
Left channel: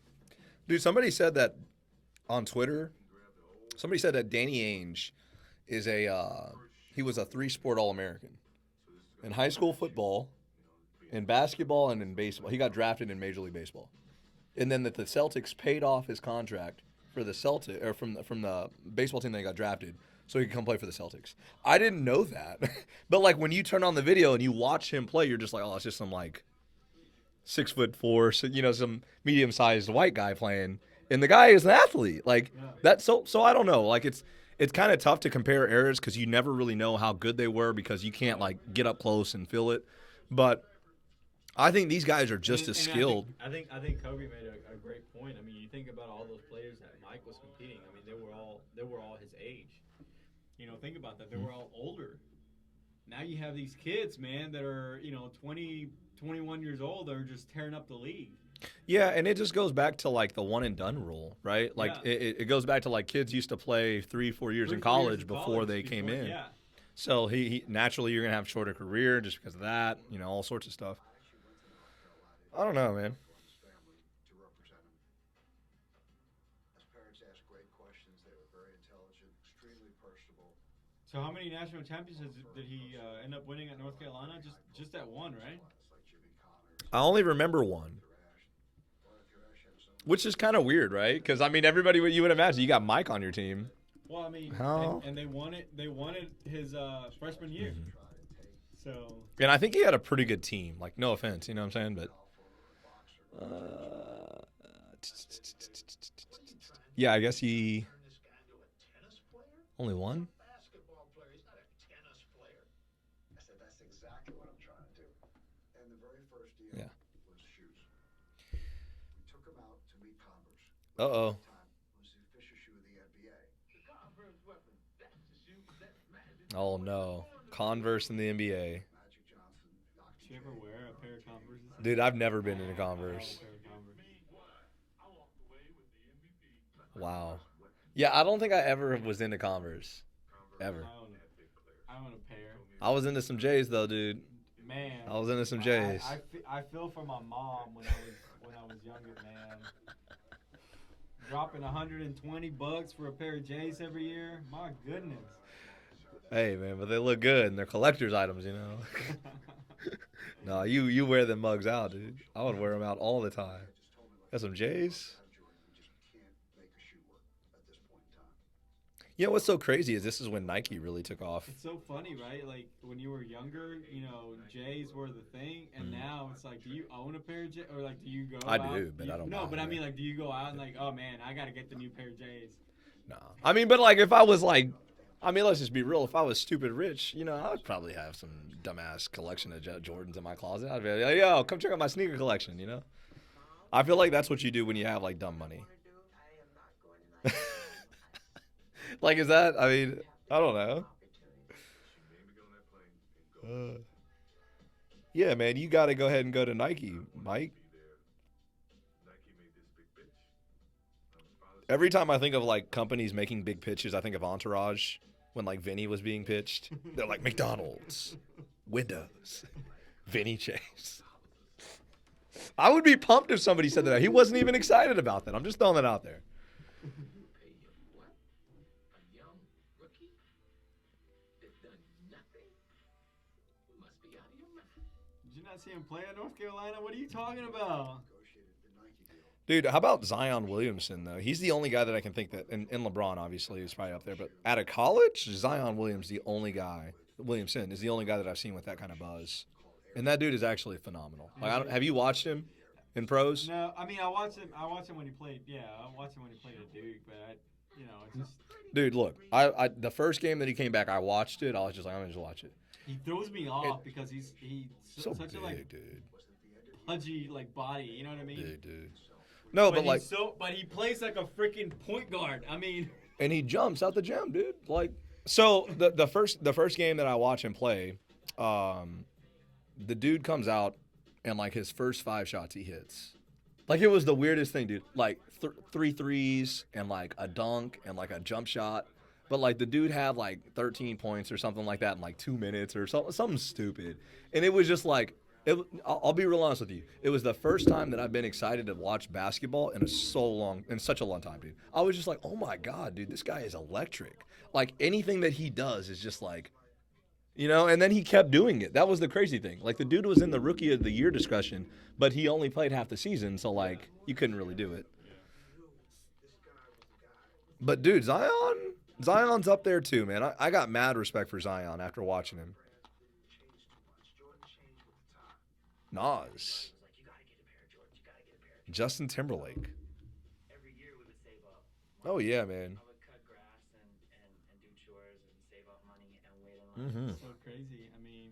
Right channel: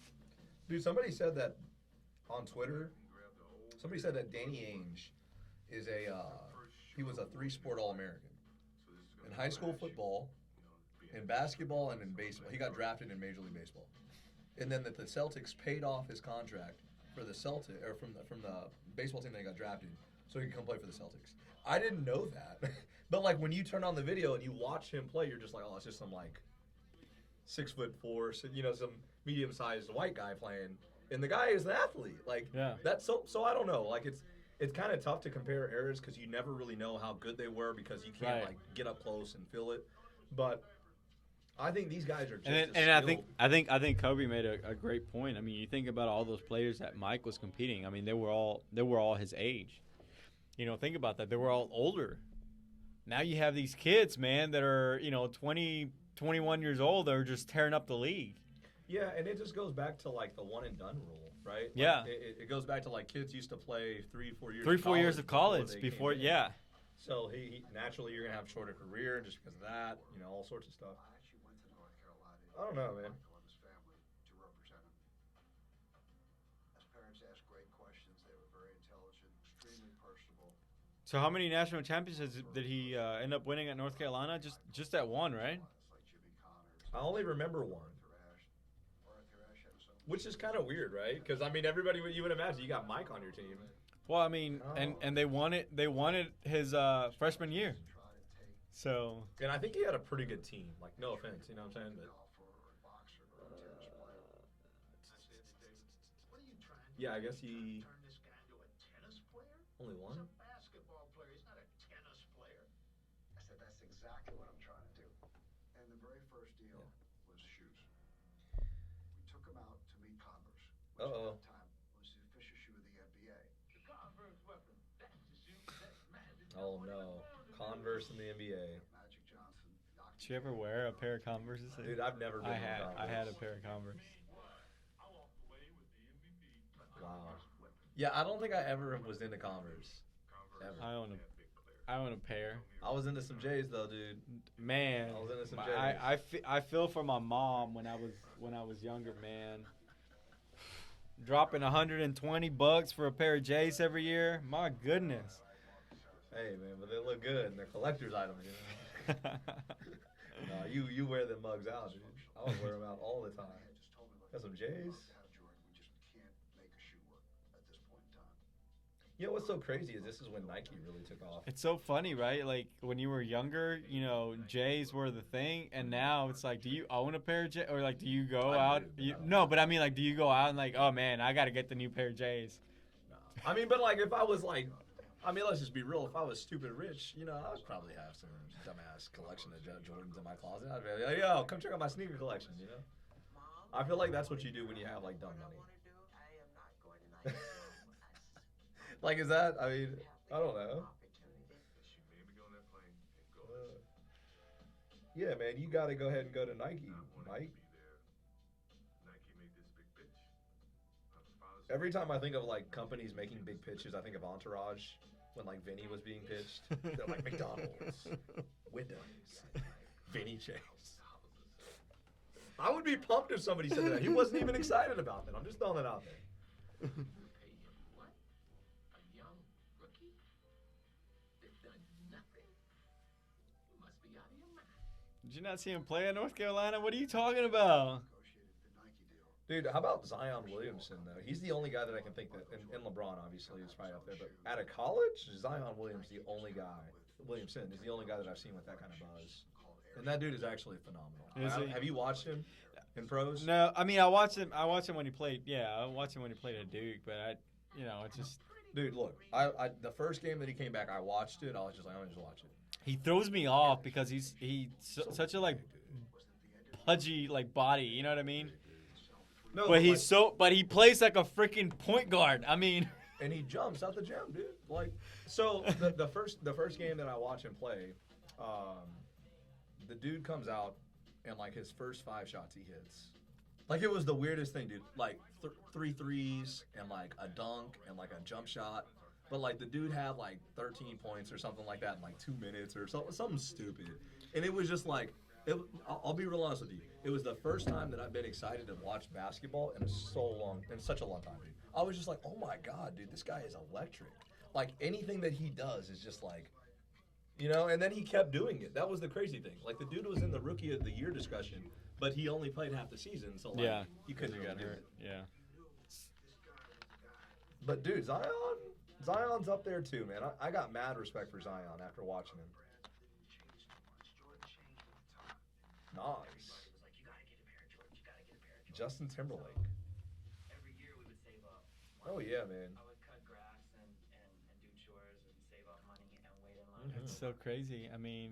Dude, somebody said that on Twitter. Somebody said that Danny Ainge is he was a 3-sport All-American in high school football, in basketball, and in baseball. He got drafted in Major League Baseball, and then that the Celtics paid off his contract for the Celtic or from the baseball team that he got drafted, so he could come play for the Celtics. I didn't know that, but like when you turn on the video and you watch him play, you're just like, oh, it's just some like 6'4", some medium-sized white guy playing, and the guy is an athlete. Like Yeah. that's so I don't know. Like it's kind of tough to compare eras because you never really know how good they were because you can't Right. like get up close and feel it. But I think these guys are just as skilled. I think Kobe made a great point. I mean, you think about all those players that Mike was competing. I mean, they were all his age. Think about that. They were all older. Now you have these kids, man, that are 20, 21 years old. That are just tearing up the league. Yeah, and it just goes back to like the one and done rule, right? Like Yeah. it goes back to like kids used to play 3-4 years 3-4 in college years of before college they came in. Yeah. So he naturally you're gonna have a shorter career just because of that, all sorts of stuff. I don't know, man. Columbus family to represent him. His parents asked great questions. They were very intelligent, extremely personable. So how many national championships did he end up winning at North Carolina? Just that one, right? Like Jimmy Connors, I only remember one, Thrash had some. which is kind of weird, right? Because I mean, everybody you would imagine you got Mike on your team. Well, I mean, How? and they won it. They won it his freshman year. So And I think he had a pretty good team. Like, no offense, you know what I'm saying? But yeah, I guess he Turn this guy into a tennis player? only won. Basketball player. He's not a tennis player. I said, that's exactly what I'm trying to do. And the very first deal Yeah. was shoes. We took him out to meet Converse. which Uh-oh. At the time was the official shoe of the NBA. The Converse weapon. That's the shoe that Magic. Oh no, Converse in the NBA, Magic Johnson knocked did you ever wear a pair of Converses? dude. I've never been I in a had a Converse. pair of Converse. Wow. Yeah, I don't think I ever was into Converse, ever. I own a pair. I was into some J's though, dude. Man, I was into some J's. I feel for my mom when I was younger, man. Dropping $120 for a pair of J's every year. My goodness. Hey man, but they look good and they're collector's items, you know. No, you wear them mugs out, dude. I would wear them out all the time. Got some J's. We just can't make a shoe work at this point in time. You know what's so crazy is this is when Nike really took off. It's so funny, right? Like when you were younger, J's were the thing, and now it's like, do you own a pair of J's, or like, do you go I out? do, but I don't no, buy but I them. mean, like, do you go out and like, oh man, I gotta get the new pair of J's? No. I mean, but like if I was like I mean, let's just be real. If I was stupid rich, you know, I would probably have some dumbass collection of Jordans in my closet. I'd be like, yo, come check out my sneaker collection, you know? I feel like that's what you do when you have, like, dumb money. Like, is that, I mean, I don't know. She made me get on that plane and go. Yeah, man, you got to go ahead and go to Nike, Mike. Be there. Nike made this big pitch. Every time I think of, like, companies making big pitches, I think of Entourage when, like, Vinny was being pitched. They're like, McDonald's, Windows, Vinny Chase. I would be pumped if somebody said that. He wasn't even excited about that. I'm just throwing that out there. Did you not see him play in North Carolina? What are you talking about? Dude, how about Zion Williamson, though? He's the only guy that I can think that, and LeBron, obviously, is probably up there. But out of college, Zion Williamson is the only guy that I've seen with that kind of buzz. And that dude is actually phenomenal. Like, have you watched him in pros? No, I mean I watched him when he played. Yeah, I watched him when he played at Duke, but it's just Dude, look, I the first game that he came back, I watched it. I was just like, I'm gonna just watch it. he throws me off because he's So such a like big, dude. pudgy like body. You know what I mean? Big, dude. No, But but like, he plays like a freaking point guard. I mean, and he jumps out the gym, dude. Like, so the first game that I watch him play, the dude comes out and like his first 5 shots he hits. Like, it was the weirdest thing, dude. Like 3 threes and like a dunk and like a jump shot. But like the dude had like 13 points or something like that in like 2 minutes or something stupid. And it was just like, I'll be real honest with you. It was the first time that I've been excited to watch basketball in such a long time, dude. I was just like, oh my God, dude, this guy is electric. Like, anything that he does is just like, you know, and then he kept doing it. That was the crazy thing. Like, the dude was in the Rookie of the Year discussion, but he only played half the season, so, like, Yeah. you couldn't really do it. yeah. But, dude, Zion's up there too, man. I got mad respect for Zion after watching him. Nas. Justin Timberlake. Oh, yeah, man. Mm-hmm. It's so crazy. I mean,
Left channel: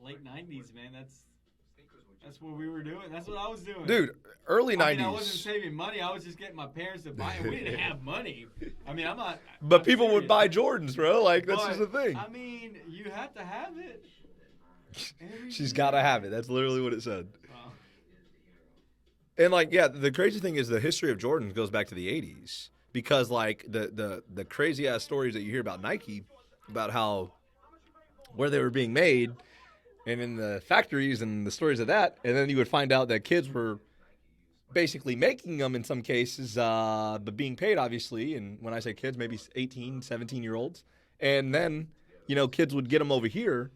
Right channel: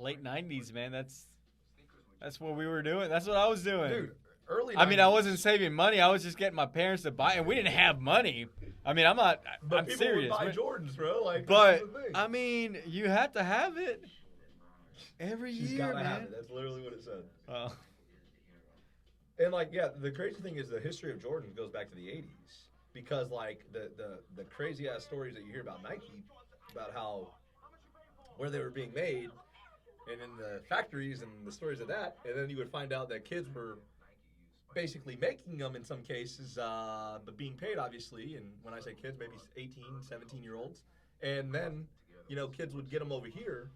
late '90s, man. That's what we were doing. That's what I was doing, Dude, early 90s. I mean, I wasn't saving money. I was just getting my parents to buy it. We didn't have money. I mean, I'm not. But I'm people would serious, buy man. Jordans, bro. Like, that's But, just the thing. I mean, you had to have it. She's got to have it. That's literally what it said. Well, And, like, yeah, the crazy thing is the history of Jordan goes back to the 80s. Because, like, the crazy-ass stories that you hear about Nike, about how, where they were being made, and in the factories and the stories of that, and then you would find out that kids were basically making them in some cases, but being paid, obviously. And when I say kids, maybe 18, 17-year-olds. And then, you know, kids would get them over here,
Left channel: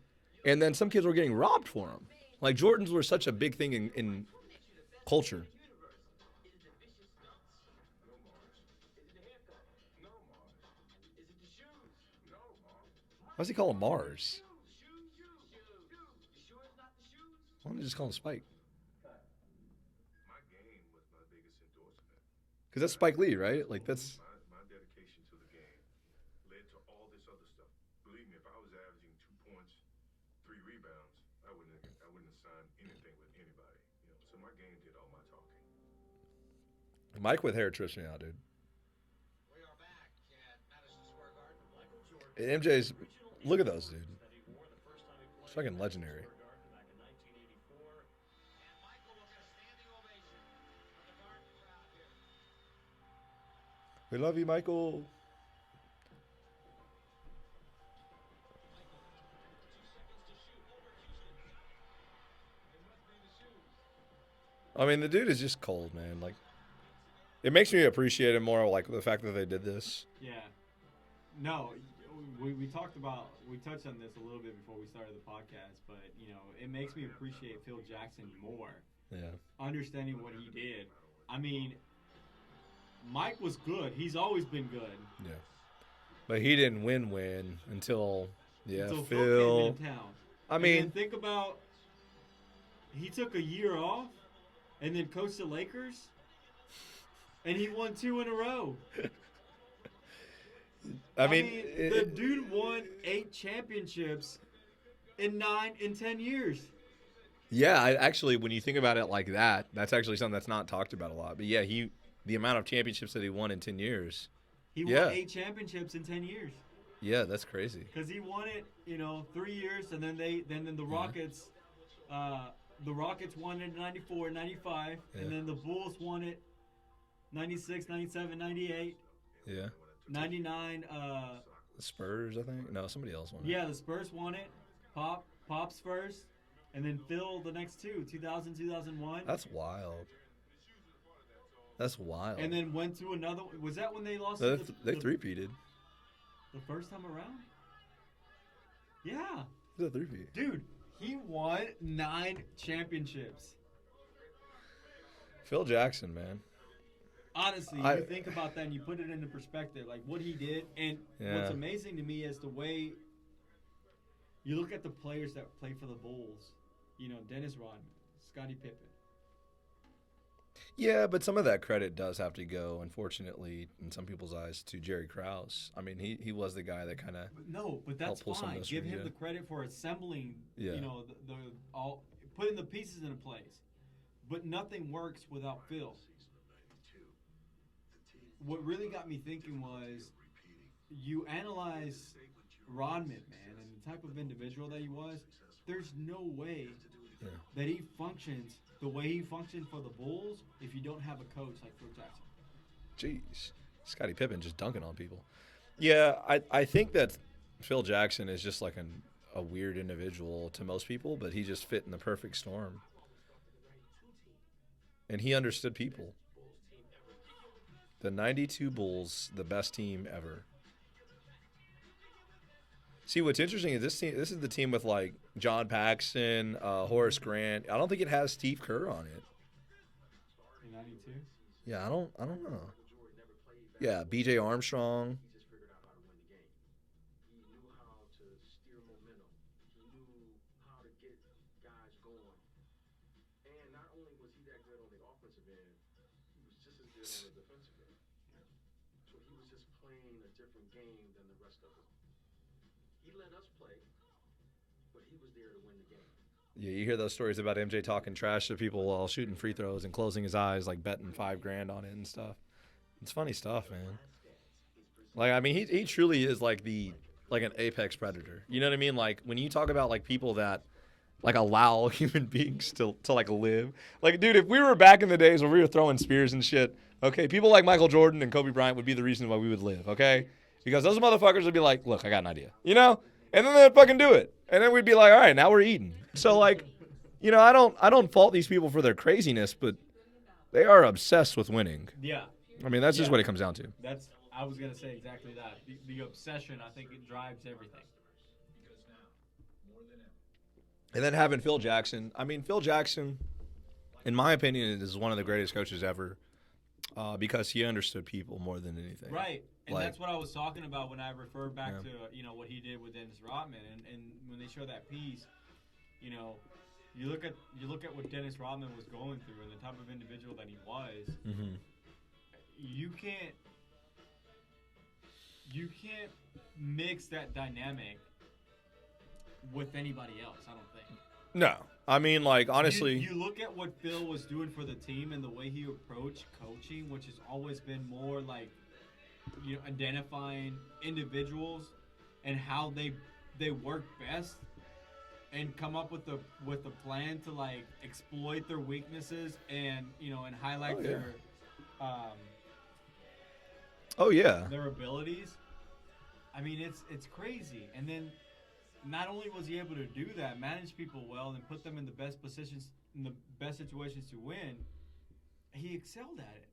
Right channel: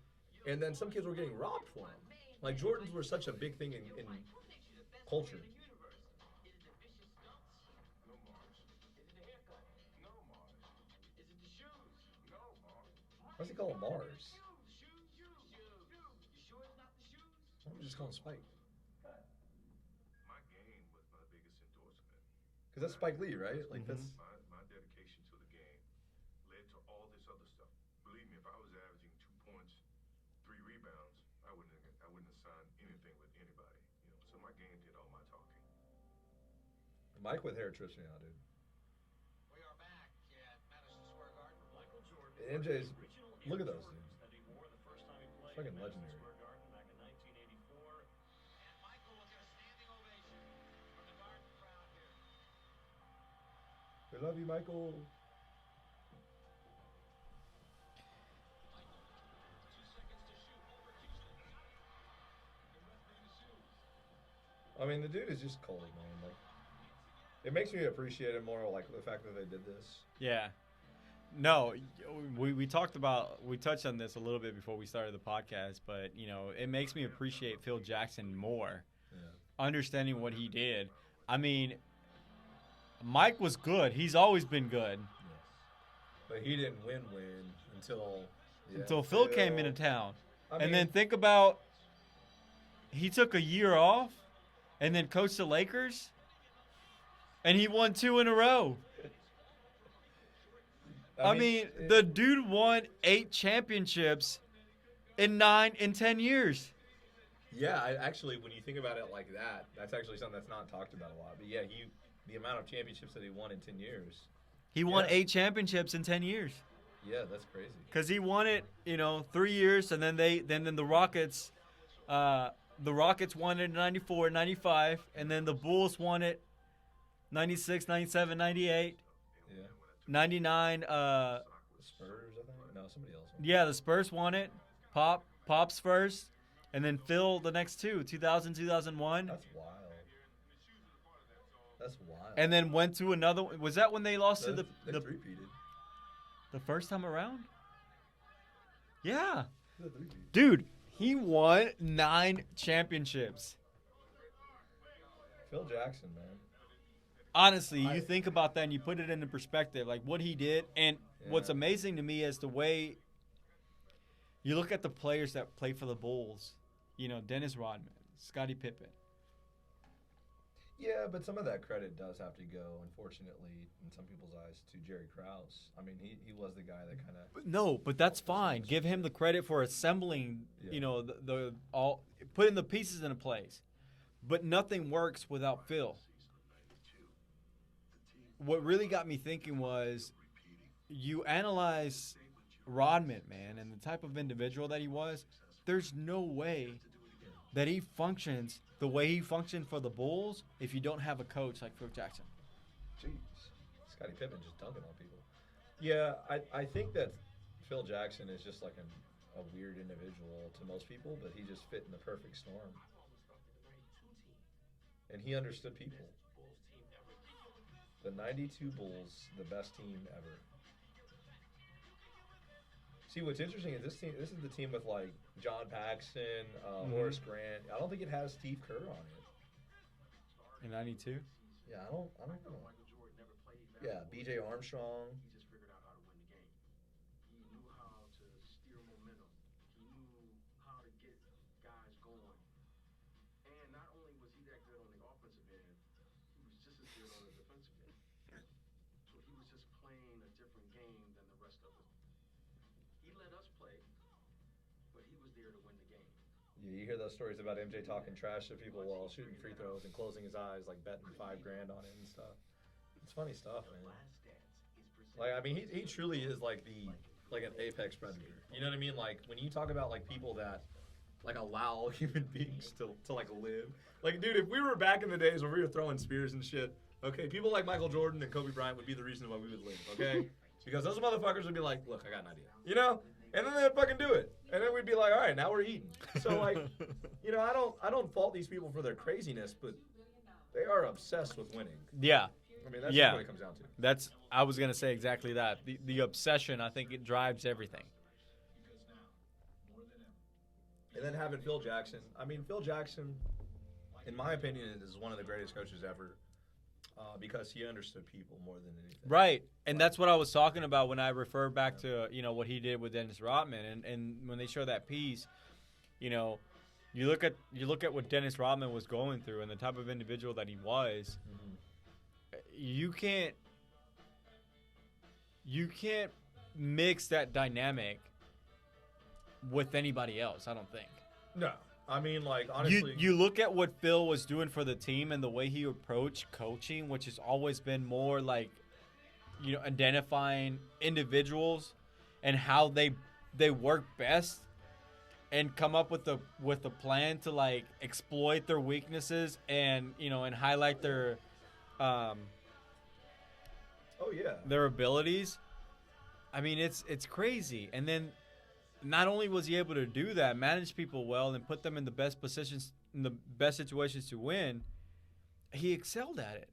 and then some kids were getting robbed for them. Like, Jordans were such a big thing in culture. Why does he call him Mars? Why don't they just call him Spike? My game was my biggest endorsement. Because that's Spike Lee, right? Like, that's... My dedication to the game led to all this other stuff. Believe me, if I was averaging 2 points, 3 rebounds, I wouldn't have signed anything with anybody. You know, so my game did all my talking. Mike with hair trips me out, dude. We are back at Madison Square Garden. Michael Jordan. MJ's... Look at those, dude. It's fucking legendary. And Michael will get a standing ovation from the Garden crowd here. We love you, Michael. I mean, the dude is just cold, man. Like, it makes me appreciate him more, like, the fact that they did this. yeah. No, we touched on this a little bit before we started the podcast, but, it makes me appreciate Phil Jackson more. Yeah. Understanding what he did. I mean, Mike was good. He's always been good. Yeah. But he didn't win until Phil came into town. I And mean, then think about, he took a year off and then coached the Lakers, and he won 2 in a row. I mean, the dude won 8 championships in 10 years. Yeah, actually, when you think about it like that, that's actually something that's not talked about a lot. But yeah, the amount of championships that he won in 10 years. He won Yeah. 8 championships in 10 years. Yeah, that's crazy. Because he won it, 3 years, and then the Rockets, won it in 94, 95, and then the Bulls won it 96, 97, 98, Yeah. 99. The Spurs, I think. No, somebody else won. Yeah, the Spurs won it. Pop's first, and then Phil the next 2, 2000, 2001. That's wild. That's wild. And then went to another. Was that when they lost to They three-peated. the first time around? Yeah. They three-peat. Dude, he won 9 championships. Phil Jackson, man. Honestly, you think about that and you put it into perspective, like what he did. And what's amazing to me is the way you look at the players that play for the Bulls. Dennis Rodman, Scottie Pippen. Yeah, but some of that credit does have to go, unfortunately, in some people's eyes, to Jerry Krause. I mean, he was the guy that kind of. No, but that's pull some of fine. this Give from, him the credit for assembling. Yeah. The all putting the pieces into place. But nothing works without Phil. What really got me thinking was, you analyze Rodman, man, and the type of individual that he was. There's no way that he functions the way he functioned for the Bulls if you don't have a coach like Phil Jackson. Jeez. Scottie Pippen just dunking on people. Yeah, I think that Phil Jackson is just like a weird individual to most people, but he just fit in the perfect storm. And he understood people. The 92 Bulls, the best team ever. See, what's interesting is this is the team with like John Paxson, Horace Grant. I don't think it has Steve Kerr on it. In 92? Yeah, I don't know. Yeah, B.J. Armstrong. Yeah, you hear those stories about MJ talking trash to people while shooting free throws and closing his eyes, like betting $5,000 on it and stuff. It's funny stuff, man. Like, I mean, he truly is like an apex predator. You know what I mean? Like when you talk about like people that like allow human beings to like live. Like, dude, if we were back in the days where we were throwing spears and shit, okay, people like Michael Jordan and Kobe Bryant would be the reason why we would live, okay? Because those motherfuckers would be like, look, I got an idea, you know? And then they'd fucking do it. And then we'd be like, all right, now we're eating. So, like, I don't fault these people for their craziness, but they are obsessed with winning. Yeah. I mean, that's just what it comes down to. I was going to say exactly that. The obsession, I think it drives everything. And then having Phil Jackson. I mean, Phil Jackson, in my opinion, is one of the greatest coaches ever because he understood people more than anything. Right. And Like- that's what I was talking about when I refer back to, what he did with Dennis Rodman. And when they show that piece, you look at what Dennis Rodman was going through and the type of individual that he was. Mm-hmm. You can't mix that dynamic with anybody else, I don't think. No. I mean, like, honestly. You look at what Phil was doing for the team and the way he approached coaching, which has always been more like, identifying individuals and how they work best and come up with a plan to like exploit their weaknesses and highlight their their abilities. I mean, it's crazy. And then not only was he able to do that, manage people well and put them in the best positions, in the best situations to win, he excelled at it.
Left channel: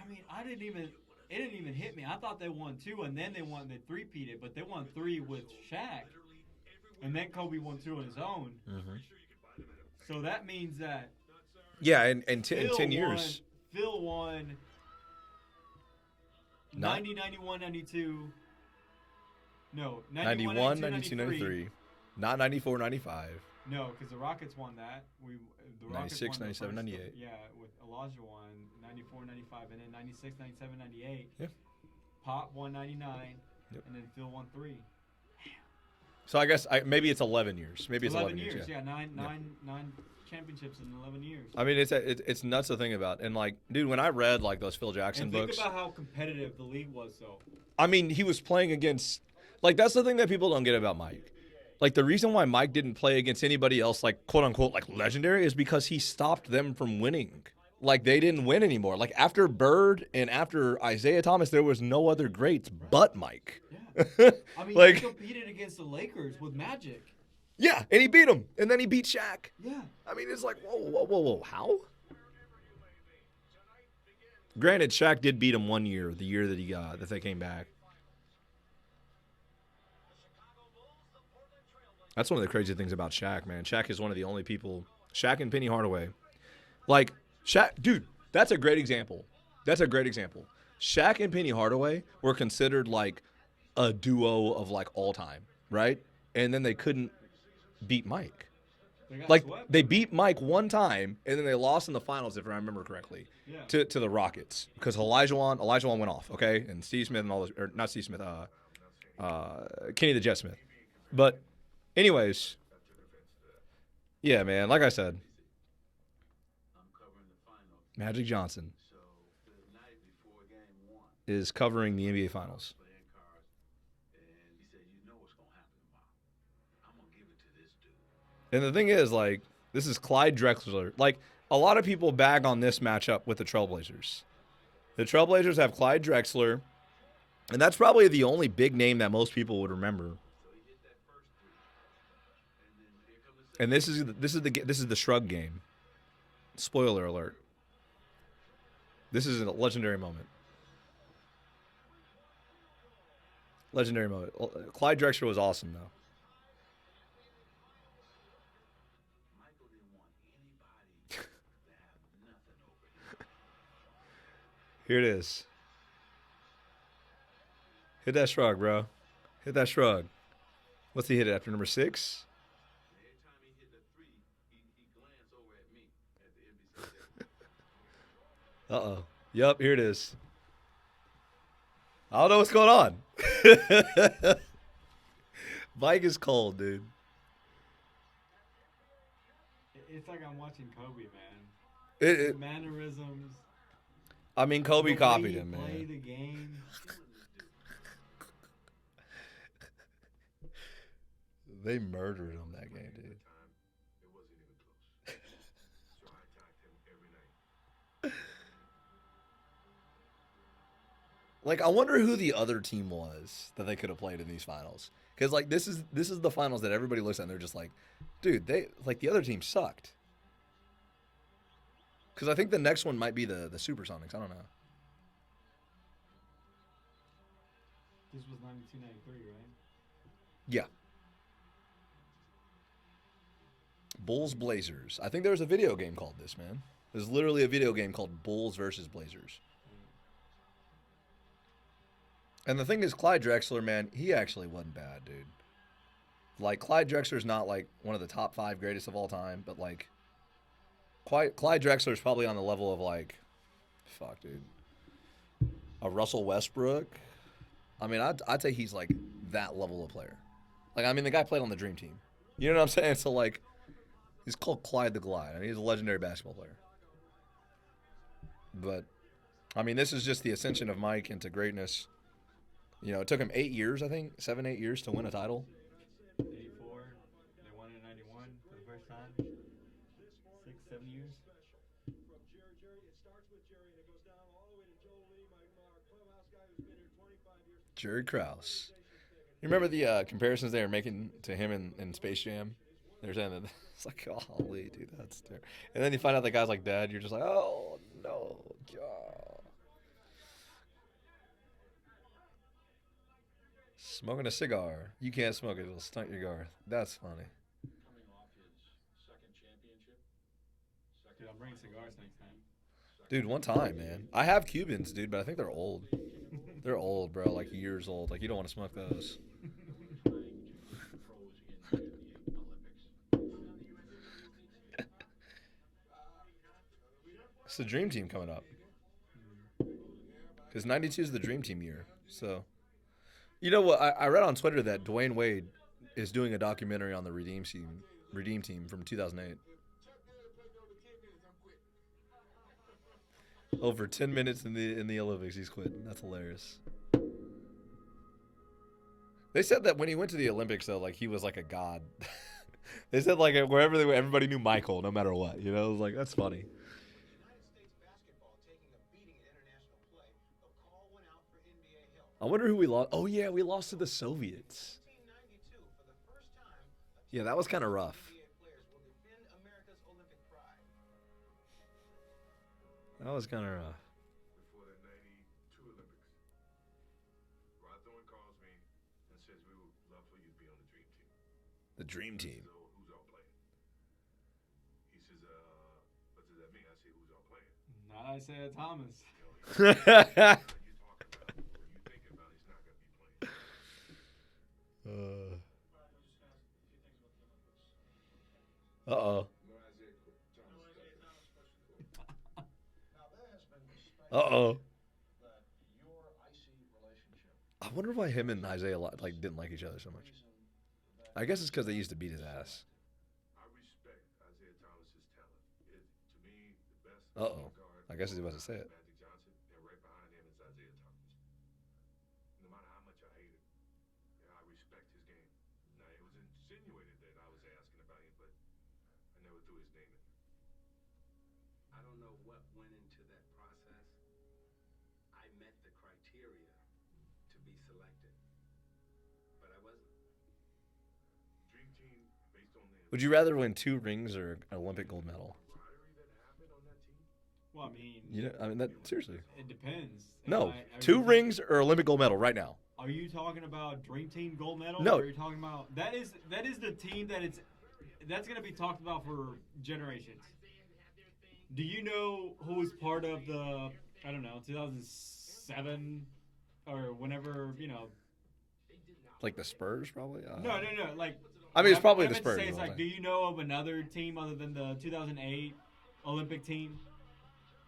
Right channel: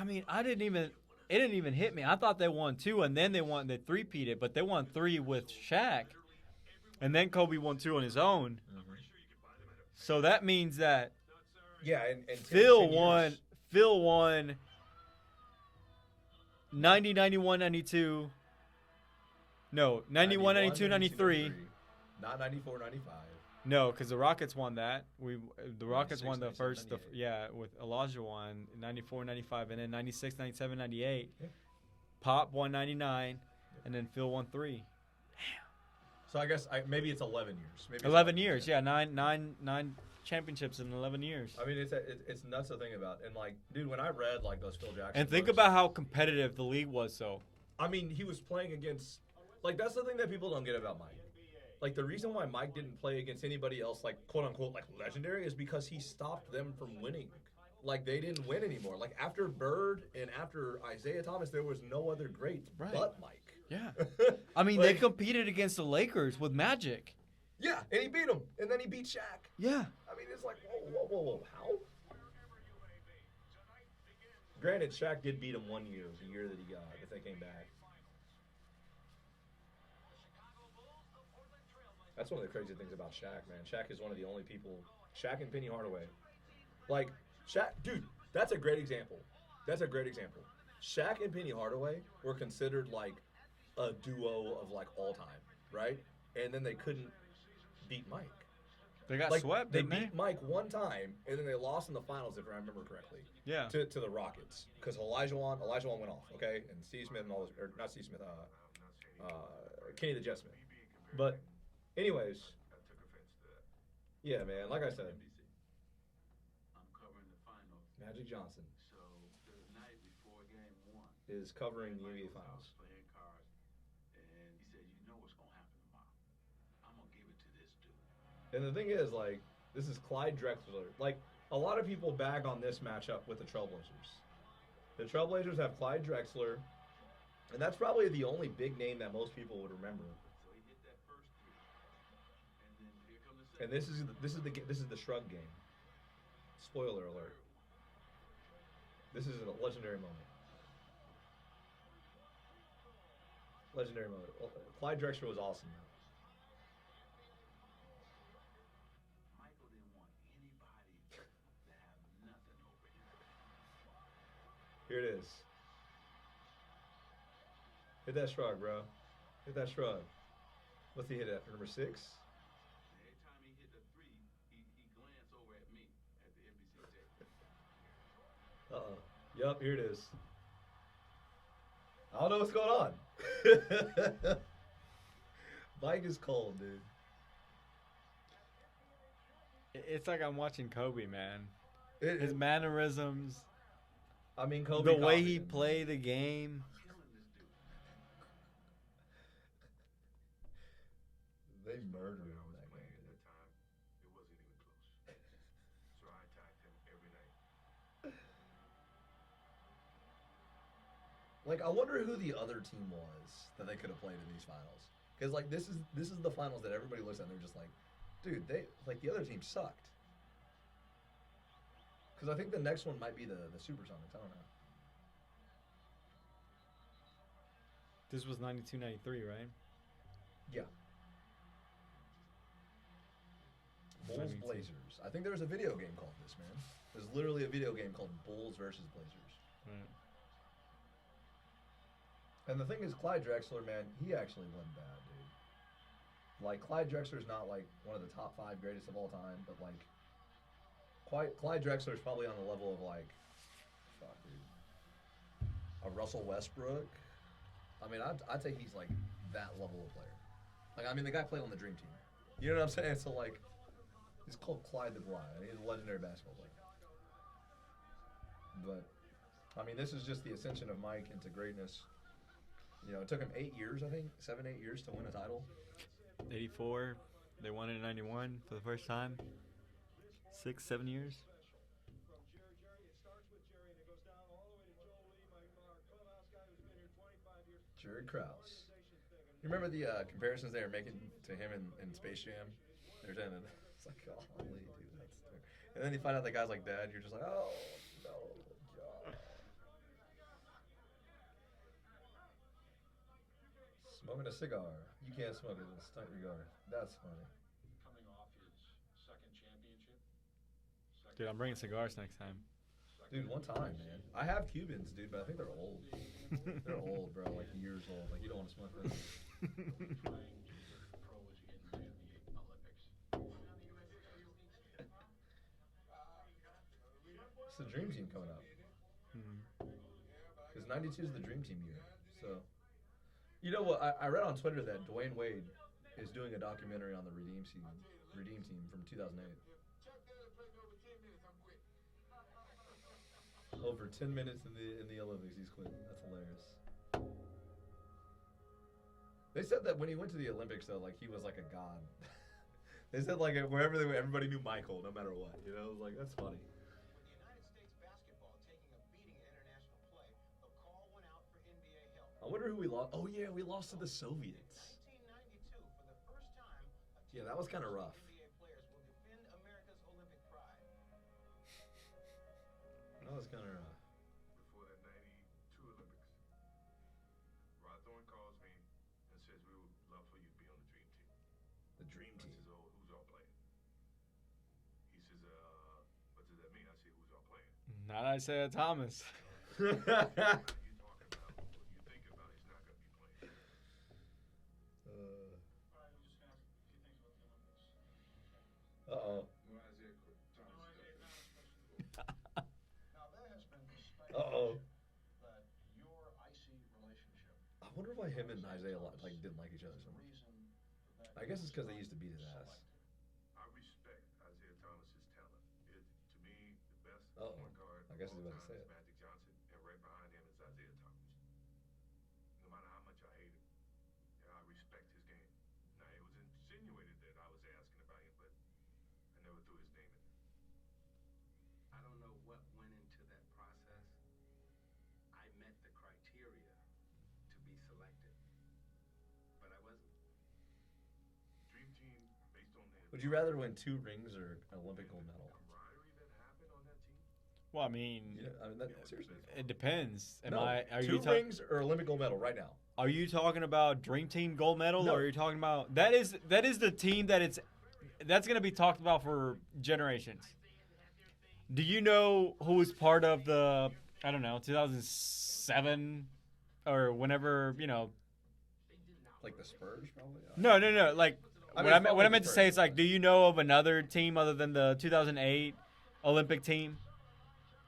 I mean, it didn't even hit me. I thought they won 2 and then they three-peated, but they won 3 with Shaq. And then Kobe won 2 on his own. Mm-hmm. So that means that Yeah, and 10 Phil years. won 90, 91, 92. No, 91, 92, 93. Not 94, 95. No, because the Rockets won that. The Rockets 96, won the 97, first. 98. With Elijah won 94, 95, and then 96, 97, 98. Yeah. Pop won 99, and then Phil won 3. So I guess maybe it's 11 years. Maybe it's 11 years, yeah. Nine championships in 11 years. I mean, it's nuts to think about. And like, dude, when I read like those Phil Jackson And think books, about how competitive the league was. So I mean, he was playing against, like, that's the thing that people don't get about Mike. Like, the reason why Mike didn't play against anybody else, like, quote unquote, like, legendary, is because he stopped them from winning. Like, they didn't win anymore. Like, after Bird and after Isaiah Thomas, there was no other greats but Mike. yeah, I mean Like- they competed against the Lakers with Magic. Yeah, and he beat him. And then he beat Shaq. Yeah, I mean, it's like, whoa, how? Granted, Shaq did beat him one year, the year that they came back. That's one of the crazy things about Shaq, man. Shaq is one of the only people. Shaq and Penny Hardaway. Like, Shaq, dude, that's a great example. That's a great example. Shaq and Penny Hardaway were considered like a duo of like all time, right? And then they couldn't beat Mike. they got Like, swept. they didn't beat Mike one time, and then they lost in the finals, if I remember correctly, Yeah. to the Rockets. Because Elijah Wan went off, okay? And Steve Smith and all those, or not Steve Smith, Kenny the Jet Smith. But anyways, yeah, man, like I said, Magic Johnson is covering the NBA Finals. And the thing is, like, this is Clyde Drexler. Like, a lot of people bag on this matchup with the Trailblazers. The Trailblazers have Clyde Drexler, and that's probably the only big name that most people would remember. And this is the Shrug game. Spoiler alert. This is a legendary moment. Legendary moment. Clyde Drexler was awesome, though. Here it is. Hit that shrug, bro. Hit that shrug. What's he hit after number 6? Uh-oh. Yep, here it is. I don't know what's going on. Mike is cold, dude. It's like I'm watching Kobe, man. It- His it- mannerisms, I mean, Kobe the way copied he him, play man. the game. They murdered him that game, dude. It wasn't even close. So I attacked him every night. Like, I wonder who the other team was that they could have played in these finals. Because, like, this is the finals that everybody looks at and they're just like, dude, the other team sucked. Because I think the next one might be the Supersonics. I don't know. This was 92, 93, right? Yeah. Bulls Blazers. I think there was a video game called this, man. There's literally a video game called Bulls versus Blazers. And the thing is, Clyde Drexler, man, he actually wasn't bad, dude. Like, Clyde Drexler's not, like, one of the top 5 greatest of all time, but, like, Clyde Drexler's probably on the level of, like, fuck, dude. A Russell Westbrook. I mean, I'd say he's, like, that level of player. Like, I mean, the guy played on the Dream Team. You know what I'm saying? So, like, he's called Clyde the Glide. I mean, he's a legendary basketball player. But, I mean, this is just the ascension of Mike into greatness. You know, it took him 8 years, I think, 7, 8 years to win a title. 84. They won in 91 for the first time. 6, 7 years. Jerry Krause. You remember the comparisons they were making to him in Space Jam? They were saying that it's like, golly, dude, that's terrible. And then you find out the guy's like dead. You're just like, oh, no, God. Smoking a cigar. You can't smoke it. It'll stunt your guard. That's funny. Coming off his second championship. Dude, I'm bringing cigars next time. Dude, one time, man. I have Cubans, dude, but I think they're old. They're old, bro. Like years old. Like you don't want to smoke those. Pros in the Olympics. It's the Dream Team coming up. Because 92 is the Dream Team year. So, you know what? I read on Twitter that Dwayne Wade is doing a documentary on the Redeem Team from 2008. Over 10 minutes in the Olympics, he's quitting. That's hilarious. They said that when he went to the Olympics, though, like he was like a god. They said like wherever they went, everybody knew Michael, no matter what. You know, it was like that's funny. United States basketball taking a beating in international play. The call went out for NBA help. I wonder who we lost. Oh yeah, we lost to the Soviets. 1992, for the first time, a Yeah, team that was of kinda rough. NBA players will defend America's Olympic pride. That was kind of rough. Before the 92 Olympics, Rod Thorne calls me and says, we would love for you to be on the Dream Team. The Dream Team. So who's all playing? He says, what does that mean? I say, who's all playing? Not Isaiah Thomas. What are you talking about? What are you thinking about? He's not going to be playing. Uh-oh. No Isaiah Thomas. Now, there has been Uh-oh. that your icy relationship I wonder why him and Isaiah like didn't like each other so much. I guess it's because they used to beat his ass. I respect Isaiah Thomas's talent. To me, the best Uh-oh. point guard I guess he's of all about to say time it. is Magic Johnson, and right behind him is Isaiah Thomas. No matter how much I hate him, I respect his game. Now, it was insinuated that I was asking about him, but I never threw his name in there. I don't know what went into that process. I met the criteria to be selected, but I wasn't. Dream Team, based on the Would you rather win 2 rings or an Olympic gold medal? camaraderie that happened on that team, Well, I mean, You know, I mean that seriously. it depends. No, Are 2 you rings or Olympic gold medal right now. Are you talking about Dream Team gold medal? No. Or are you talking about that is the team that's going to be talked about for generations. Do you know who was part of the 2007 or whenever, Like the Spurs, probably. No, like I mean, it's probably what I the meant to Spurs, say is like, probably. do you know of another team other than the 2008 Olympic team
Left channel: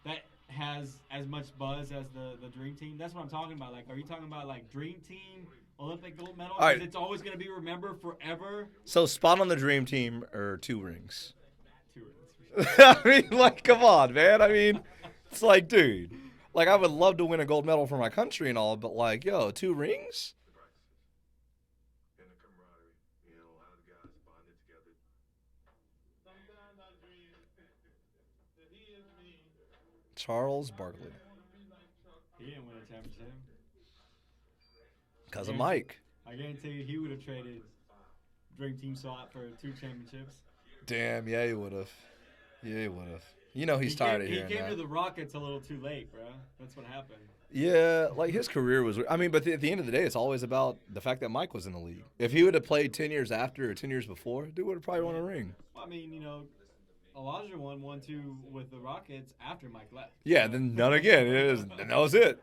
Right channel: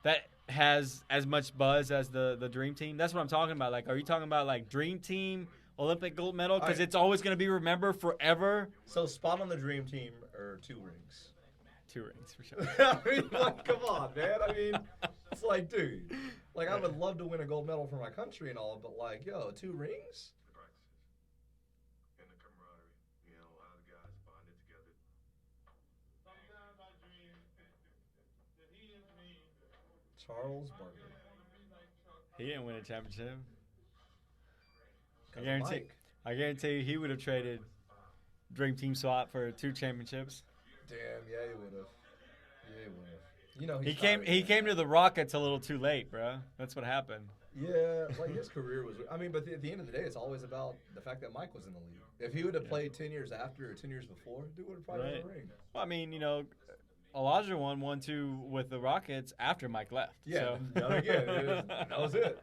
that has as much buzz as the Dream Team? That's what I'm talking about. Like, are you talking about like Dream Team Olympic gold medal? All Because right. it's always going to be remembered forever. So spot on the Dream Team or 2 rings. 2 rings for sure. I mean, like, come on, man. I mean, it's like, dude, like, I would love to win a gold medal for my country and all, but like, yo, 2 rings? the practices, and the camaraderie, how the guys bonded together. Charles Barkley. He didn't win a championship. Because of Mike. I guarantee you he would have traded Dream Team swap for 2 championships. Damn, yeah, he would have. Yeah, he would have. You know he's He tired came, of he hearing came that. to the Rockets a little too late, bro. That's what happened. Yeah, like his career was. I mean, but at the end of the day, it's always about the fact that Mike was in the league. If he would have played 10 years after or 10 years before, dude would have probably won a ring. Well, I mean, Elijah won 2 with the Rockets after Mike left. Yeah, So- then none again. And that was it.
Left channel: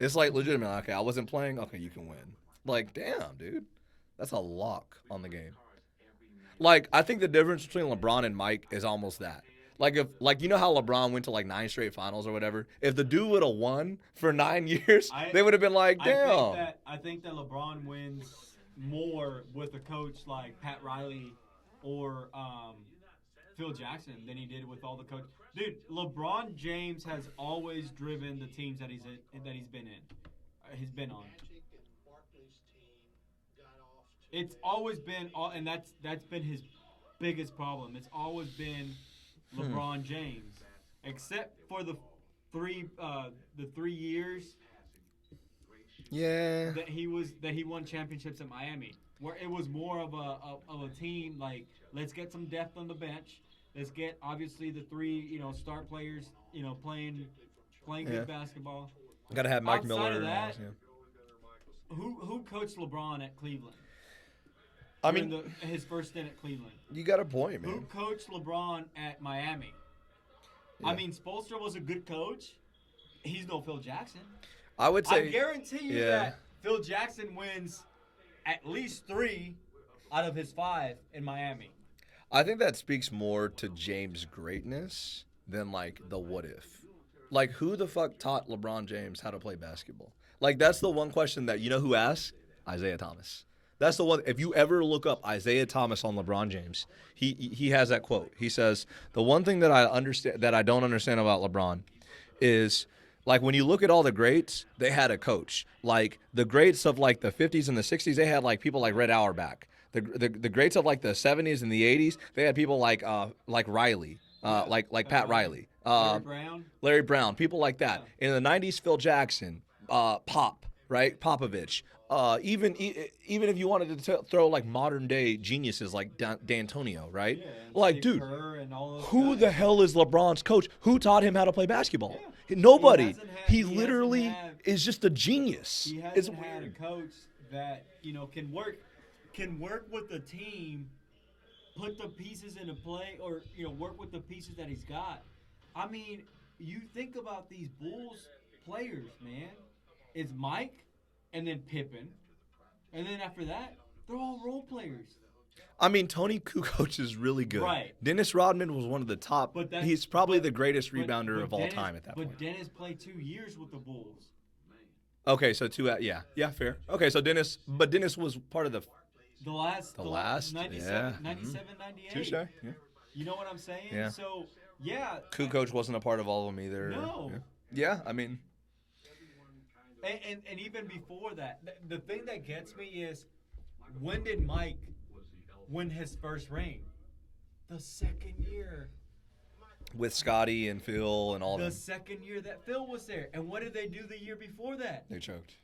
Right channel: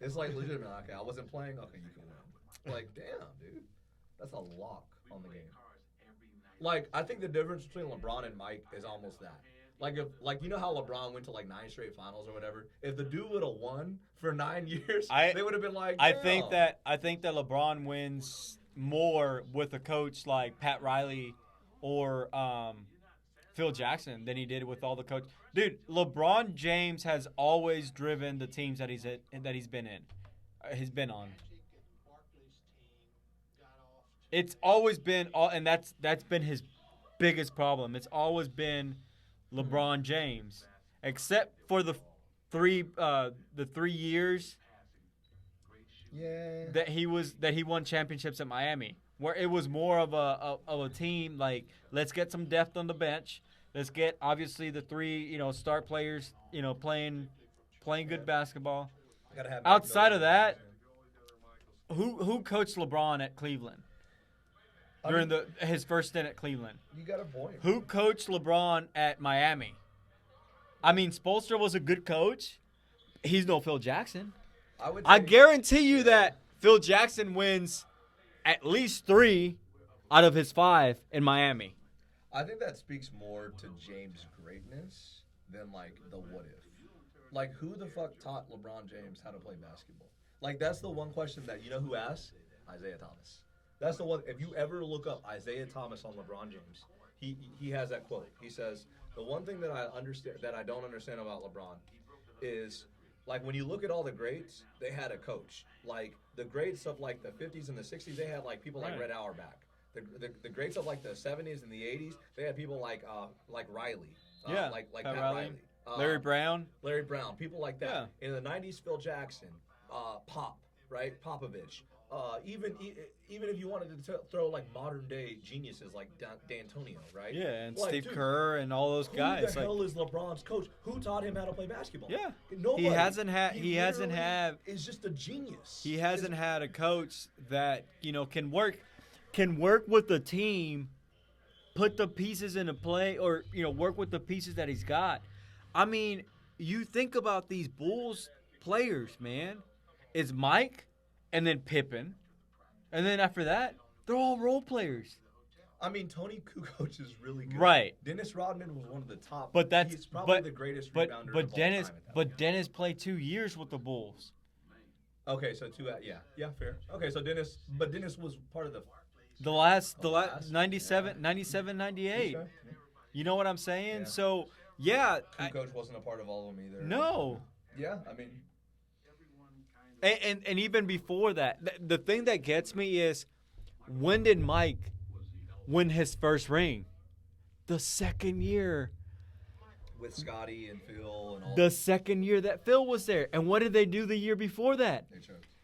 It's like legitimate. Okay, I wasn't playing. Okay, you can win. Like, damn, dude, that's a lock on the game. Like, I think the difference between LeBron and Mike is almost that. Like, you know how LeBron went to like 9 straight finals or whatever. If the dude would have won for 9 years, they would have been like, damn. I think that LeBron wins more with a coach like Pat Riley or Phil Jackson than he did with all the coaches. Dude, LeBron James has always driven the teams that he's been in. He's been on. Magic and Barkley's team got off to It's always been and that's been his biggest problem. It's always been LeBron James, except for the 3 years Yeah. that he won championships at Miami, where it was more of a team like, let's get some depth on the bench. Let's get obviously the 3 star players playing good Yeah. basketball. Gotta have Mike Outside Miller of in that, there, who coached LeBron at Cleveland I during mean, his first stint at Cleveland? you got a point. Who Man. coached LeBron at Miami? I mean, Spoelstra was a good coach. He's no Phil Jackson. I would say. I guarantee you yeah. that Phil Jackson wins at least 3 out of his 5 in Miami. I think that speaks more to James' greatness than like the what if. Like, who the fuck taught LeBron James how to play basketball? Like that's the one question that you know who asks? Isaiah Thomas. That's the one. If you ever look up Isaiah Thomas on LeBron James, he has that quote. He says the one thing that I don't understand about LeBron is like when you look at all the greats, they had a coach. Like the greats of like the 50s and the 60s, they had like people like Red Auerbach. The greats of like the 70s and the 80s, they had people like Riley, Yeah, like Pat Riley, Larry Brown. people like that. In the 90s, Phil Jackson, Pop, right? Popovich. Even if you wanted to throw like modern day geniuses like D'Antonio, right? Yeah, and like Steve dude, Kerr and all those who guys. the hell is LeBron's coach? Who taught him how to play basketball? Yeah. Nobody. He hasn't literally had- is just a genius. He hasn't had a coach that can work with the team, put the pieces into play, or work with the pieces that he's got. I mean, you think about these Bulls players, man. It's Mike, and then Pippen, and then after that, they're all role players. I mean, Tony Kukoc is really good. Right. Dennis Rodman was one of the top. But he's probably the greatest rebounder of all Dennis, time at that But point. Dennis played 2 years with the Bulls. Okay, so yeah, fair. Okay, so Dennis was part of the. The last The last? 97, Yeah. 97, 98. Touche, yeah. You know what I'm saying? Yeah. So, yeah. Kukoc wasn't a part of all of them either. No. Yeah, I mean, And even before that, the thing that gets me is, when did Mike win his first ring? The second year. with Scotty and Phil and all. The second year that Phil was there. And what did they do the year before that? They choked.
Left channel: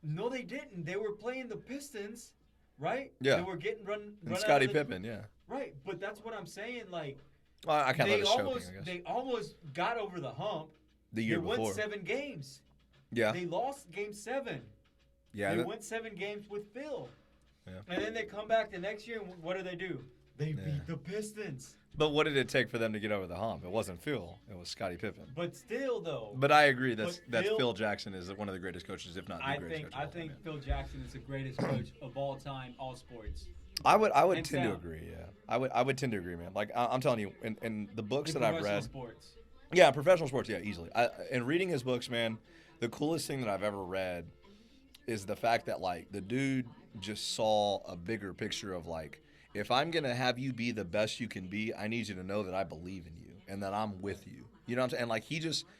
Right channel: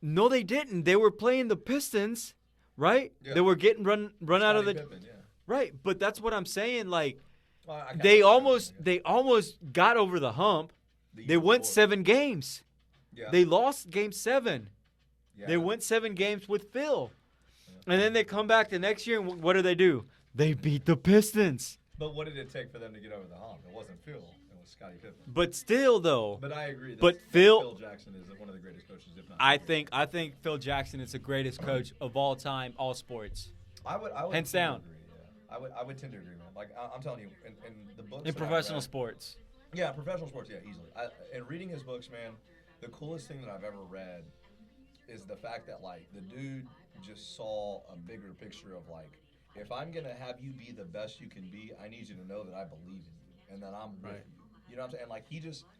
No, they didn't. They were playing the Pistons, right? Yeah. They were getting run out Scottie of the Pippen, yeah. right. But that's what I'm saying. Like, Well, I kinda they was joking, almost I guess. they almost got over the hump. The They year went before. 7 games. Yeah. They lost game 7. yeah. They went 7 games with Phil. And then they come back the next year, and what do? They beat the Pistons. But what did it take for them to get over the hump? It wasn't Phil. It was Scottie Pippen. But still, though, But I agree. That But Phil Jackson is one of the greatest coaches, if not. the I greatest think coach. Phil Jackson is the greatest coach of all time, all sports. I would hands tend down. to agree. Yeah, I would tend to agree, man. Like I'm telling you, in the books In that I've professional read, sports. yeah, professional sports, yeah, easily. In reading his books, man, the coolest thing that I've ever read is the fact that like the dude just saw a bigger picture of like, if I'm gonna have you be the best you can be, I need you to know that I believe in you and that I'm with you. You know what I'm saying? And like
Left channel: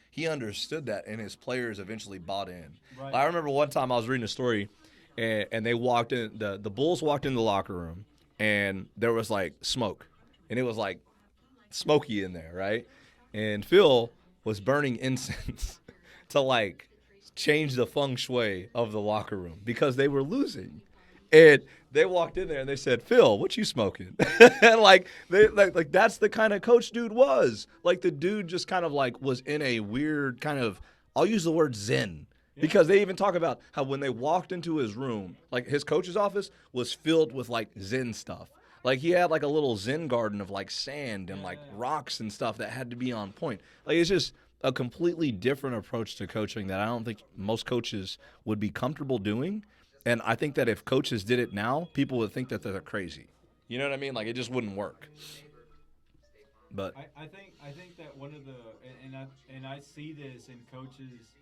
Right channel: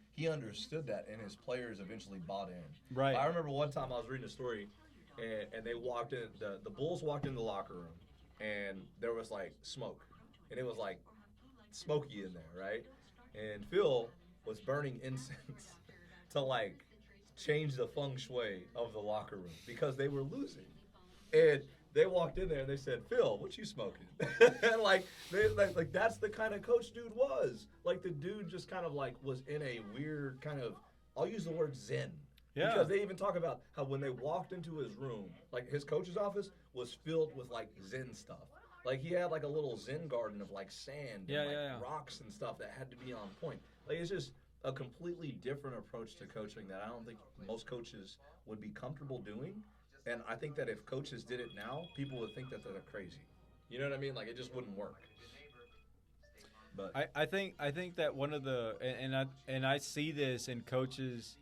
he understood that, and his players eventually bought in. Right. I remember one time I was reading a story, and they walked in. The Bulls walked in the locker room, and there was like smoke, and it was like smoky in there, right? And Phil was burning incense to like change the feng shui of the locker room because they were losing. And they walked in there and they said, "Phil, what you smoking?" And like that's the kind of coach dude was. Like the dude just kind of like was in a weird kind of, I'll use the word zen. Yeah. Because they even talk about how when they walked into his room, like his coach's office was filled with like zen stuff. Like he had like a little zen garden of like sand and rocks and stuff that had to be on point. Like it's just a completely different approach to coaching that I don't think most coaches would be comfortable doing. And I think that if coaches did it now, people would think that they're crazy. You know what I mean? Like it just wouldn't work. But I think that one of the and I see this in coaches,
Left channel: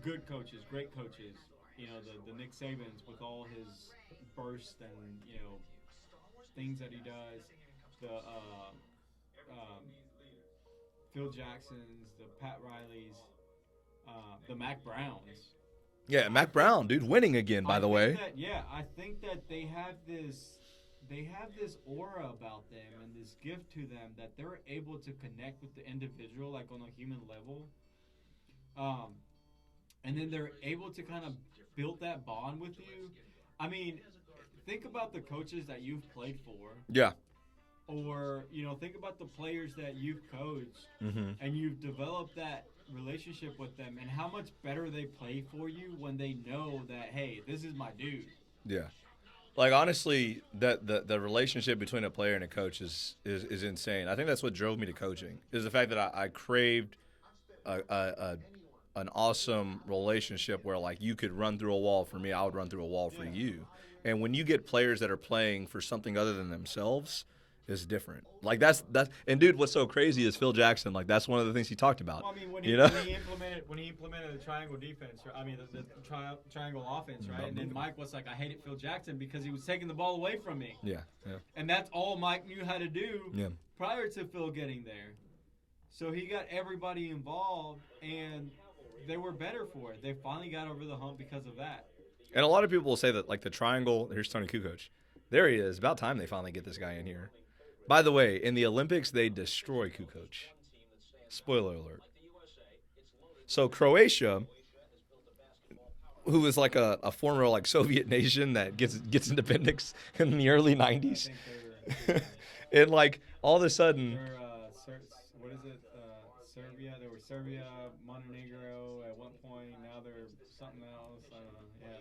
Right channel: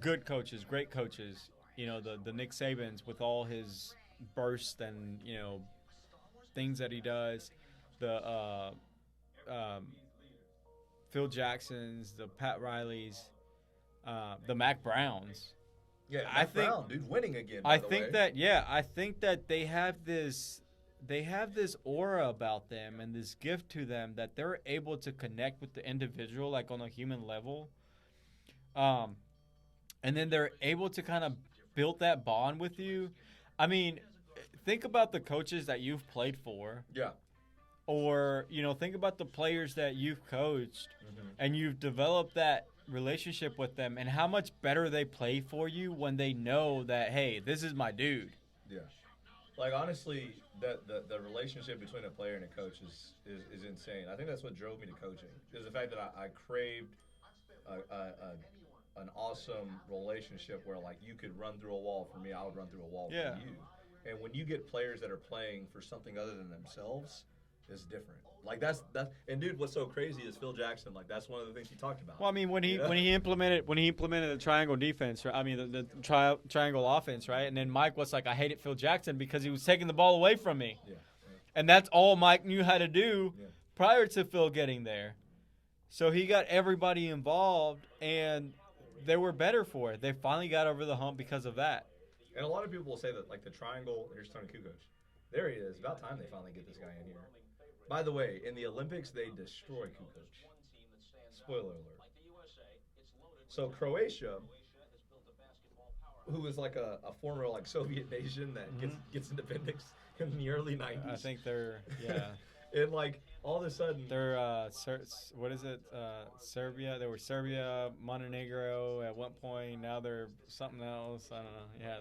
good coaches, great coaches. You know, the Nick Sabans with all his bursts and things that he does. The Phil Jacksons, the Pat Rileys, the Mac Browns. yeah, Mac Brown, dude, winning again, by the way. I think that they have this aura about them and this gift to them that they're able to connect with the individual like on a human level. And then they're able to kind of build that bond with you. I mean, think about the coaches that you've played for, Yeah. or think about the players that you've coached, and you've developed that relationship with them, and how much better they play for you when they know that, hey, this is my dude. Yeah. Like honestly, that the relationship between a player and a coach is insane. I think that's what drove me to coaching. Is the fact that I craved an awesome relationship where like you could run through a wall for me, I would run through a wall Yeah. for you. And when you get players that are playing for something other than themselves, is different. Like that's and dude, what's so crazy is Phil Jackson. Like that's one of the things he talked about. Well, I mean, when he You know? when he implemented the triangle defense, right? I mean the triangle offense, right? And then Mike was like, I hated Phil Jackson because he was taking the ball away from me, Yeah. and that's all Mike knew how to do Yeah. prior to Phil getting there. So he got everybody involved, and they were better for it. They finally got over the hump because of that. And a lot of people will say that like the triangle. Here's Tony Kukoc. There he is. About time they finally get this guy in here. By the way, in the Olympics they destroy Kukoc. Spoiler alert. So Croatia, who was like a former like Soviet nation that gets independence in the early I '90s, think they're and like all of a sudden, they're what is it? Serbia. They were Serbia, Montenegro at one point. Now they're something else. I don't know. Yeah.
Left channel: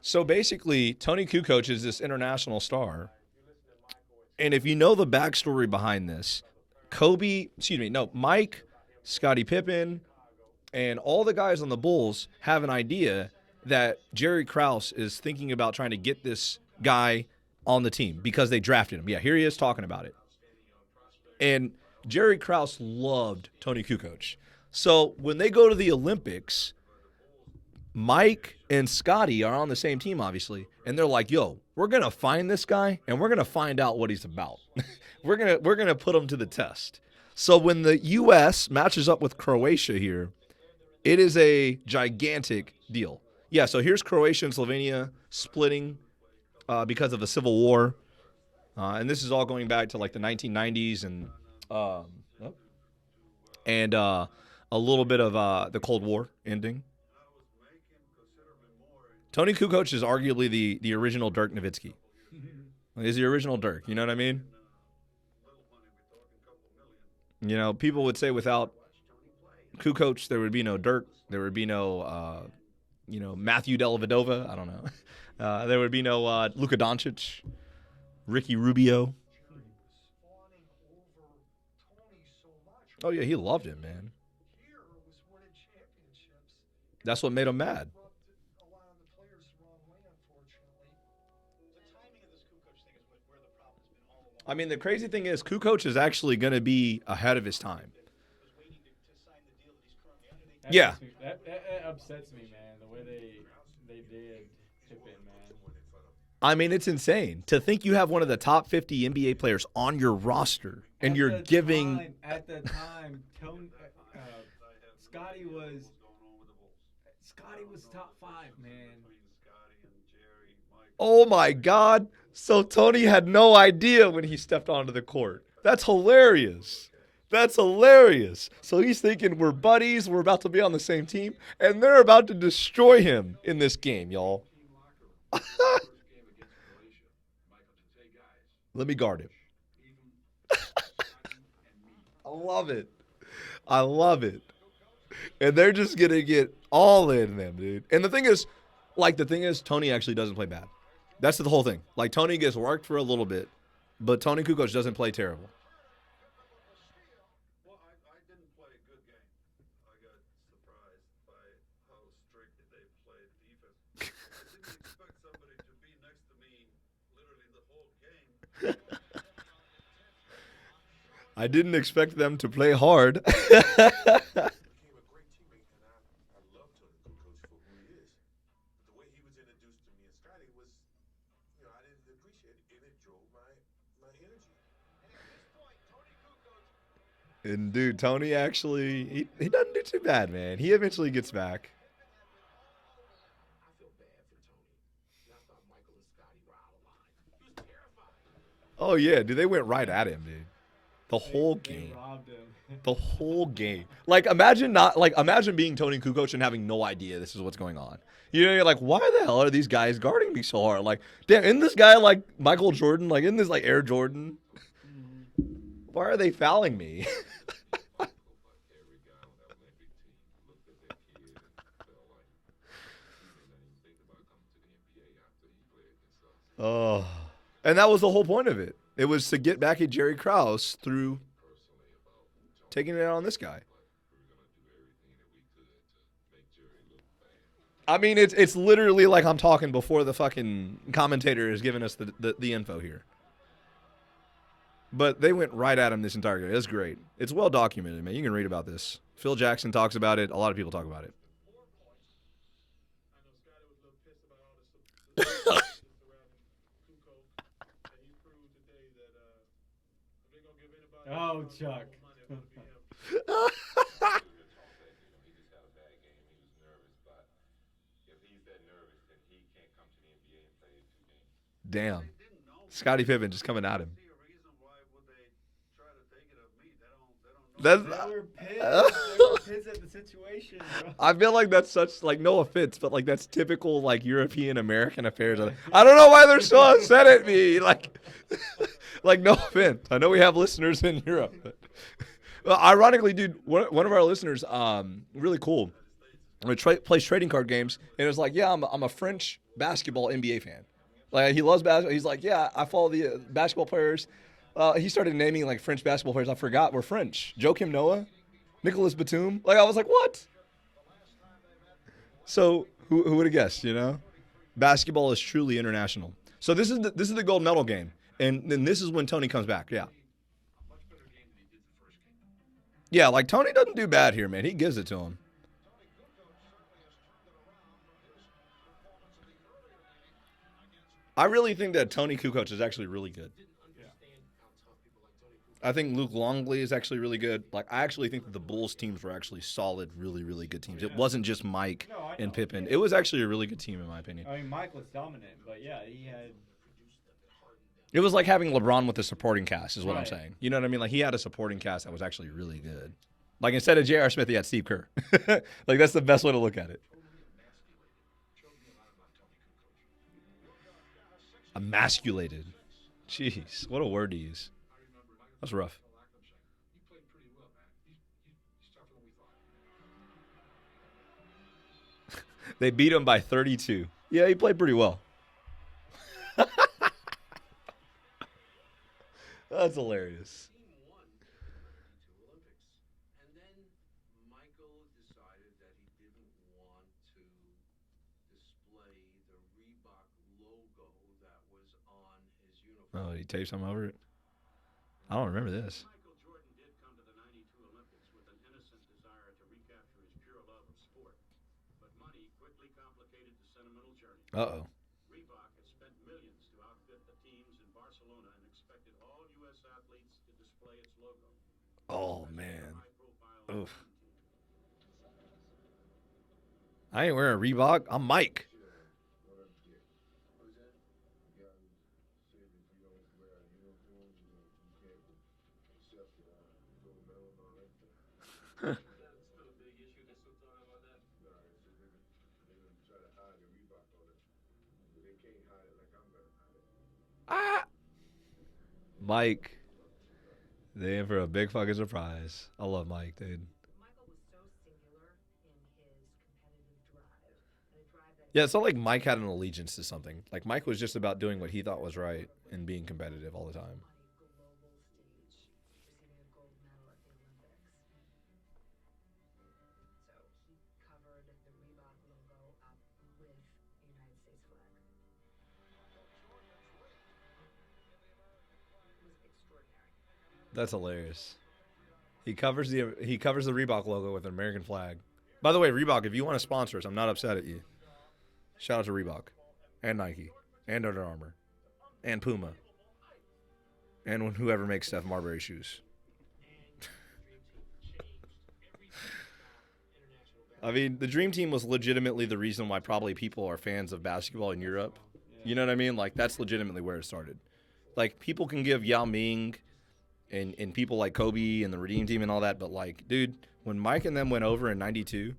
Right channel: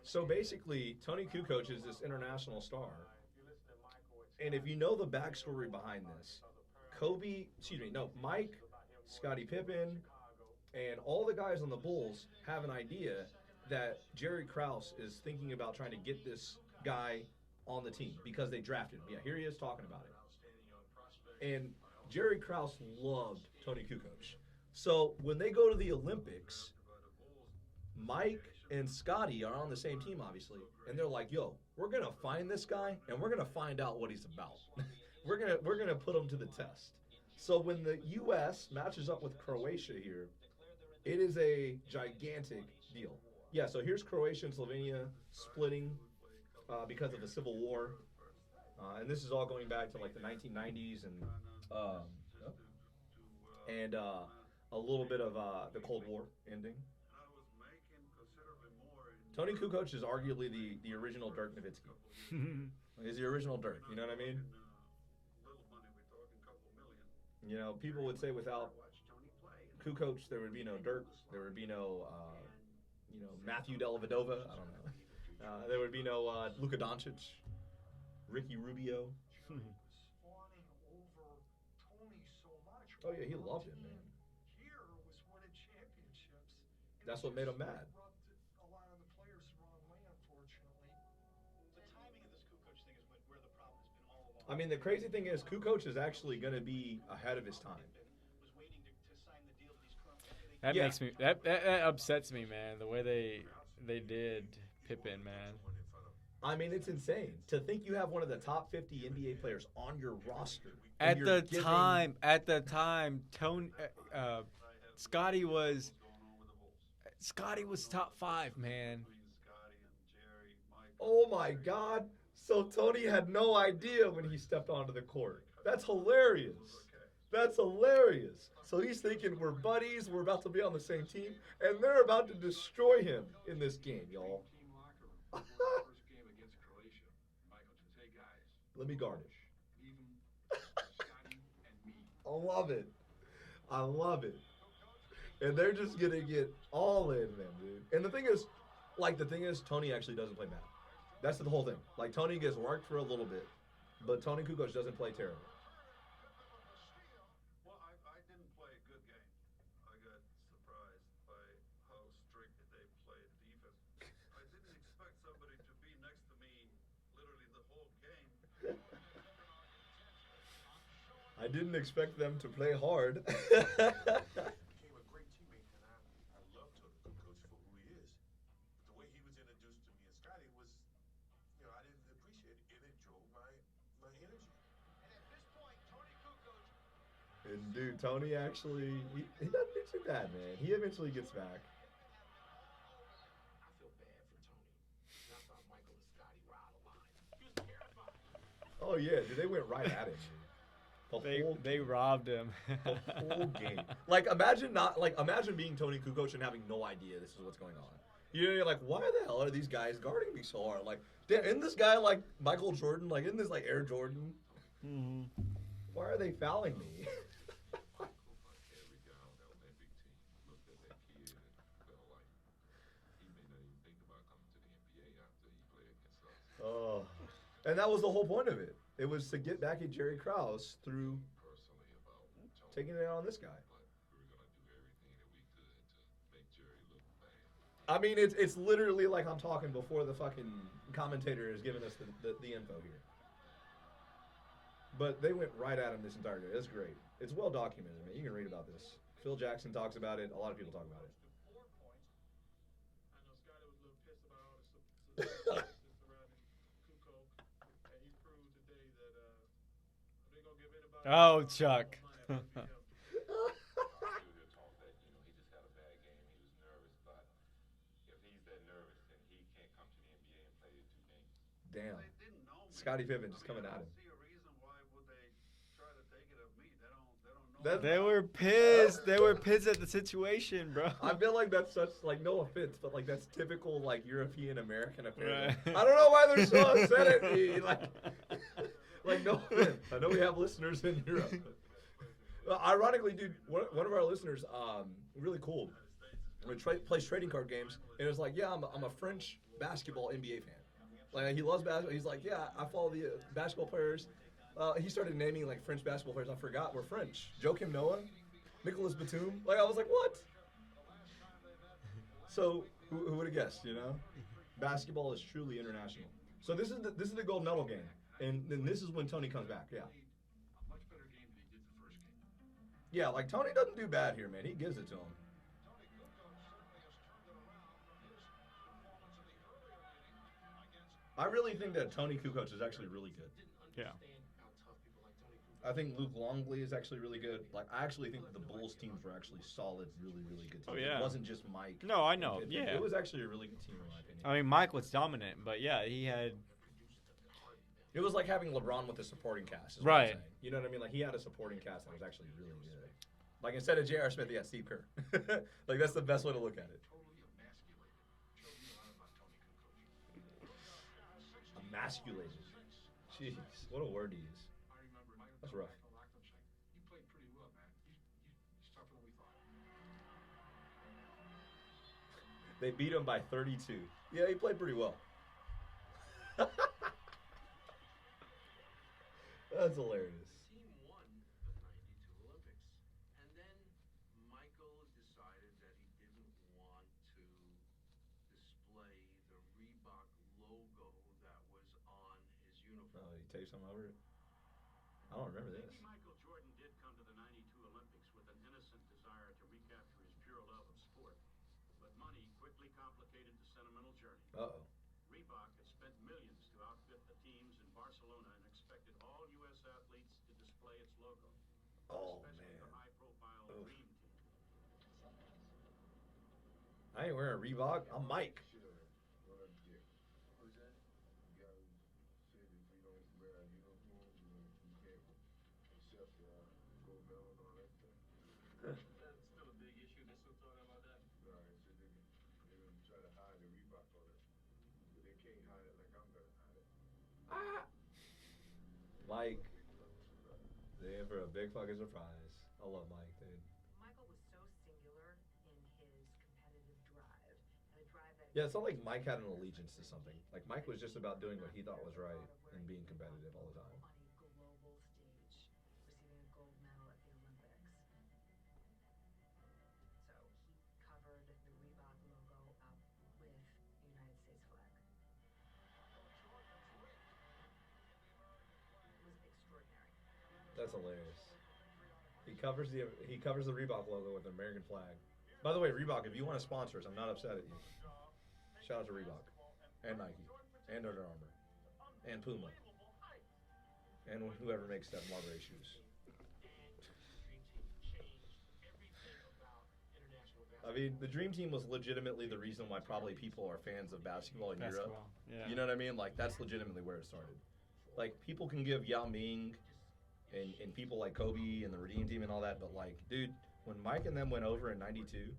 so basically Tony Kukoc is this international star, and if you know the backstory behind this, Mike, Scottie Pippen, and all the guys on the Bulls have an idea that Jerry Krause is thinking about trying to get this guy on the team because they drafted him. Yeah, here he is talking about it. And Jerry Krause loved Tony Kukoc. So when they go to the Olympics, Mike and Scotty are on the same team, obviously, and they're like, "Yo, we're gonna find this guy and we're gonna find out what he's about. we're gonna put him to the test." So when the U.S. matches up with Croatia here, it is a gigantic deal. Yeah. So here's Croatia and Slovenia splitting because of the Civil War, and this is all going back to like the 1990s and a little bit of the Cold War ending. Tony Kukoc is arguably the original Dirk Nowitzki. He's the original Dirk. You know what I mean? You know, people would say without Kukoc, there would be no Dirk. There would be no, Matthew Dellavedova. I don't know. There would be no Luka Doncic, Ricky Rubio. Oh, yeah, he loved him, man. That's what made him mad. I mean, the crazy thing is Kukoc is actually going to be ahead of his time. That Yeah. makes me, that upsets me, man. The way they did Pippen, man. I mean, it's insane to think you have one of the top 50 NBA players on your roster and At you're the giving. at the time, Tony, Scotty was top 5, man. Oh my God. So Tony had no idea when he stepped onto the court. That's hilarious. That's hilarious. So he's thinking we're buddies, we're about to be on the same team, and they're about to destroy him in this game, y'all. Let me guard him. I love it. I love it. And they're just going to get all in them, dude. And the thing is, Tony actually doesn't play bad. That's the whole thing. Like, Tony gets worked for a little bit, but Tony Kukoc doesn't play terrible. Well, I didn't play a good game. I got surprised by how strict they played defense. I didn't expect somebody to be next to me literally the whole game. I didn't expect them to play hard. Became a great teammate, and I love Tony Kukoc for who he is. But the way he was introduced to me and Scotty was, I didn't appreciate it, and it drove my energy. And, dude, Tony actually, he doesn't do too bad, man. He eventually gets back. I feel bad for Tony. I thought Michael and Scotty were out of line. He was terrified. Oh, yeah, dude, they went right at him, dude. The whole They game. robbed him. The whole game. Like, imagine being Tony Kukoc and having no idea this is what's going on. You're like, why the hell are these guys guarding me so hard? Like, damn, isn't this guy like Michael Jordan? Like, isn't this like Air Jordan? Why are they fouling me? Oh. And that was the whole point of it. It was to get back at Jerry Krause through taking it out on this guy. I mean, it's literally like I'm talking before the fucking commentator is giving us the info here. But they went right at him this entire game. It's great. It's well documented, man. You can read about this. Phil Jackson talks about it. A lot of people talk about it. I know Scotty was a little pissed about all the surrounding Kukoc, and he proved today that if they're gonna give anybody Oh, Chuck. money, it's gonna be him. Damn. Scottie Pippen just coming at him. See a reason why would they try to take it of me? They don't know. That's, They were pissed. They were pissed at the situation, bro. I feel like that's such, like, no offense, but, like, that's typical, like, European American affairs. Right. I don't know why they're so upset at me. Like, no offense. I know we have listeners in Europe. But, well, ironically, dude, one of our listeners, really cool, plays trading card games, and it was like, yeah, I'm a French basketball NBA fan. Like, he loves basketball. He's like, yeah, I follow the basketball players. He started naming, like, French basketball players. I forgot were French. Joakim Noah, Nicolas Batum. Like, I was like, what? So who would have guessed? You know, basketball is truly international. So this is the gold medal game, and then this is when Tony comes back. Yeah. Yeah, like Tony doesn't do bad here, man. He gives it to him. I really think that Tony Kukoc is actually really good. Yeah. I think Luke Longley is actually really good. Like, I actually think that the Bulls teams were actually solid, really, really good teams. Oh, yeah. It wasn't just Mike No, I know. and Pippen. Yeah. It was actually a really good team, in my opinion. I mean, Mike was dominant, but yeah, he had. It was like having LeBron with a supporting cast, is what I'm Right. saying. You know what I mean? Like, he had a supporting cast that was actually really good. Like, instead of J.R. Smith, he had Steve Kerr. Like, that's the best way to look at it. Emasculated. Jeez, what a word to use. That's rough. They beat him by 32. Yeah, he played pretty well. That's hilarious. Team won the 92 Olympics. And then Michael decided that he didn't want to display the Reebok logo that was on his uniform. Oh, he taped something over it? I don't remember this. Michael Jordan did come to the 92 Olympics with an innocent desire to recapture his pure love of sport. But money quickly complicated the sentimental journey. Uh-oh. Reebok had spent millions to outfit the teams in Barcelona and expected all U.S. athletes to display its logo. Oh, Especially man. the high-profile Oof. team. I ain't wearing Reebok. I'm Mike. Still a big issue. They still talking about that? No, they didn't try to hide the Reebok on it. But they can't hide it like I'm gonna hide it. Ah. Mike. They in for a big fucking surprise. I love Mike, dude. Michael was so singular in his competitive drive, and a drive that Yeah, it's not like Mike had an allegiance to something. Like, Mike was just about doing what he thought was right and being competitive all the time. on a global stage, receiving a gold medal at the Olympics. So he covered the Reebok logo up with the United States flag. It was extraordinary. That's hilarious. He covers the Reebok logo with an American flag. By the way, Reebok, if you want to sponsor us, I'm not upset at you. Shout out to Reebok and Nike and Under Armour and Puma and whoever makes Steph Marbury shoes. I mean, the Dream Team was legitimately the reason why probably people are fans of basketball in Europe. Yeah. You know what I mean? Like, that's legitimately where it started. Like, people can give Yao Ming and people like Kobe and the Redeem Team and all that, but, like, dude, when Mike and them went over in 92,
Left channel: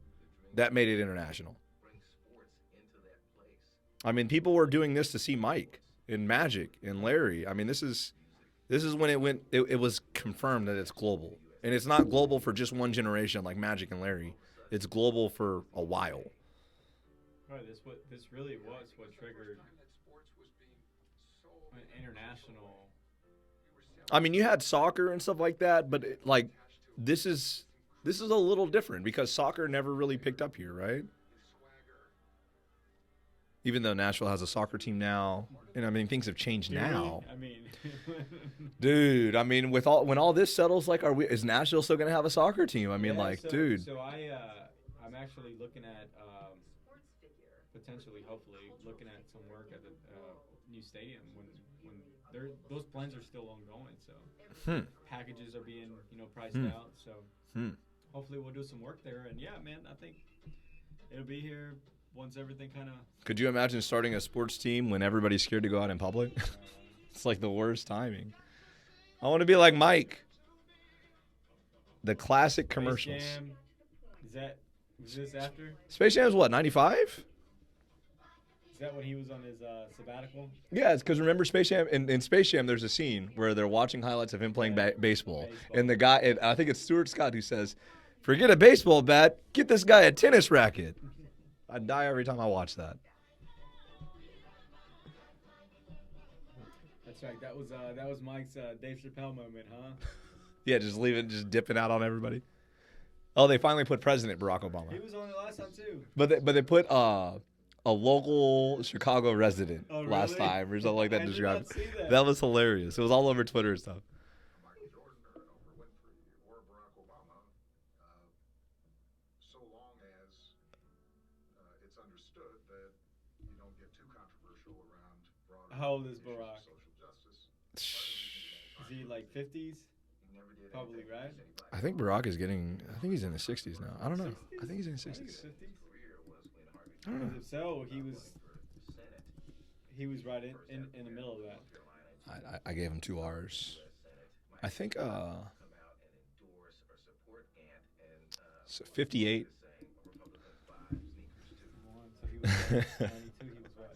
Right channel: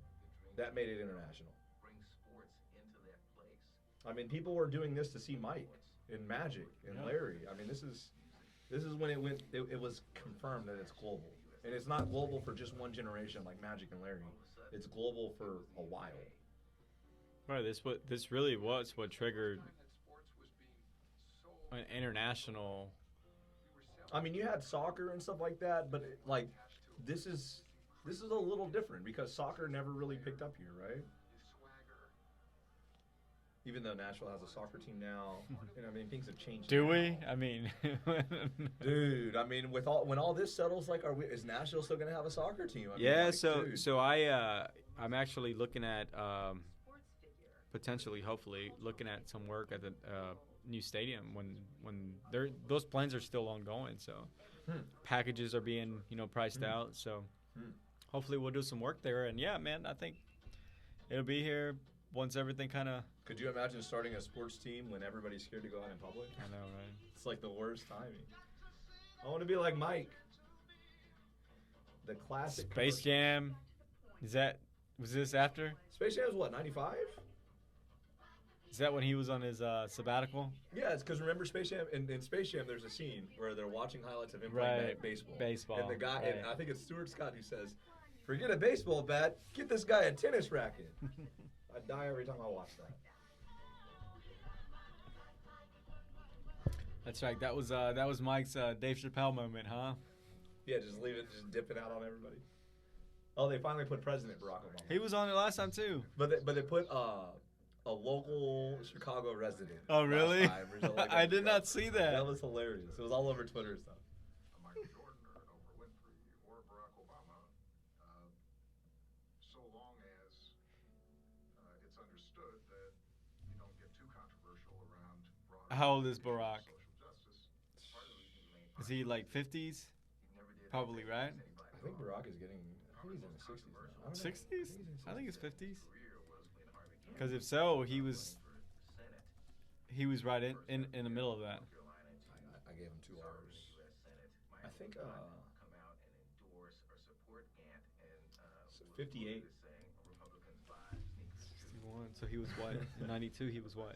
that made it international. Bring sports into that place. I mean, people were doing this to see Mike and Magic and Larry. I mean, this is when it was confirmed that it's global. And it's not global for just one generation like Magic and Larry. It's global for a while. Right. This really was what triggered an international. I mean, you had soccer and stuff like that, but this is a little different because soccer never really picked up here, right? Even though Nashville has a soccer team now, and I mean things have changed Do now. we? I mean, Dude, I mean, when all this settles, like, is Nashville still gonna have a soccer team? I mean, yeah. like, So dude. so I'm actually looking at potentially, hopefully, looking at some work at the new stadium when those plans are still ongoing. So packages are being priced out. So hopefully we'll do some work there. And yeah, man, I think it'll be here once everything kind of. Could you imagine starting a sports team when everybody's scared to go out in public? It's like the worst timing. I want to be like Mike. The classic Space commercials. Jam. Was this after? Space Jam is what, 95? Is that when he was on his sabbatical? Yeah, it's because remember Space Jam? In Space Jam, there's a scene where they're watching highlights of him playing Right. baseball. Baseball. And the guy, and I think it's Stuart Scott who says, forget a baseball bat, get this guy a tennis racket. I die every time I watch that. That's right. That was Mike's Dave Chappelle moment, huh? Yeah, just dipping out on everybody. Oh, they finally put President Barack Obama. He was on it last time too. But they put a local Chicago resident Oh, last really? time or something like that. I did not described. see that. That was hilarious. It was all over Twitter and stuff. Michael Jordan or Oprah Winfrey or Barack Obama, so long as it's understood that you don't get too controversial around broader How old is issues of Barack? social justice. Is he like 50s? Probably, right? I think Barack is getting. I think he's in his 60s now. I don't know. 60s? I think he's in his I think 60s. it's 50s. Because if so, he was right in the middle of that. I gave him 2 R's. I think. So 58. So he was what? 92. He was what?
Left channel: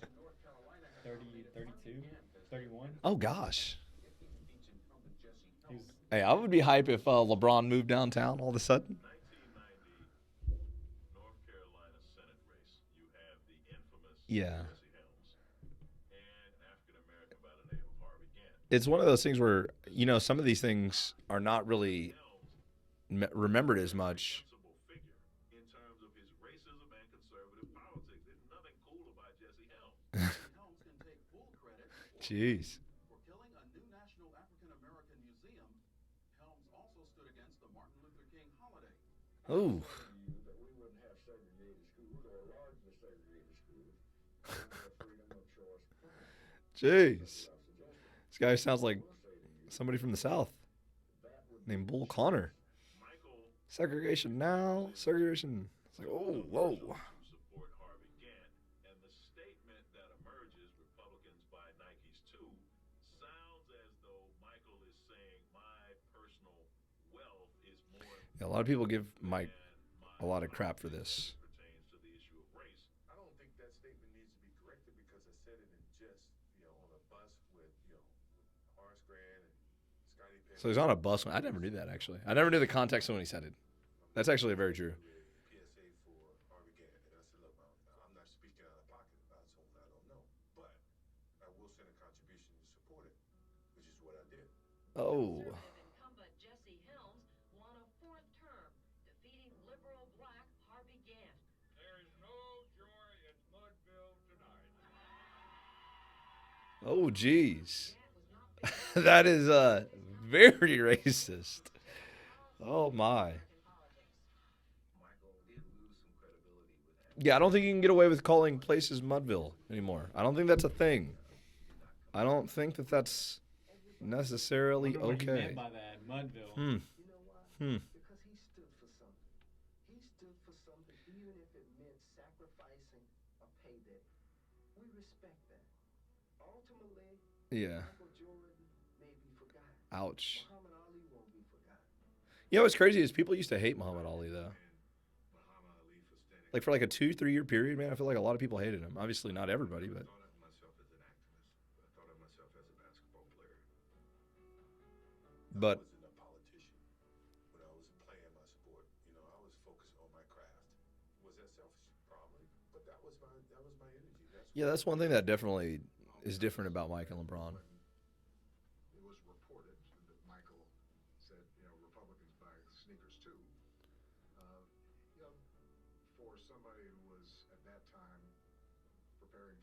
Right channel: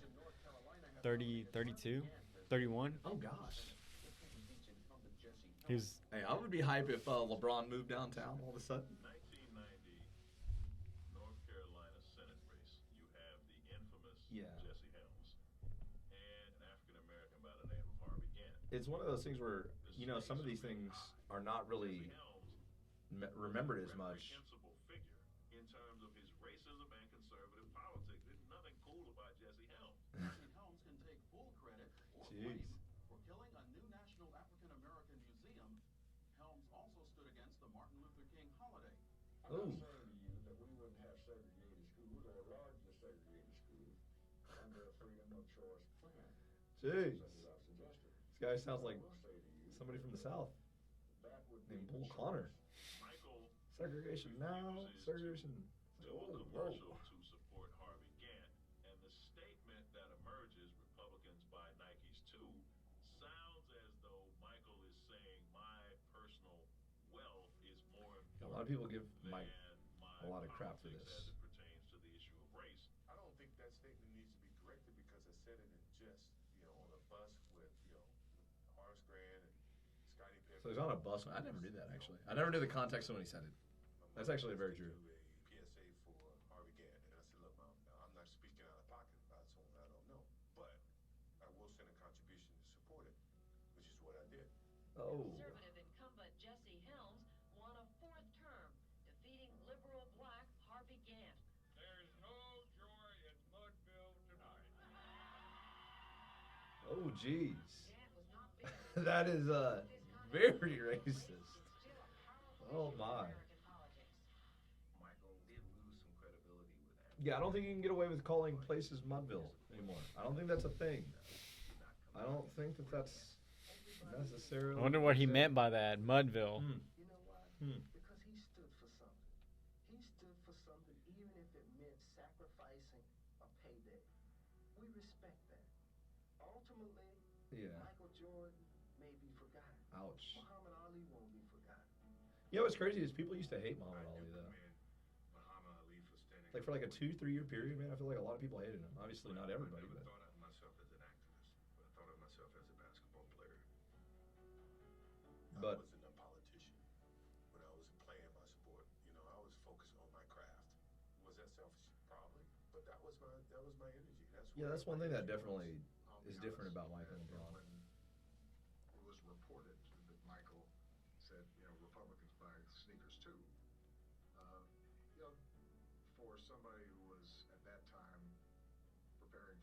30, 32, 31. Oh gosh. He was. Hey, I would be hype if LeBron moved downtown all of a sudden. 1990 North Carolina Senate race, you have the infamous Yeah. Jesse Helms and an African American by the name of Harvey Gantt. It's one of those things where some of these things are not really remembered as much. Principal figure in terms of his racism and conservative politics. There's nothing cool about Jesse Helms. Helms can take full credit Jeez. for killing a new national African American museum. Helms also stood against the Martin Luther King holiday. Oh. That we wouldn't have segregated schools or largely segregated schools. Freedom of choice. Jeez. This guy sounds like somebody from the South named Bull Connor. Segregation now, segregation. It's like, oh, whoa. To support Harvey Gantt, and the statement that emerges, Republicans buy Nikes too, sounds as though Michael is saying my personal wealth is more Yeah, a lot of people give Mike than a lot of my crap for politics this. as it pertains to the issue of race. I don't think that statement needs to be corrected because I said it in jest, on a bus with, Horace Grant and Scottie Pippen. So he's on a bus. I never knew that, actually. I never knew the context of when he said it. That's actually very true. PSA for Harvey Gantt, and I said, look, I'm not speaking out of pocket. I don't know, but I will send a contribution to support it, which is what I did. Oh. Conservative incumbent Jesse Helms won a 4th term, defeating liberal black Harvey Gantt. There is no joy in Mudville tonight. Oh, jeez. That is very racist. Oh, my. Michael did lose some credibility with that. Yeah, I don't think you can get away with calling places Mudville anymore. I don't think that's a thing. I don't think that that's I necessarily wonder what he okay. meant by that. Mudville. Hmm. You know why? Hmm. Because he stood for something. He stood for something, even if it meant sacrificing a payday. We respect that. Ultimately, Yeah. Michael Jordan may be forgotten. Ouch. Muhammad Ali won't be forgotten. You know what's crazy is people used to hate Muhammad Ali, though. Muhammad Ali for standing. Like for like a 2-3 year period, man, I feel like a lot of people hated him. Obviously not everybody, but I thought of myself as an activist, but I thought of myself as a basketball player. But I wasn't a politician when I was playing my sport. I was focused on my craft. Was that selfish? Probably, but that was my energy. yeah, that's one thing that definitely is different about Mike and LeBron. It was reported that Michael said, Republicans buy sneakers too. For somebody who was at that time preparing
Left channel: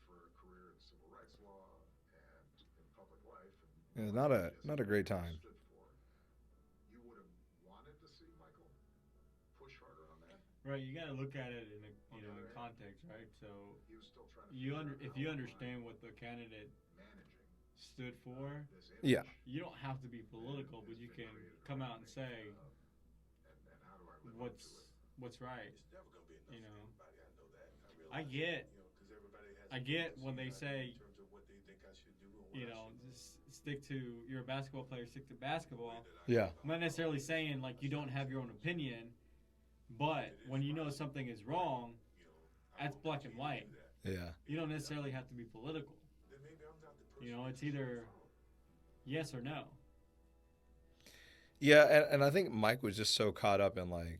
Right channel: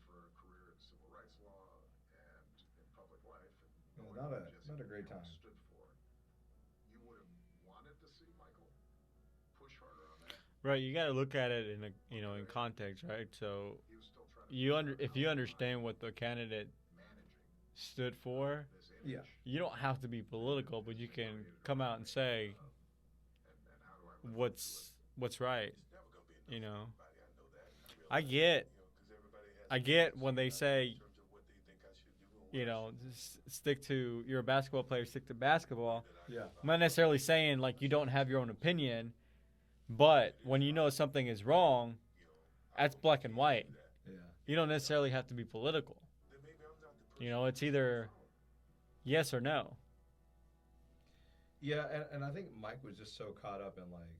Yeah, not a great time. Stood for. You would have wanted to see Michael push harder on that. Right, you got to look at it in in context, right? So He was still trying to if you understand what the candidate managing stood for, this Yeah. image. you don't have to be political, but you can come out and say And how do I live up to what's right. It's never gonna be enough You know, for everybody. I know that. I get Because everybody has I get when they say, in terms of what they think I should do or what you know, stick to you're a basketball player, stick to basketball. Yeah. I'm not necessarily saying like you don't have your own opinion, but when you know something is wrong, that's black and white. Yeah. You don't necessarily have to be political. then maybe I'm not the person. You know, it's either yes or no. Yeah, and I think Mike was just so caught up in like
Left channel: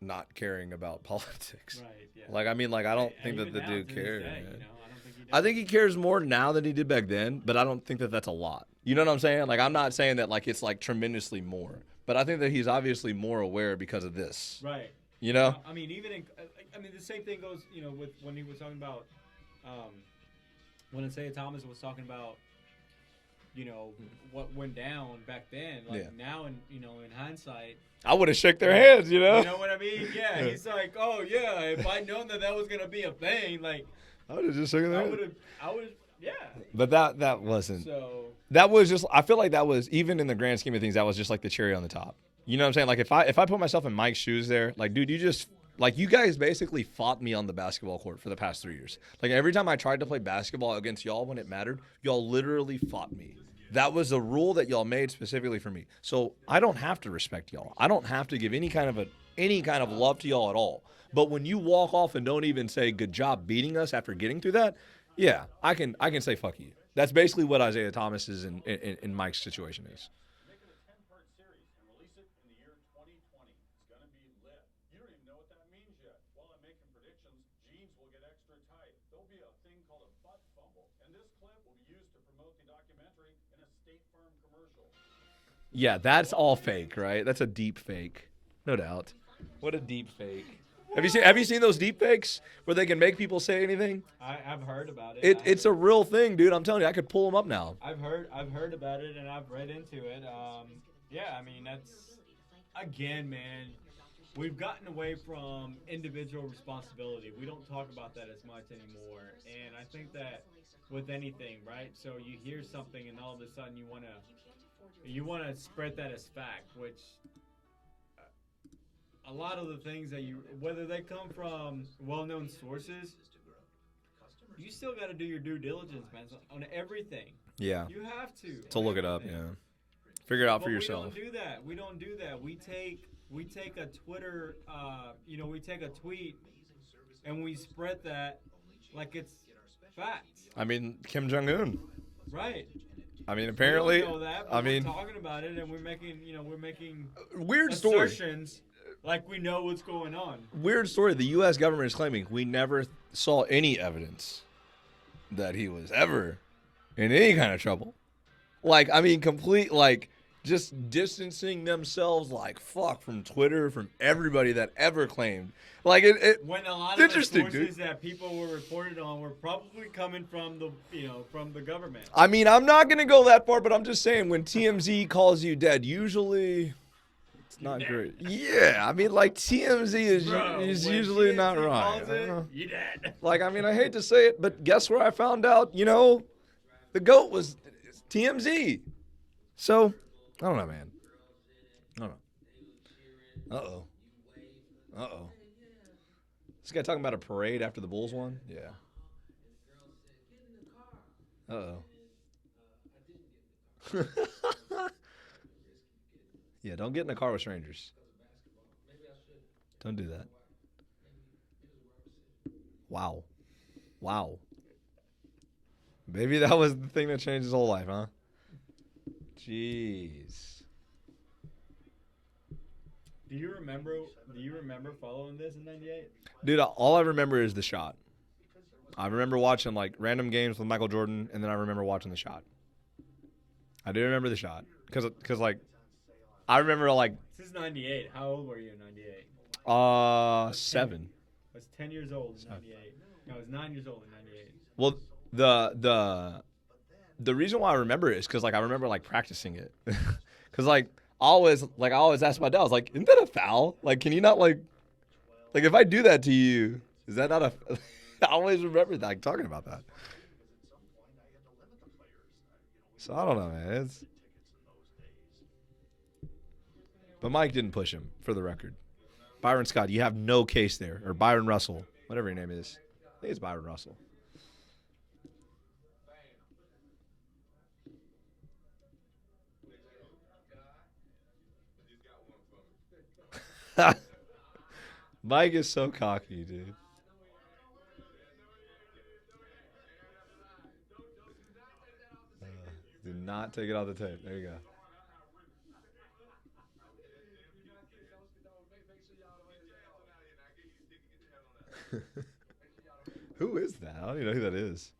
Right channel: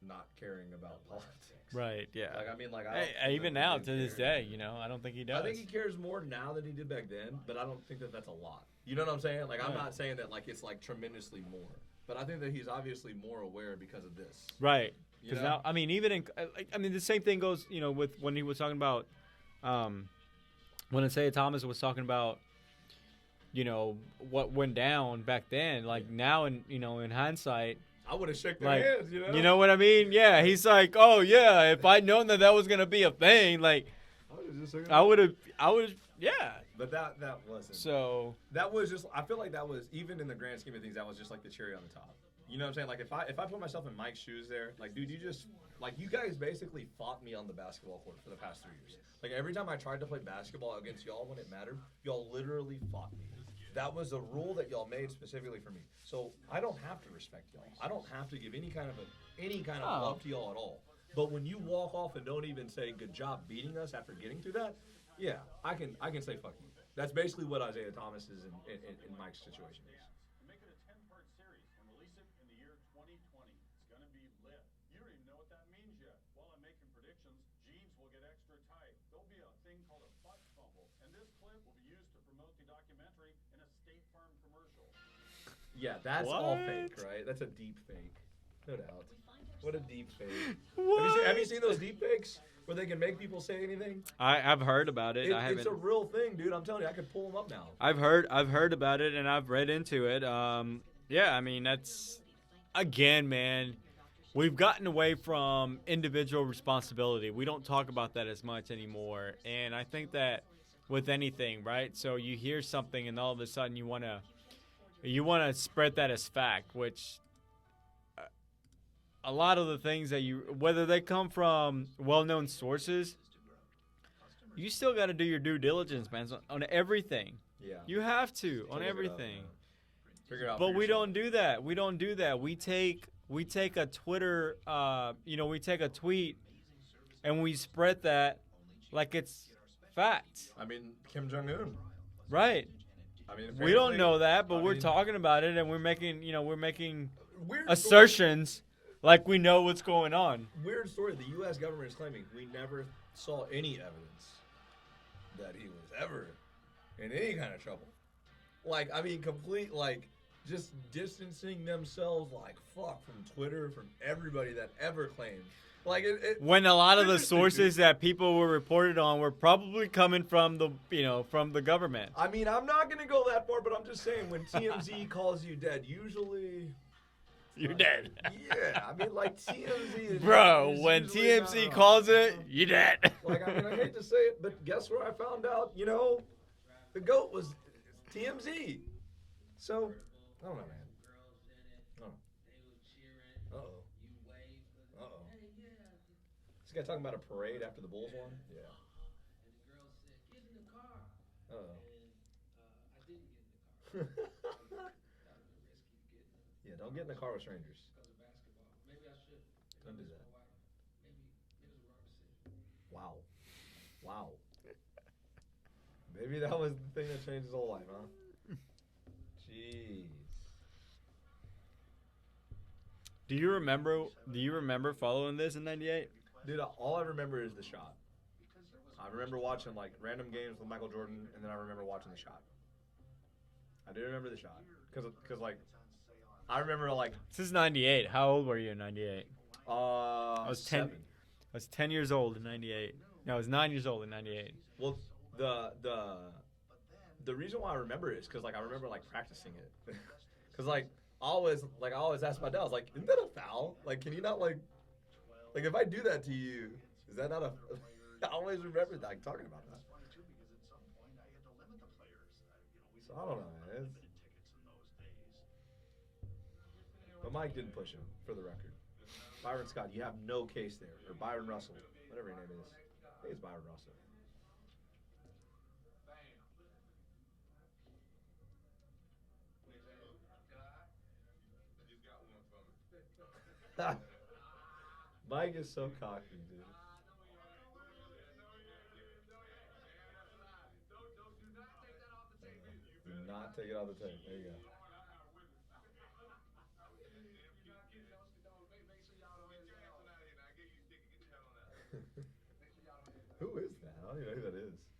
not caring about politics. Right. Yeah. Like I mean, like I don't think even that the now dude to cares. this day, man. you know, I don't think he does. I think he cares more now than he did back then, but I don't think that that's a lot. You know what I'm saying? Like I'm not saying that like it's like tremendously more, but I think that he's obviously more aware because of this. Right. You know? I mean, even in I mean, the same thing goes, you know, with when he was talking about, when Isaiah Thomas was talking about, you know, what went down back then. Like Yeah. now, in hindsight, I would have shook their Right. hands. You know? you know what I mean? Yeah. He's like, oh yeah, if I'd known that was gonna be a thing, like I would have just shook their I hands. would have, yeah. But that wasn't. So That was just. I feel like that was even in the grand scheme of things. That was just like the cherry on the top. You know what I'm saying? Like if I put myself in Mike's shoes there, like dude, you guys basically fought me on the basketball court for the past 3 years. Like every time I tried to play basketball against y'all when it mattered, y'all literally fought me. That was a rule that y'all made specifically for me. So I don't have to respect y'all. I don't have to give any kind of love to y'all at all. But when you walk off and don't even say good job beating us after getting through that, yeah, I can say fuck you. That's basically what Isaiah Thomas is in Mike's situation is. Make it a 10-part series and release it in the year 2020. It's going to be lit. You don't even know what that means yet. While I'm making predictions, jeans will get extra tight. There'll be a thing called a butt fumble, and this clip will be used to promote the documentary in a State Farm commercial. Yeah, that's all What? fake, right? That's a deep fake, no doubt. What a deep fake. Have you seen those deep fakes where they can make people say anything? I've heard about it. It's a real thing, dude. I'm telling you, I could pull them up now. I've heard about it and I've read into it. Yeah, I mean that's again, man. We've gotten away from individual responsibility. We don't talk about that as much anymore, and I think that with anything, right? So you hear something and all of a sudden you wanna spread that as fact, which a lot of the things that whether they come from well-known sources, you still got to do your due diligence, man, on everything. Yeah. You have to To on look it up, everything. yeah. Figure it out But for we yourself. don't do that. We don't do that. We take a Twitter, we take a tweet, and we spread that like it's fact, I mean, Kim Jong-un. right? I mean, apparently. we don't know that, but I we're mean, talking about it, and we're making weird story. assertions like we know what's going on. Weird story. The U.S. government is claiming we never saw any evidence that he was ever in any kind of trouble. Like, I mean, complete, like, just distancing themselves like fuck from Twitter, from everybody that ever claimed. Like, When a lot of the Interesting, sources dude. that people were reported on were probably coming from the government. I mean, I'm not going to go that far, but I'm just saying when TMZ calls you dead, usually it's You're not dead. great. Yeah, I mean, like, TMZ is, is when usually not TMZ right. calls it, you're dead. Like, I mean, I hate to say it, but guess where I found out, the GOAT was TMZ. So, I don't know, man. I don't know. Uh-oh. Uh-oh. This guy talking about a parade after the Bulls won? Yeah. Uh-oh. Yeah, don't get in a car with strangers. Don't do that. Wow. Wow. Maybe that was the thing that changed his whole life, huh? Jeez. Do you remember following this in '98? Dude, all I remember is the shot. I remember watching like random games with Michael Jordan, and then I remember watching the shot. I do remember the shot because like I remember like This is '98. How old were you in '98? was 7. I was 10 years old in '98. No, I was 9 years old in '98. Well, The reason why I remember it is because like I remember like practicing it, because like I always ask my dad, I was like, isn't that a foul? Like, can you not like if I do that to you, is that not a? I always remember that, like talking about that. So I don't know, man. But Mike didn't push him, for the record. Byron Scott, you have no case there, or Byron Russell, whatever your name is. I think it's Byron Russell. Mike is so cocky, dude. Do not take it off the tape. There you go. Who is that? I don't even know who that is.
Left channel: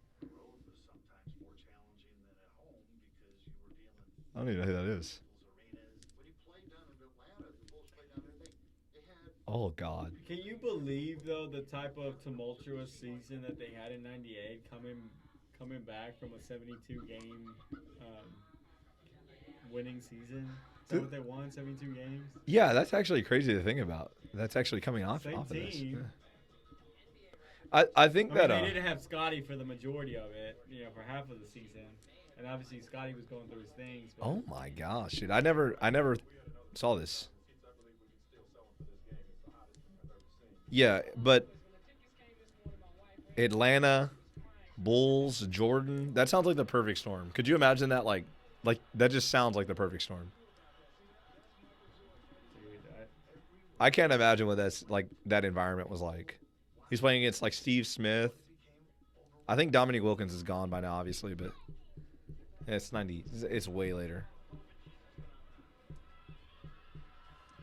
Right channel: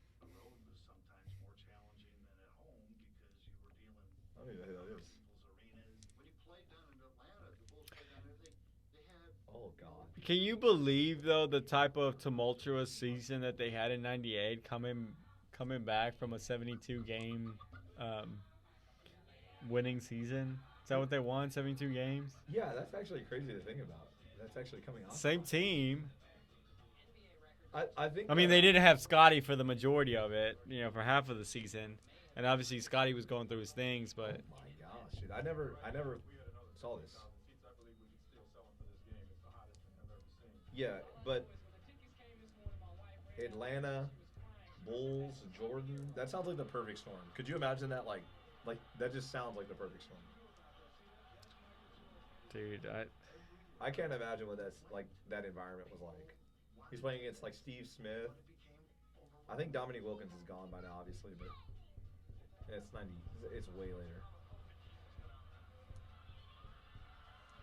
I don't even know who that is. Oh, God. Can you believe though the type of tumultuous season that they had in '98, coming back from a 72 game winning season? Is that what they won? 72 games. Yeah, that's actually crazy to think about. That's actually coming off. Same off of this. team. I think. I mean, they didn't have Scotty for the majority of it, for half of the season, and obviously Scotty was going through his things. But Oh my gosh, dude! I never saw this. Yeah, but Atlanta, Bulls, Jordan. That sounds like the perfect storm. Could you imagine that? Like that just sounds like the perfect storm. dude, I can't imagine what that environment was like. He's playing against like Steve Smith. I think Dominique Wilkins is gone by now, obviously, but it's 90. It's way later.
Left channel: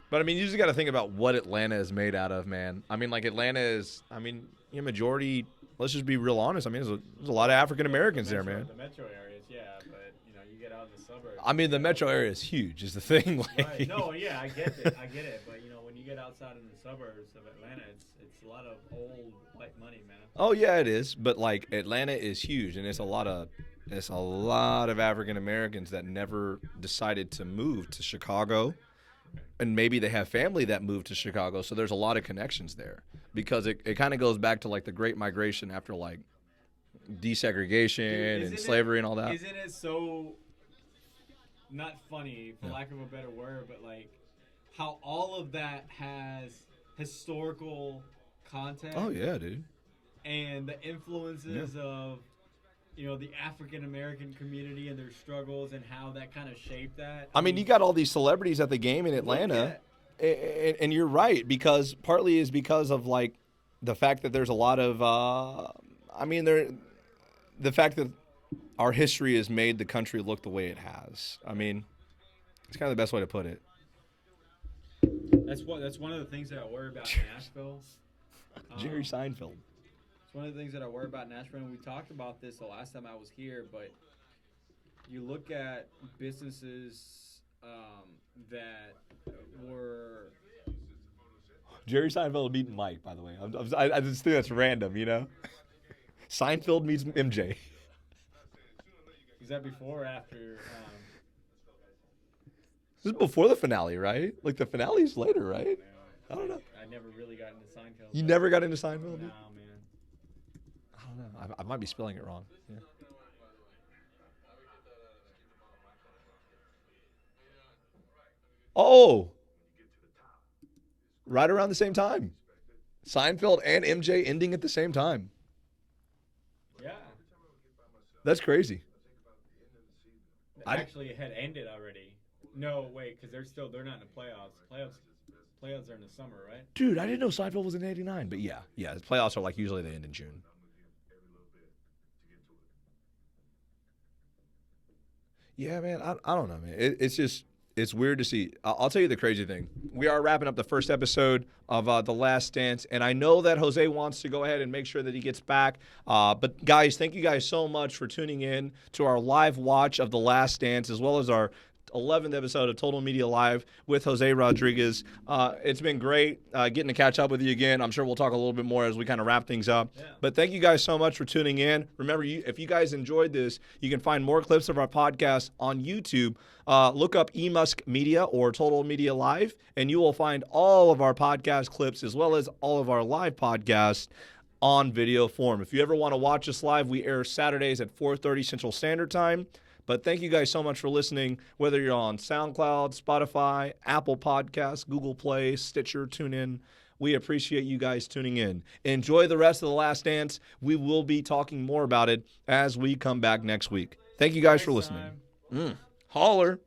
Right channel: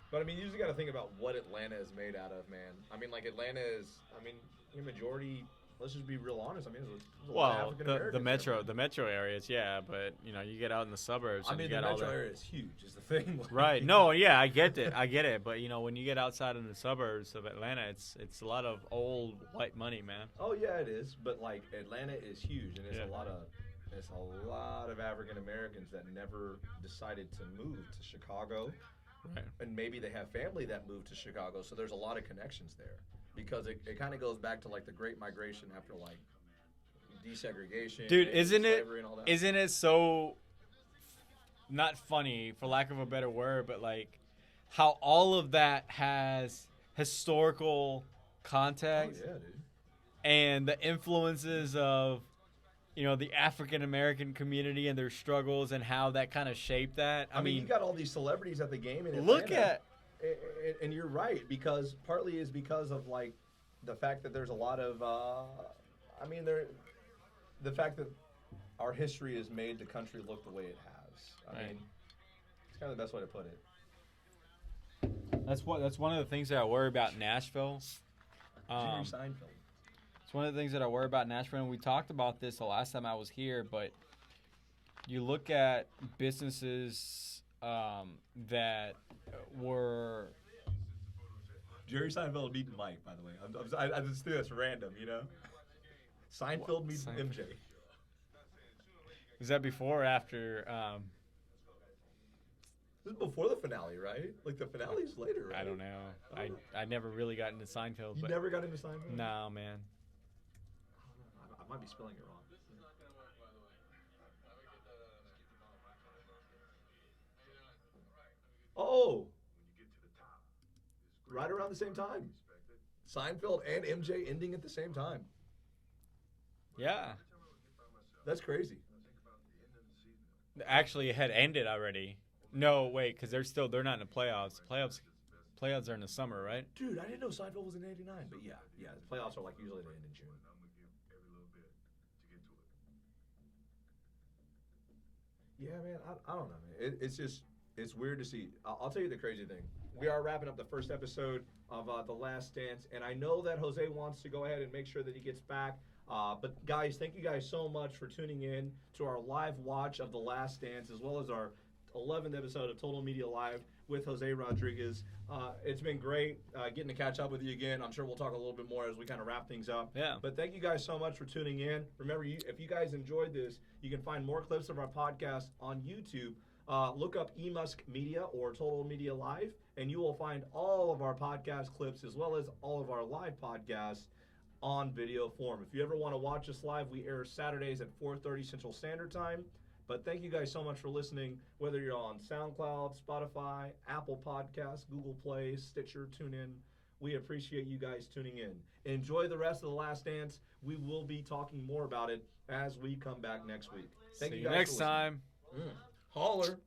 But I mean, you just got to think about what Atlanta is made out of, man. I mean, like Atlanta is. I mean, majority. Let's just be real honest. I mean, there's a lot of African Americans there, man. The metro areas, yeah, but you get out in the suburbs. I mean, the metro area is huge. Is the thing, like, right? No, yeah, I get it. But when you get outside in the suburbs of Atlanta, it's a lot of old white money, man. Oh yeah, it is. But like Atlanta is huge, and it's a lot of African Americans that never decided to move to Chicago. Right. And maybe they have family that moved to Chicago, so there's a lot of connections there. Because it kind of goes back to like the Great Migration after like desegregation and slavery and all that. Isn't it so not funny, for lack of a better word, but like how all of that has historical context? Oh yeah, dude. And the influences of the African American community and their struggles and how that kind of shaped that. I mean, you got all these celebrities at the game in Atlanta. And you're right, because partly is because of like the fact that there's a lot of the fact that our history has made the country look the way it has. I mean, it's kind of the best way to put it. That's one of the things that I worry about Nashville. Jerry Seinfeld. It's one of the things that I worry about Nashville, and we talked about this the last time I was here, but you look at businesses that were... Jerry Seinfeld meeting Mike, by the way. I just think that's random, Seinfeld meets MJ. Was that before or after? This is before the finale, right? Like the finale's later, right? I don't know. I never really got into Seinfeld. You never got into Seinfeld? No, man. I don't know. I might be spelling it wrong. Yeah. Oh! Right around the same time. Seinfeld and MJ ending at the same time. Yeah. That's crazy. Actually, it had ended already. No, wait, because they're not in the playoffs. Playoffs are in the summer, right? Dude, I didn't know Seinfeld was in '89, but yeah, the playoffs are like usually they end in June. Yeah, man, I don't know, man. It's weird to see. I'll tell you the crazy thing. We are wrapping up the first episode of The Last Dance, and I know that Jose wants to go ahead and make sure that he gets back. But, guys, thank you guys so much for tuning in to our live watch of The Last Dance, as well as our 11th episode of Total Media Live with Jose Rodriguez. It's been great getting to catch up with you again. I'm sure we'll talk a little bit more as we kind of wrap things up. Yeah. But thank you guys so much for tuning in. Remember, if you guys enjoyed this, you can find more clips of our podcast on YouTube. Look up eMusk Media or Total Media Live, and you will find all of our podcast clips as well as all of our live podcasts on video form. If you ever want to watch us live, we air Saturdays at 4:30 Central Standard Time. But thank you guys so much for listening, whether you're on SoundCloud, Spotify, Apple Podcasts, Google Play, Stitcher, TuneIn. We appreciate you guys tuning in. Enjoy the rest of The Last Dance. We will be talking more about it as we come back next week. Thank you guys for listening. Time. Holler.